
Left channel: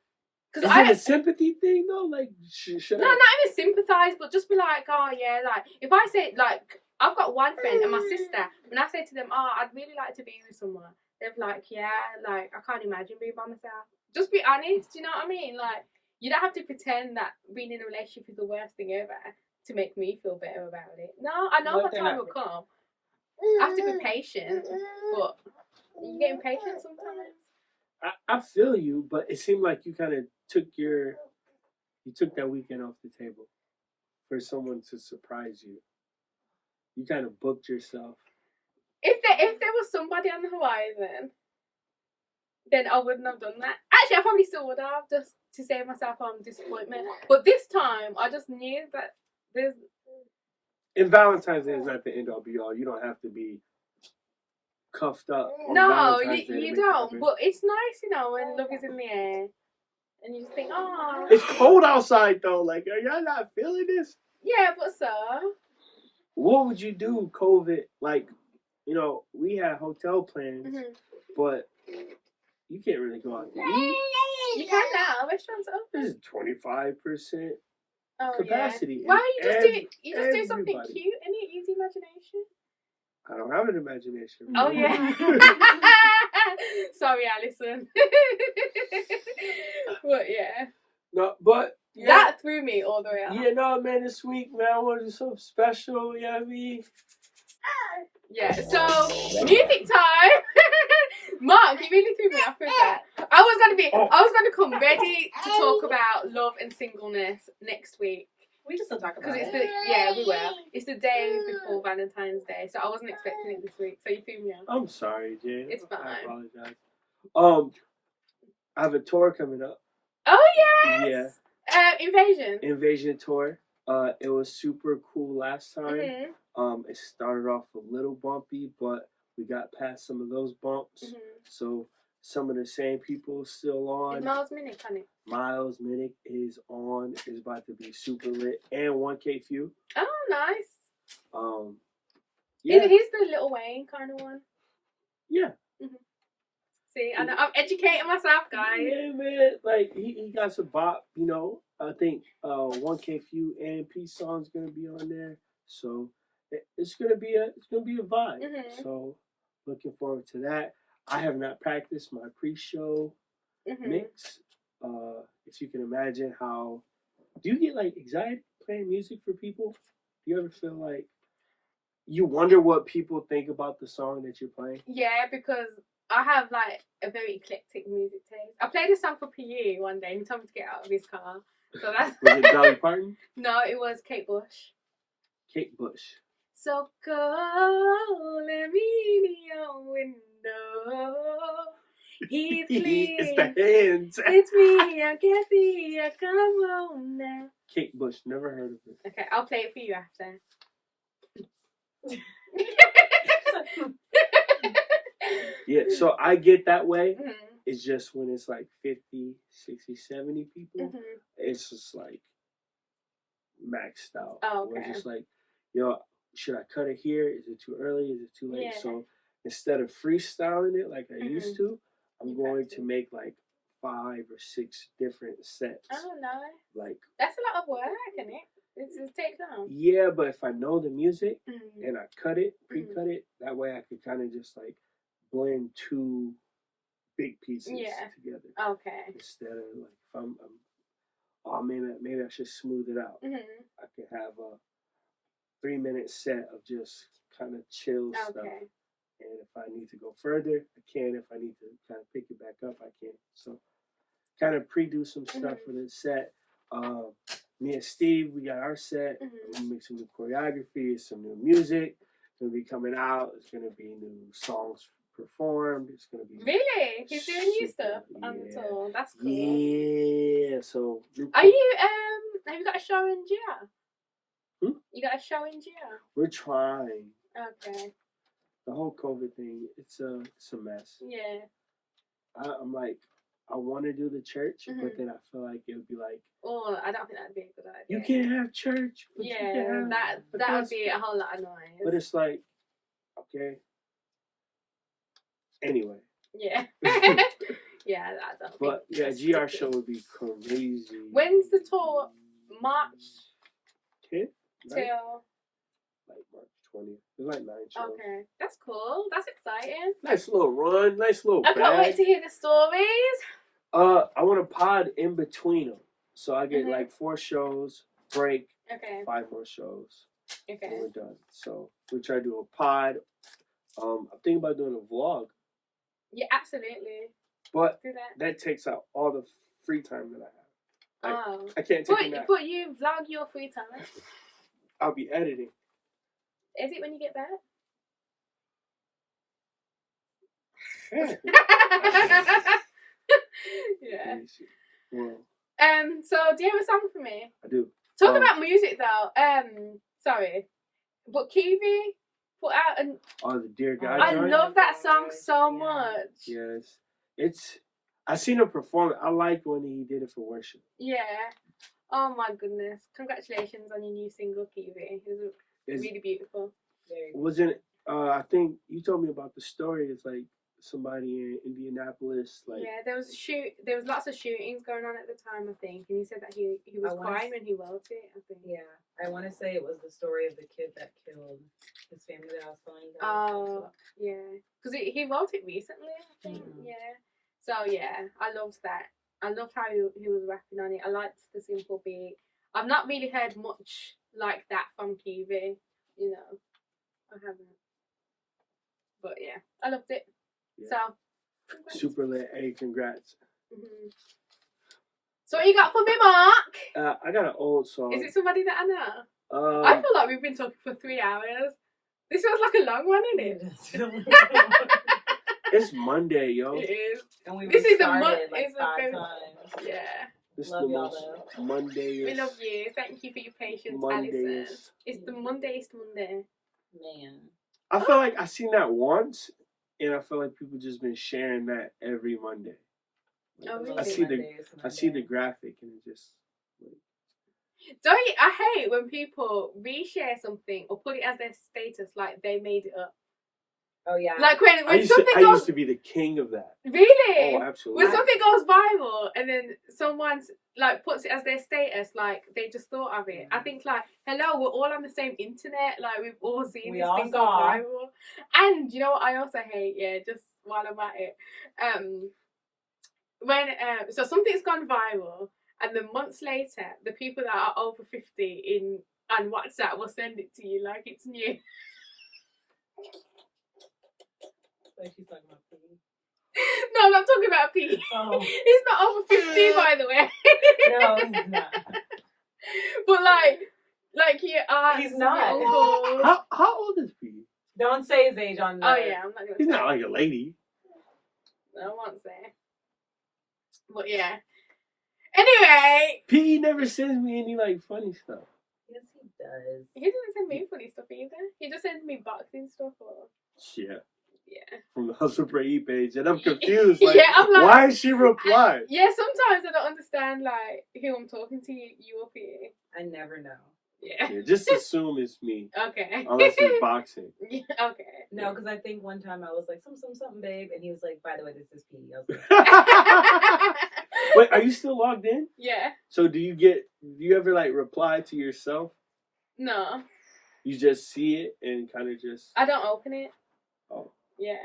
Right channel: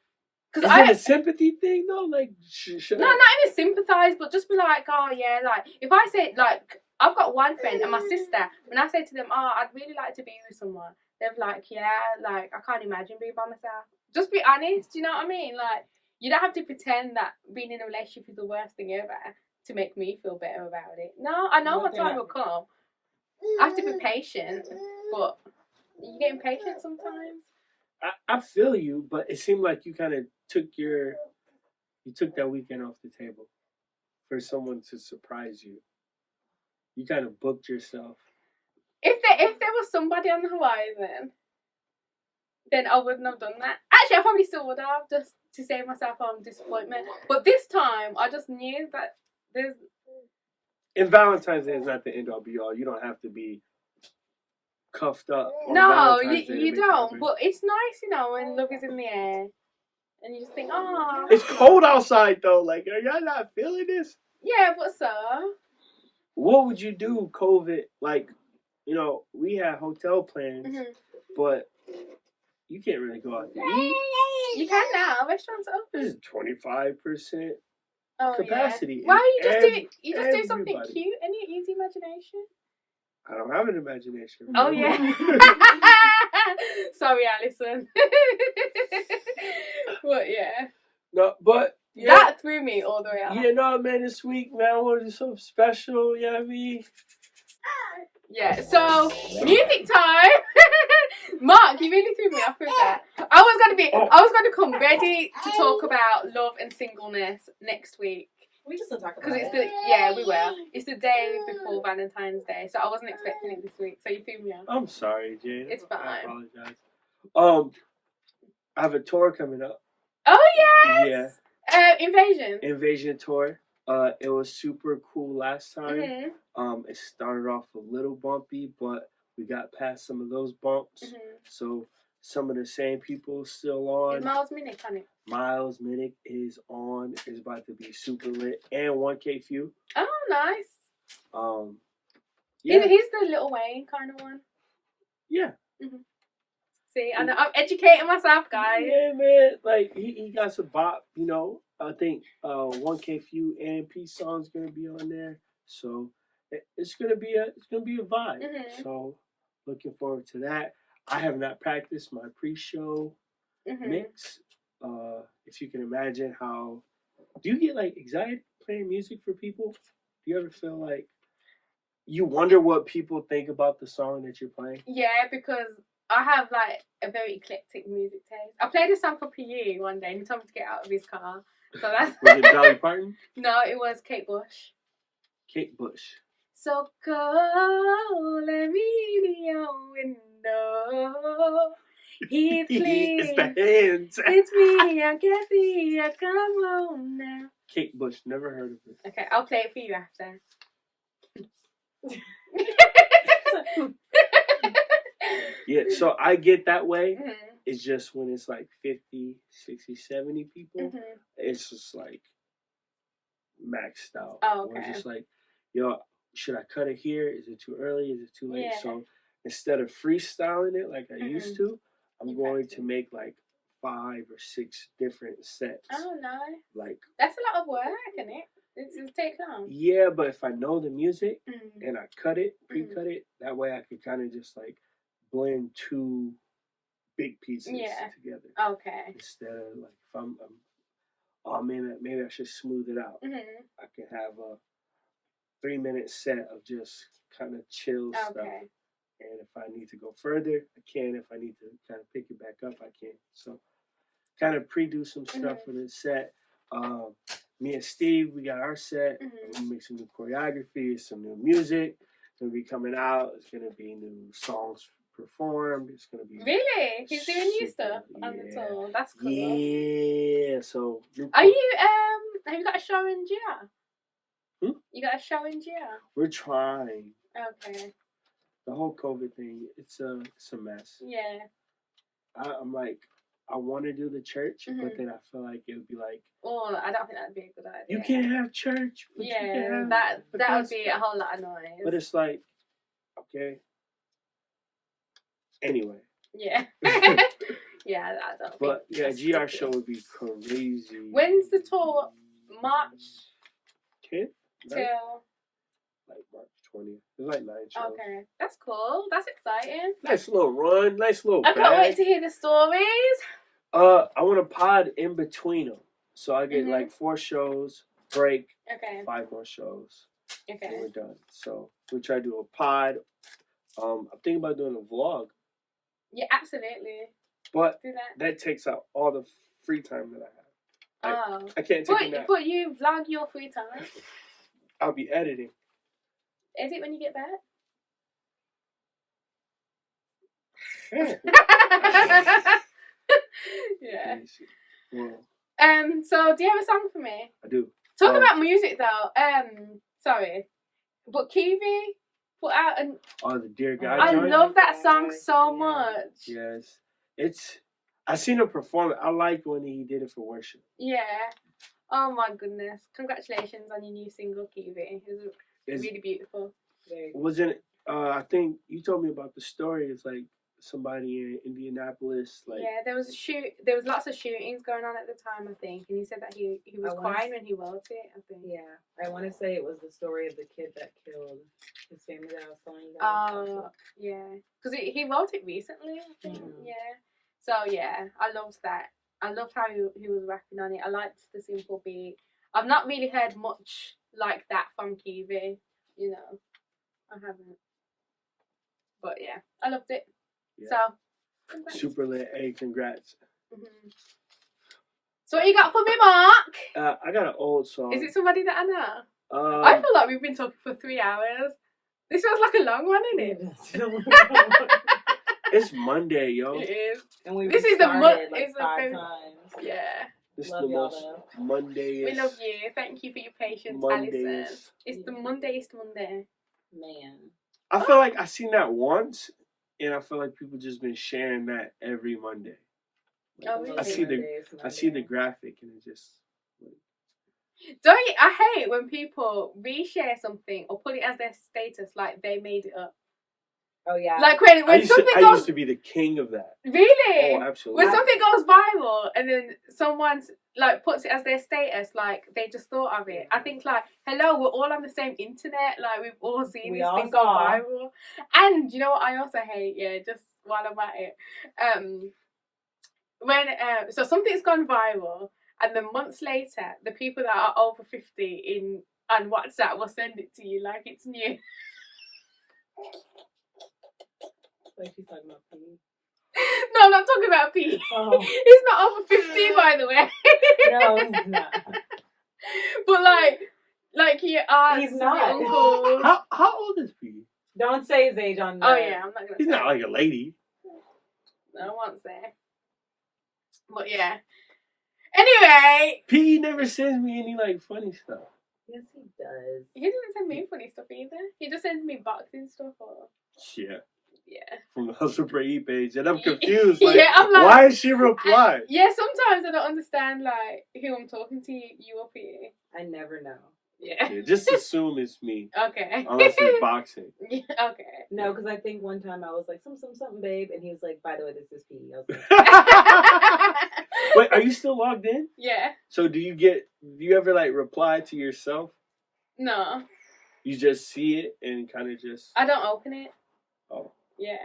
because is it a sympathy thing though? Like, should no, I? not even sympathise, but just be like, oh yeah, like if I say, like, I've got one friend and my sister, when I say to them, oh, I'd really like to be with someone, they're like, yeah, like I can't imagine being by myself. Just be honest. You know what I mean? Like, you don't have to pretend that being in a relationship is the worst thing ever to make me feel better about it. No, I know my time will come. I have to be patient, but you get impatient sometimes. I feel you, but it seemed like you kind of took that weekend off the table for someone to surprise you. You kind of booked yourself. If there was somebody on the horizon, then I wouldn't have done that. Actually, I probably still would have, just to save myself from disappointment. But this time, I just knew that there's... And Valentine's Day is not the end all be all. You don't have to be cuffed up on No, Valentine's Day. you don't. But it's nice, when love is in the air. And you just think, oh. It's cold outside, though. Like, are y'all not feeling this? Yeah, but so? What would you do, COVID? Like, we had hotel plans, but you can't really go out to eat. You can now. Restaurants are open. This is 25% Oh, capacity. Yeah. Why don't you just do something everybody. cute and use imagination? I don't have an imagination. Oh yeah. Sorry, Alison. But yeah. No, but yeah. That threw me all the way out. Yeah, no, man, this week, man, I want to do something special, you know what I mean? Yeah, so, music time! Mark, you really threw me off with that. I was gonna come ready to talk about love and singleness next week. We just don't talk about Because it. we will. It's the day before Valentine's Day, so I wasn't expecting it this week, so you threw me off. I'm sorry, Jade. It's fine. I apologize. I have a tour coming up. Oh, yes! Yeah. Invasion tour. It was super cool last time. Mm-hmm. It started off a little bumpy, but we got past some of those bumps. Mm-hmm. So some of the same people still on. Is Miles Minnick on it? Miles Minnick is on. It's about to be super lit. And 1K Few. Oh, nice. Yeah. He's the Lil Wayne kind of one. Yeah. Mm-hmm. See, I'm educating myself, guys. Yeah, man. Like he got some bop. I think 1K Few and Peace Song's gonna be on there. So it's gonna be a vibe. Mm-hmm. So looking forward to that. I have not practiced my pre-show mix. If you can imagine how, do you get like anxiety playing music for people? Do you ever feel like you wonder what people think about the song that you're playing? Yeah, because I have like a very eclectic music taste. I played a song for PE one day and he told me to get out of his car. So that's Was it Dolly Parton? No, it was Kate Bush. Kate Bush. So go, let me in your window. He's clean. It's the hands. It's me, I get the come home now. Kate Bush, never heard of her. Okay, I'll play it for you after. Yeah, so I get that way. Mhm. It's just when it's like 50, 60, 70 people, Mhm. it's just like maxed out. Oh, Or okay. just like, yo, should I cut it here? Is it too early? Is it too late? Yeah. So instead of freestyling it like I Mhm. used to, I'm You going practice. to make like 5 or 6 different sets. Oh no, Like, that's a lot of work, isn't it? It takes time. yeah, but if I know the music Mhm. and I cut it, pre-cut it, that way I could kind of just like blend 2 big pieces Yeah. together. Okay. Instead of like, if I'm oh, maybe I should smooth it out. Mhm. I could have a 3-minute set of just kind of chill stuff. Okay. And if I need to go further, I can. If I need to kind of pick it back up, I can. So kind of pre-do some stuff for the set. Me and Steve, we got our set. I'm gonna make some new choreography, some new music. It's gonna be coming out. It's gonna be new songs performed. It's gonna be Really? He's doing new super, stuff on the yeah. tour. That's cool. Yeah. So Are you have you got a show in GR? You got a show in GR? we're trying. Okay. The whole COVID thing, it's a mess. Yeah. I'm like, I want to do the church, but then I feel like it would be like, Oh, I don't think that'd be a good idea. you can't have church, but you Yeah, can have that would because- be a whole lot of noise. But it's like, okay. Anyway. Yeah. Yeah, I don't But think yeah, that's GR ridiculous. show would be crazy. When's the tour? March 10th? till. Like March 20th. There's like 9 shows. Okay, that's cool. That's exciting. Nice little run. Nice little I can't wait bag. to hear the stories. I want to pod in between them. So I get Mhm. like 4 shows, break, Okay. 5 more shows, and Okay. we're done. So we try to do a pod. I'm thinking about doing a vlog, Yeah, absolutely. but Do that. that takes out all the free time that I have. Oh. I can't take a nap. But you vlog your free time. I'll be editing. Is it when you get back? Yeah. Well, So do you have a song for me? I do. Talk about music though. Sorry, but Kiwi put out an. Oh, the Dear God I joint? love that song so much. Yes. I seen him perform it. I liked when he did it for worship. Yeah. Oh my goodness! Congratulations on your new single, Kiwi. It's really beautiful. Wasn't I think you told me about the story. It's like somebody in Indianapolis, like Yeah, there was lots of shootings going on at the time, I think, and he said that he was crying when he wrote it. I think. Yeah, I want to say it was the story of the kid that killed his family that I was telling you. Oh, yeah, because he wrote it recently, I think. Yeah. So yeah, I loved that. I loved how he was rapping on it. I liked the simple beat. I've not really heard much like that from Kiwi. You know, I haven't. But yeah, I loved it. Yeah. So. Congrats. super lit. Hey, congrats. Mm-hmm. So what you got for me, Mark? I got an old song. Is it somebody that I know? I feel like we've been talking for 3 hours. This feels like a long one, isn't it? It's Monday, yo. It is. And This is the like it's the 5 very- times. Yeah. This is Love the y'all, most though. Monday. We love you. Thank you for your patience, Mondays. Alison. It's the Mondayest Monday. Man. I feel like I seen that once, and I feel like people just been sharing that every Monday. Oh, really? I see the graphic, and it just. Don't you, I hate when people reshare something or put it as their status like they made it up. Oh yeah. Like when I something used to be the king of that. Really? Oh, absolutely. When something goes viral and then someone like puts it as their status, like they just thought of it. I think like, hello, we're all on the same internet. Like we've all seen this thing go viral. And you know what I also hate? Yeah, just while I'm at it, when so something's gone viral, and then months later, the people that are over 50 on WhatsApp will send it to you like it's new. Like she's talking about pee. No, I'm not talking about Pete. Oh. He's not over 50, by the way. No, he's not. But like your aunts, He's not. your uncles. How old is P? Don't say his age on Oh that. yeah, I'm not gonna. He's say not like a lady. I won't say. But yeah. Anyway, P never sends me any like funny stuff. Yes, he does. he doesn't send me funny stuff either. He just sends me boxing stuff or Yeah. yeah. From the Hustle Brady page, and I'm confused. Like, Yeah, I'm like, why is she reply? Yeah, sometimes I don't understand like who I'm talking to. You up here? I never know. Yeah. Yeah, just assume it's me, Okay. unless it's boxing. Yeah, okay. No, because I think one time I was like, something, babe. And he was like, by the way, this is P. I was like, Wait, are you still logged in? Yeah. So do you ever like reply to yourself? No, You just see it and kind of just. I don't open it. Oh. Yeah.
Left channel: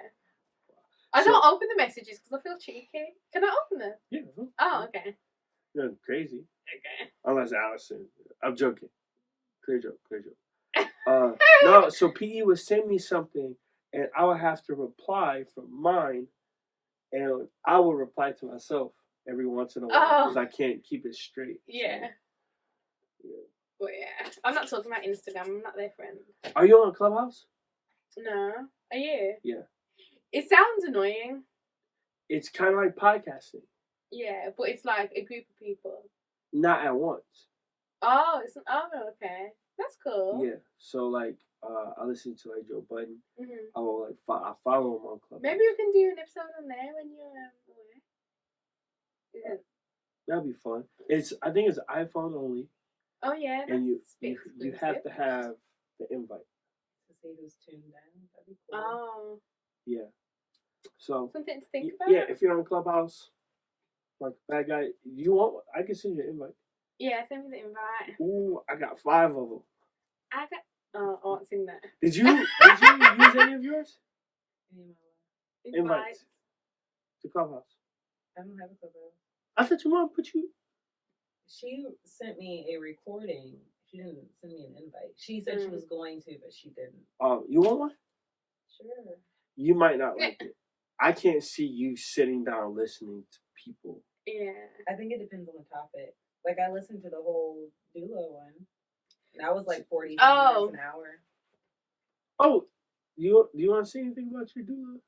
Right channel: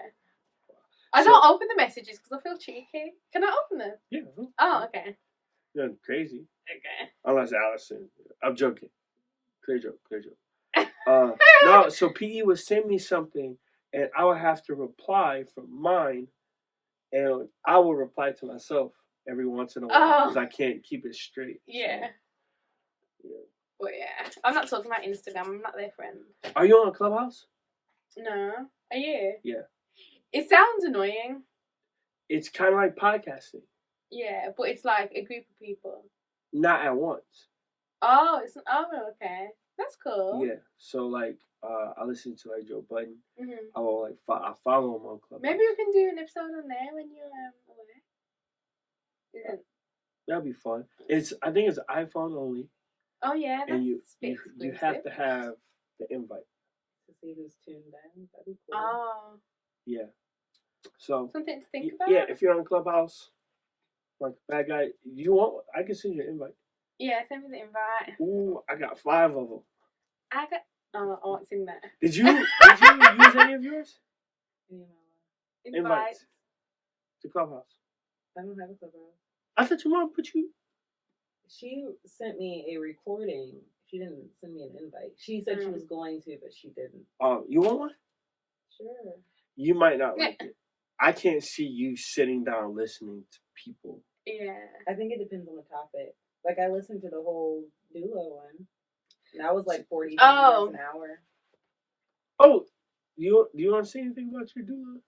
I So- don't open the messages because I feel cheeky. Can I open them? Yeah. Oh, okay. Nothing crazy. Okay. Unless Allison. I'm joking. Clear joke. No, so PE would send me something and I would have to reply from mine and I will reply to myself every once in a while because I can't keep it straight. Yeah. So, yeah. But yeah, I'm not talking about Instagram. I'm not their friend. Are you on Clubhouse? No. Are you? Yeah. It sounds annoying. It's kind of like podcasting. Yeah, but it's like a group of people. Not at once. Oh, okay. That's cool. Yeah. So like, I listen to like Joe Budden. Mhm. I will like I follow him on Clubhouse. Maybe we can do an episode on there when you're away. Yeah. That'd be fun. I think it's iPhone only, Oh yeah. That's and you exclusive. have to have the invite. to see who's tuned in. That'd be cool. Oh, Yeah. So something to think about. yeah, if you're on Clubhouse, like bad guy, you want? I can send you an invite. Yeah, send me the invite. Ooh, I got 5 of them. I won't sing that. Did you use any of yours? Invites to Clubhouse. I don't have a Clubhouse. I thought your mom put you. She sent me a recording. She didn't send me an invite. She said she was going to, but she didn't. Oh, you want one? Sure. You might not like it. I can't see you sitting down listening to people. Yeah. I think it depends on the topic. Like, I listened to the whole duo one, and that was like 40 minutes an hour. Oh, do you want to say anything about your doula?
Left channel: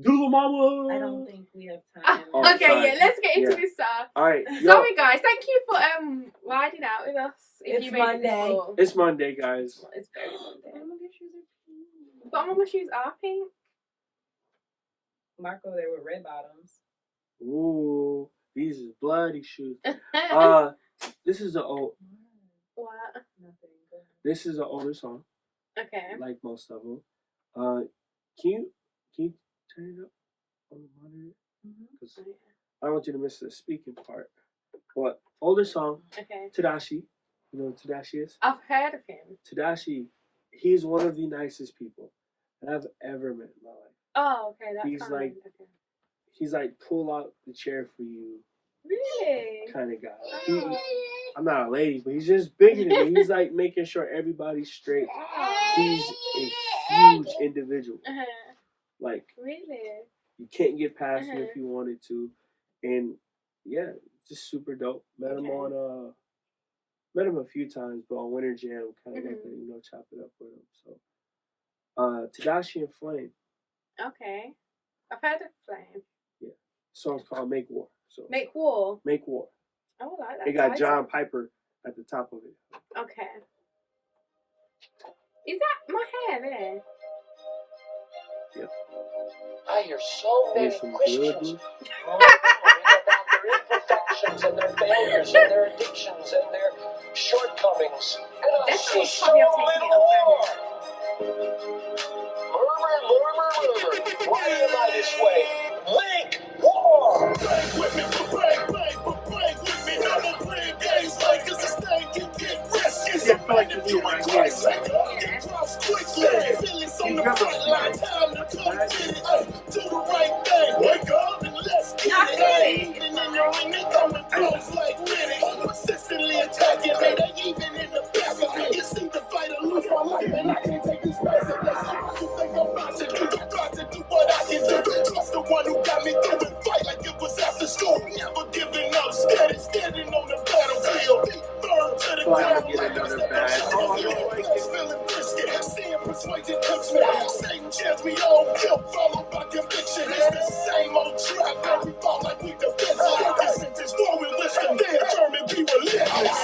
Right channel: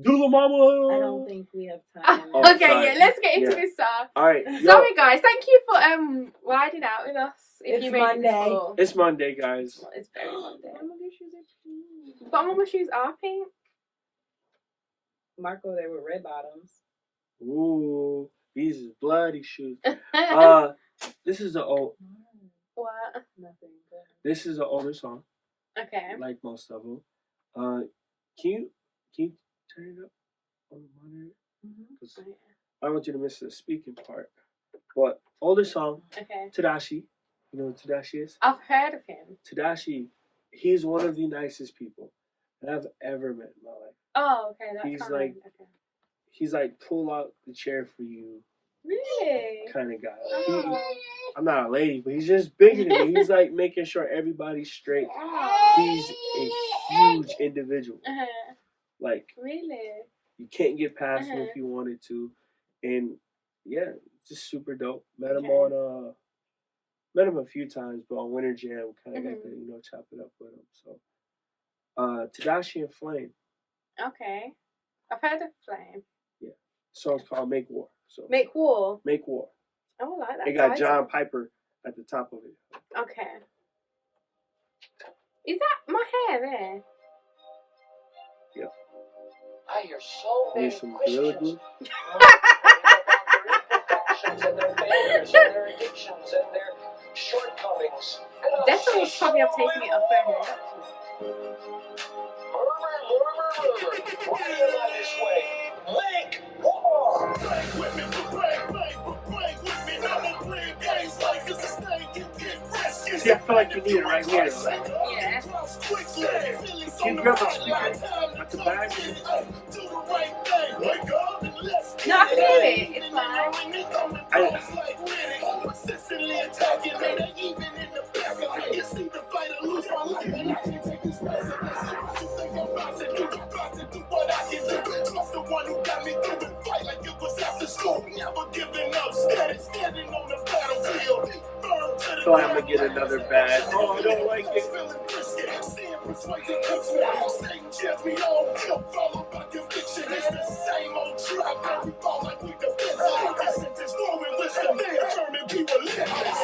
Doula mama! I don't think we have time. Oh, Okay, sorry. yeah, let's get into Yeah. this song. Alright, Sorry guys, thank you for riding out with us. If It's you made it Monday. before. it's Monday, guys. Well, it's very Monday. Your shoes are pink. But Mama shoes are pink. Marco there with red bottoms. Ooh, these is bloody shoes. This is What? Nothing. this is an older song, Okay. like most of them. Can you turn it up on the monitor? Because I don't want you to miss the speaking part. But older song, Okay. Tadashi. You know what Tadashi is? I've heard of him. Tadashi, he's one of the nicest people that I've ever met in my life. Oh, okay. That's He's fine. like- Okay. He's like pull out the chair for you Really? kind of guy. Oh. I'm not a lady, but he's just bigger than me. He's like making sure everybody's straight. He's a huge individual. Like, Really? you can't get past him if you wanted to. And yeah, just super dope. Met him a few times, but on Winter Jam, kind of got to, chop it up with him. So, Tadashi and Flame. Okay. I've heard of Flame. Song's called Make War. So Make War. Make War. Oh, I like that. It got title. John Piper at the top of it. Okay. Is that my hair there? Yep. I hear so Here's many some Gorilla Christians Glue. about their imperfections and their failures and their addictions and their shortcomings. And I That's say almost probably I've so taken it off her hair. Murmur. Why am I this way? Make war! Bang with me, bang with me. Now I'm playing games like it's a thing. Get rescue. See, I feel like you need it right here. Yeah. Can you grab a speaker at the back? Do the right thing. Wake up and let's get No, I can do it. It's fine. Consistently attacking me. They even in the back of me. You seem to fight or lose my life, and I can't take this lesson. You think I'm about to do? I got to do what I can do. Trust the one who got me through it. Fight like it was after school. Never giving up. Standing on the battlefield. Burn to the I feel like I'm gonna get another badge. Oh, I don't like it. Seeing persuasion cooks me. Satan chants me on guilt, followed by conviction. It's the same old trap. Now we fall like we defend. Focus into story, listen. They determined we religious.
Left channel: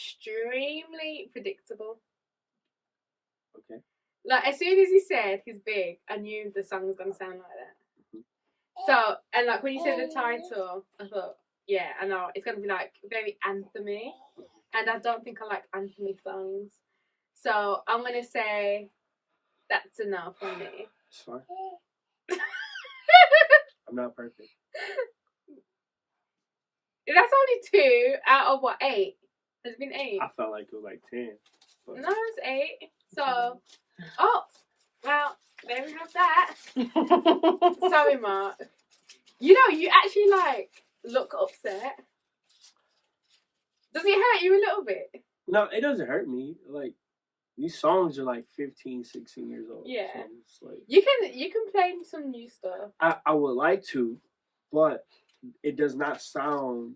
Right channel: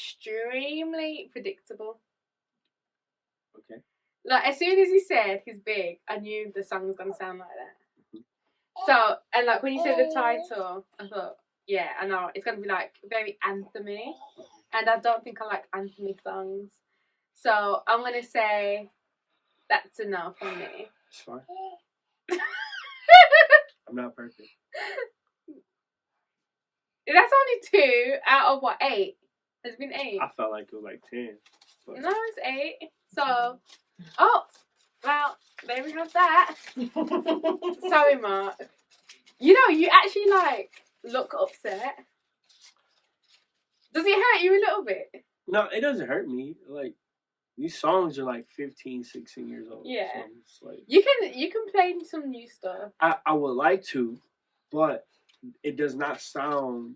extremely predictable. Okay. Like, as soon as he said he's big, I knew the song was going to sound like that. So, and like, when you said the title, I thought, yeah, I know, it's going to be like very anthemy. And I don't think I like anthemy songs. So, I'm going to say that's enough for me. It's fine. I'm not perfect. That's only 2 out of what, 8? Has it been 8? I felt like it was like 10. But... No, it's 8. So, oh, well, there we have that. Sorry, Mark. You know, you actually, like, look upset. Does it hurt you a little bit? No, it doesn't hurt me. Like, these songs are like 15, 16 years old. Yeah. So it's like, You can play some new stuff. I would like to, but it does not sound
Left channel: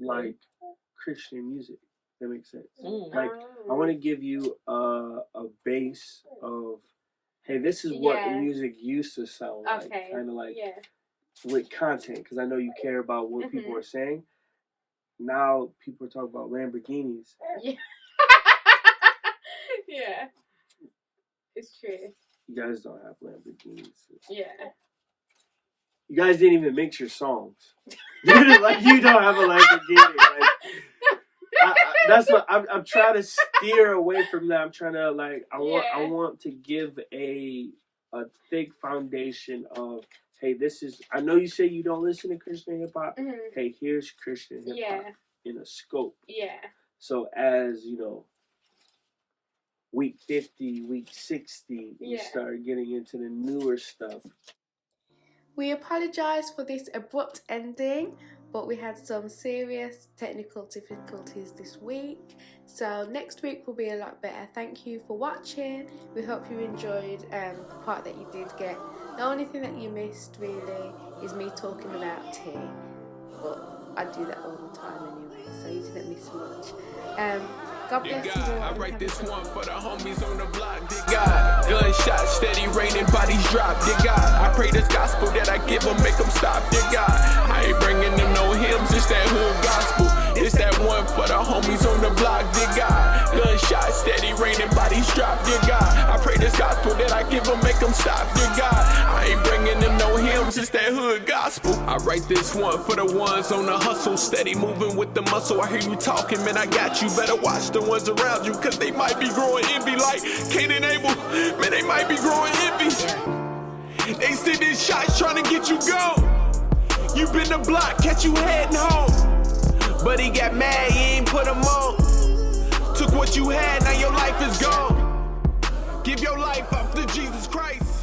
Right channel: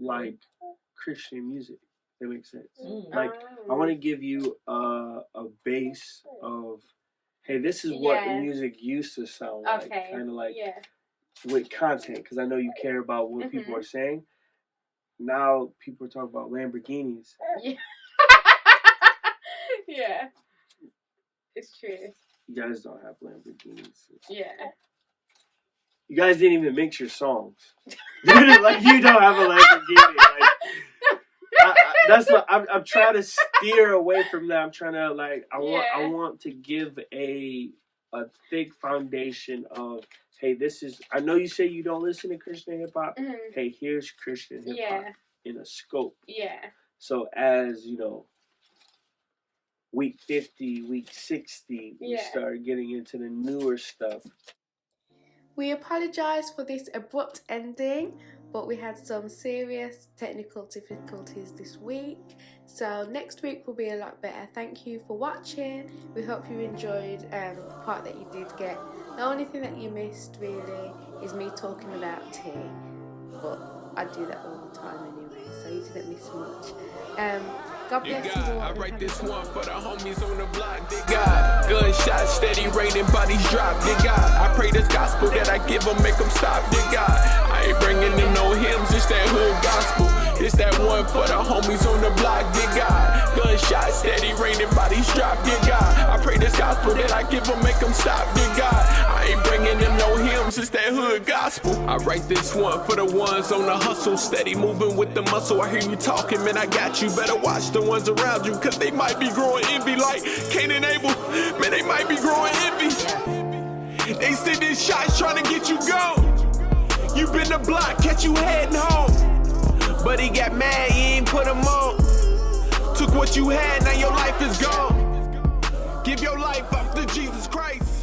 like Christian music. That makes sense. Like, I want to give you a base of, hey, this is what music used to sound like. Okay. Kind of like with content, because I know you care about what people are saying. Now people are talking about Lamborghinis. Yeah. Yeah. It's true. You guys don't have Lamborghinis. Yeah. You guys didn't even mix your songs. Like, you don't have a Lamborghini. Like, that's what I'm trying to steer away from that. I'm trying to, like, I want to give a thick foundation of, hey, this is, I know you say you don't listen to Christian hip hop. Hey, here's Christian hip hop in a scope. Yeah. So as, you know, week 50, week 60, we start getting into the newer stuff. We apologise for this abrupt ending, but we had some serious technical difficulties this week. So next week will be a lot better. Thank you for watching. We hope you enjoyed the part that you did get. The only thing that you missed really is me talking about tea, but I do that all the time anyway, so you didn't miss much. God bless you all. I write this one for the homies on the block. Dear God, gunshots steady raining, bodies drop. Dear God, I pray this gospel that I give them, make them stop. Dear God, I ain't bringing them no hymns, it's that hood gospel. It's that one for the homies on the block. Dear God, gunshots steady raining, bodies drop. Dear God, I pray this gospel that I give them, make them stop. Dear God, I ain't bringing them no hymns, it's that hood gospel. I write this one for the ones on the hustle, steady moving with the muscle. I hear you talking, man, I got you. Better watch the ones around you, cause they might be growing envy like Cain and Abel. Man, they might be growing envy. They sending shots trying to get you gone. You been the block, catch you heading home. But he got mad, he ain't put him on. Took what you had, now your life is gone. Give your life up to Jesus Christ.